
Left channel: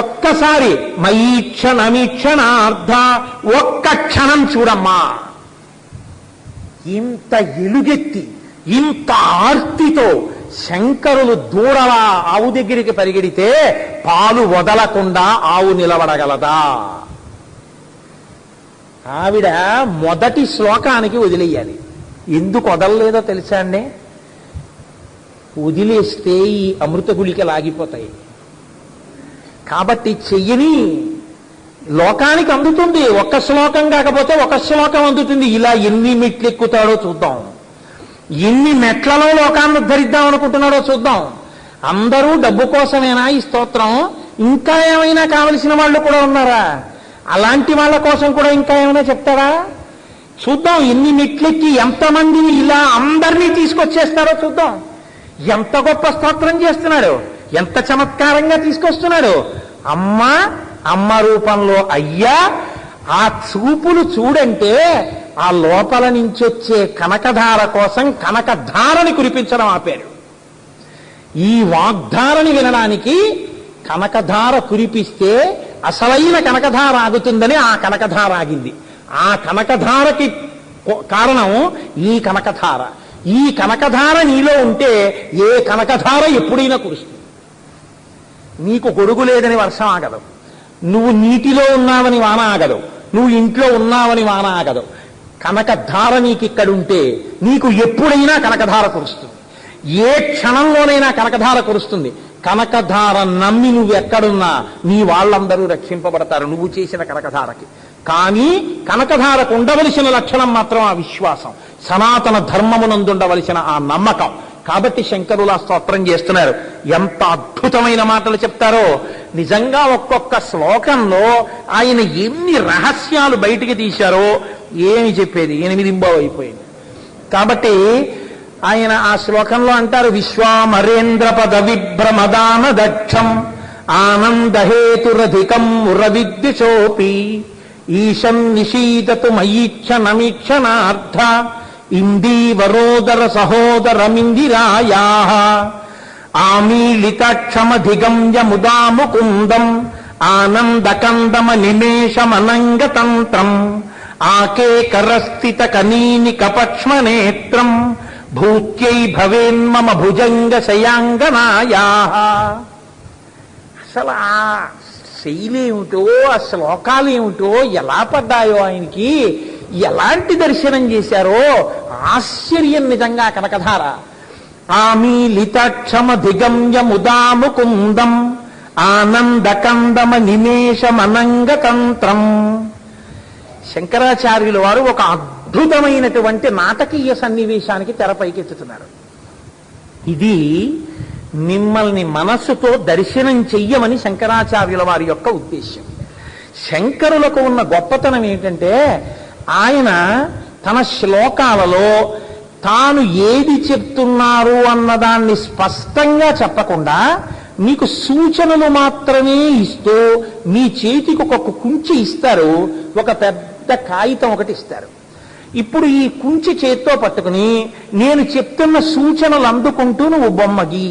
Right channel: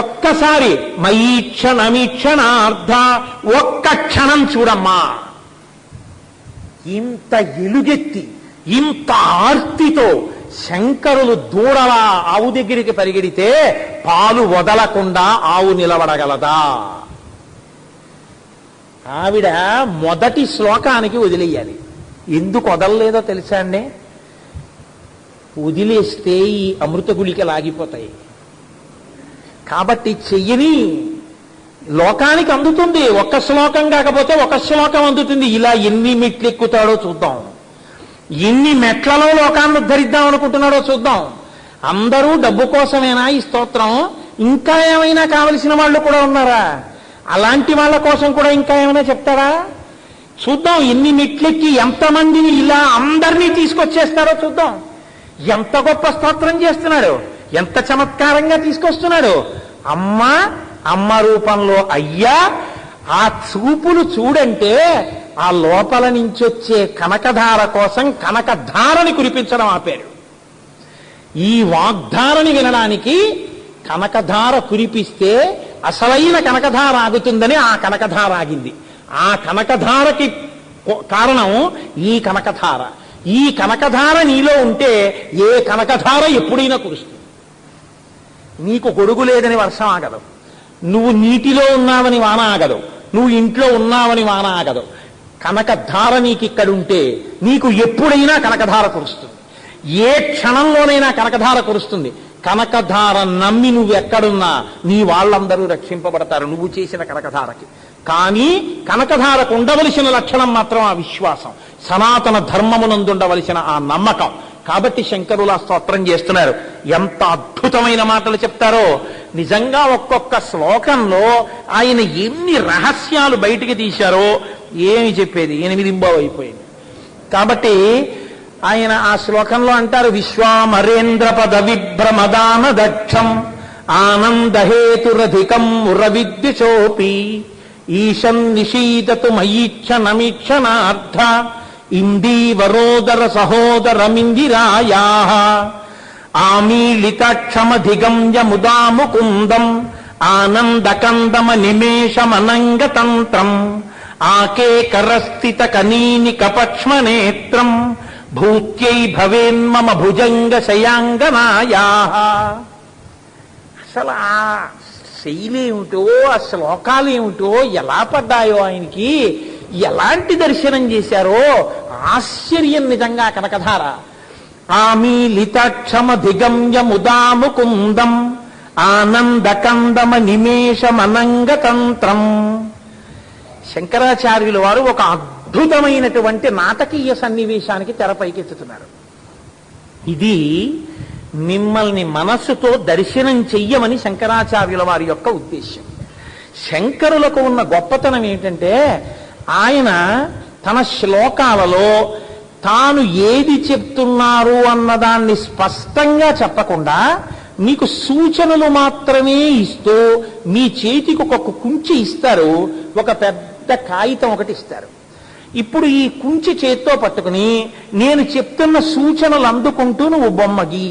ఒక్కసారి మయీక్షణమీక్షణార్థ ఒక్క క్షణం చూడమ్మా. ఇంత ఎలుగెత్తి ఇంత ఆర్తితో శంకరులు దూడలా ఆవు దగ్గరికి పరిగెడితే పాలు వదలకుండా ఆవు నిలబడగలదా? ఆవిడ మొదటి శ్లోకానికి వదిలేయాలి. ఎందుకు వదలలేదో తెలుసా అండి? వదిలేస్తే ఈ అమృత గుళికలు ఆగిపోతాయి. కాబట్టి చెయ్యని లోకానికి అందుతుంది. ఒక్క శ్లోకం కాకపోతే ఒక శ్లోకం అందుతుంది. ఇలా ఎన్ని మెట్లు ఎక్కుతాడో చూద్దాం, ఎన్ని మెట్లలో లోకాన్ని ఉద్ధరిద్దాం అనుకుంటున్నాడో చూద్దాం. అందరూ డబ్బు కోసమేనా ఈ స్తోత్రం? ఇంకా ఏమైనా కావలసిన వాళ్ళు కూడా ఉన్నారా? అలాంటి వాళ్ళ కోసం కూడా ఇంకా ఏమైనా చెప్తారా? చూద్దాం. ఎన్ని మెట్లెక్కి ఎంతమందిని ఇలా అందరినీ తీసుకొచ్చేస్తారో చూద్దాం. ఎంత గొప్ప స్తోత్రం చేస్తున్నాడు, ఎంత చమత్కారంగా తీసుకొస్తున్నాడు. అమ్మ రూపంలో అయ్యా, ఆ చూపులు చూడంటే ఆ లోపల నుంచి వచ్చే కనకధార కోసం కనకధారని కురిపించడం ఆపారు. ఈ వాగ్ధారని వినడానికి కనకధార కురిపిస్తే అసలైన కనకధార ఆగుతుందని ఆ కనకధార ఆగింది. ఆ కనకధారకి కారణం ఈ కనకధార. ఈ కనకధార నీలో ఉంటే ఏ కనకధార ఎప్పుడైనా కురుస్తుంది. నీకు గొడుగు లేదని వర్షం ఆగదు, నువ్వు నీటిలో ఉన్నావని వాన ఆగదు, నువ్వు ఇంట్లో ఉన్నావని వాన ఆగదు. కనకధార నీకిక్కడుంటే నీకు ఎప్పుడైనా కనకధార కురుస్తుంది. ఏ క్షణంలోనైనా కనకధార కురుస్తుంది. కనకధార నమ్మి నువ్వు ఎక్కడున్నా నీ వాళ్ళందరూ రక్షింపబడతారు నువ్వు చేసిన కనకధారకి. కానీ కనకధారకు ఉండవలసిన లక్షణం మాత్రం ఆ విశ్వాసం, సనాతన ధర్మమునందుండవలసిన ఆ నమ్మకం. కాబట్టి శంకరుల స్తోత్రం చేస్తున్నారు. ఎంత అద్భుతమైన మాటలు చెప్తారో నిజంగా. ఒక్కొక్క శ్లోకంలో ఆయన ఎన్ని రహస్యాలు బయటికి తీశారో ఏమి చెప్పేది. 8 అయిపోయింది. కాబట్టి ఆయన ఆ శ్లోకంలో అంటారు, విశ్వామరేంద్ర పద విభ్రమదాన దక్షం ఆనందహేతురధికం మురవిద్యుచోపి ఈశం నిషీదతు మయీక్షణమీక్షణార్థ ఇందీవరోదర సహోదరమిందిరాయా ఆమీలితాక్షమధిగమ్య ముదా ముకుందం ఆనందకందమ నిమేషమనంగతంత్రం ఆకేకరస్థిత కనీని కపక్ష్మనేత్రం భూత్యై భవేన్మమ భుజంగ శయాంగనాయా. అసలు ఆ శైలేమిటో, ఆ శ్లోకాలేమిటో, ఎలా పడ్డాయో ఆయనకి, ఎలాంటి దర్శనం చేశారో ఆశ్చర్యం నిజంగా కనకధార. ఆమీలితాక్షమ దిగమ్య ముదాముకుందం ఆనందకందమ నిమేషమనంగతంత్రం. శంకరాచార్యుల వారు ఒక అద్భుతమైనటువంటి నాటకీయ సన్నివేశానికి తెరపైకెత్తుతున్నారు. ఇది మిమ్మల్ని మనస్సుతో దర్శనం చెయ్యమని శంకరాచార్యుల వారి యొక్క ఉద్దేశ్యం. శంకరులకు ఉన్న గొప్పతనం ఏంటంటే ఆయన తన శ్లోకాలలో తాను ఏది చెప్తున్నారు అన్నదాన్ని స్పష్టంగా చెప్పకుండా మీకు సూచనలు మాత్రమే ఇస్తూ మీ చేతికి ఒక కుంచి ఇస్తారు, ఒక పెద్ద కాగితం ఒకటి ఇస్తారు. ఇప్పుడు ఈ కుంచి చేత్తో పట్టుకుని నేను చెప్తున్న సూచనలు అందుకుంటూ నువ్వు బొమ్మ గీ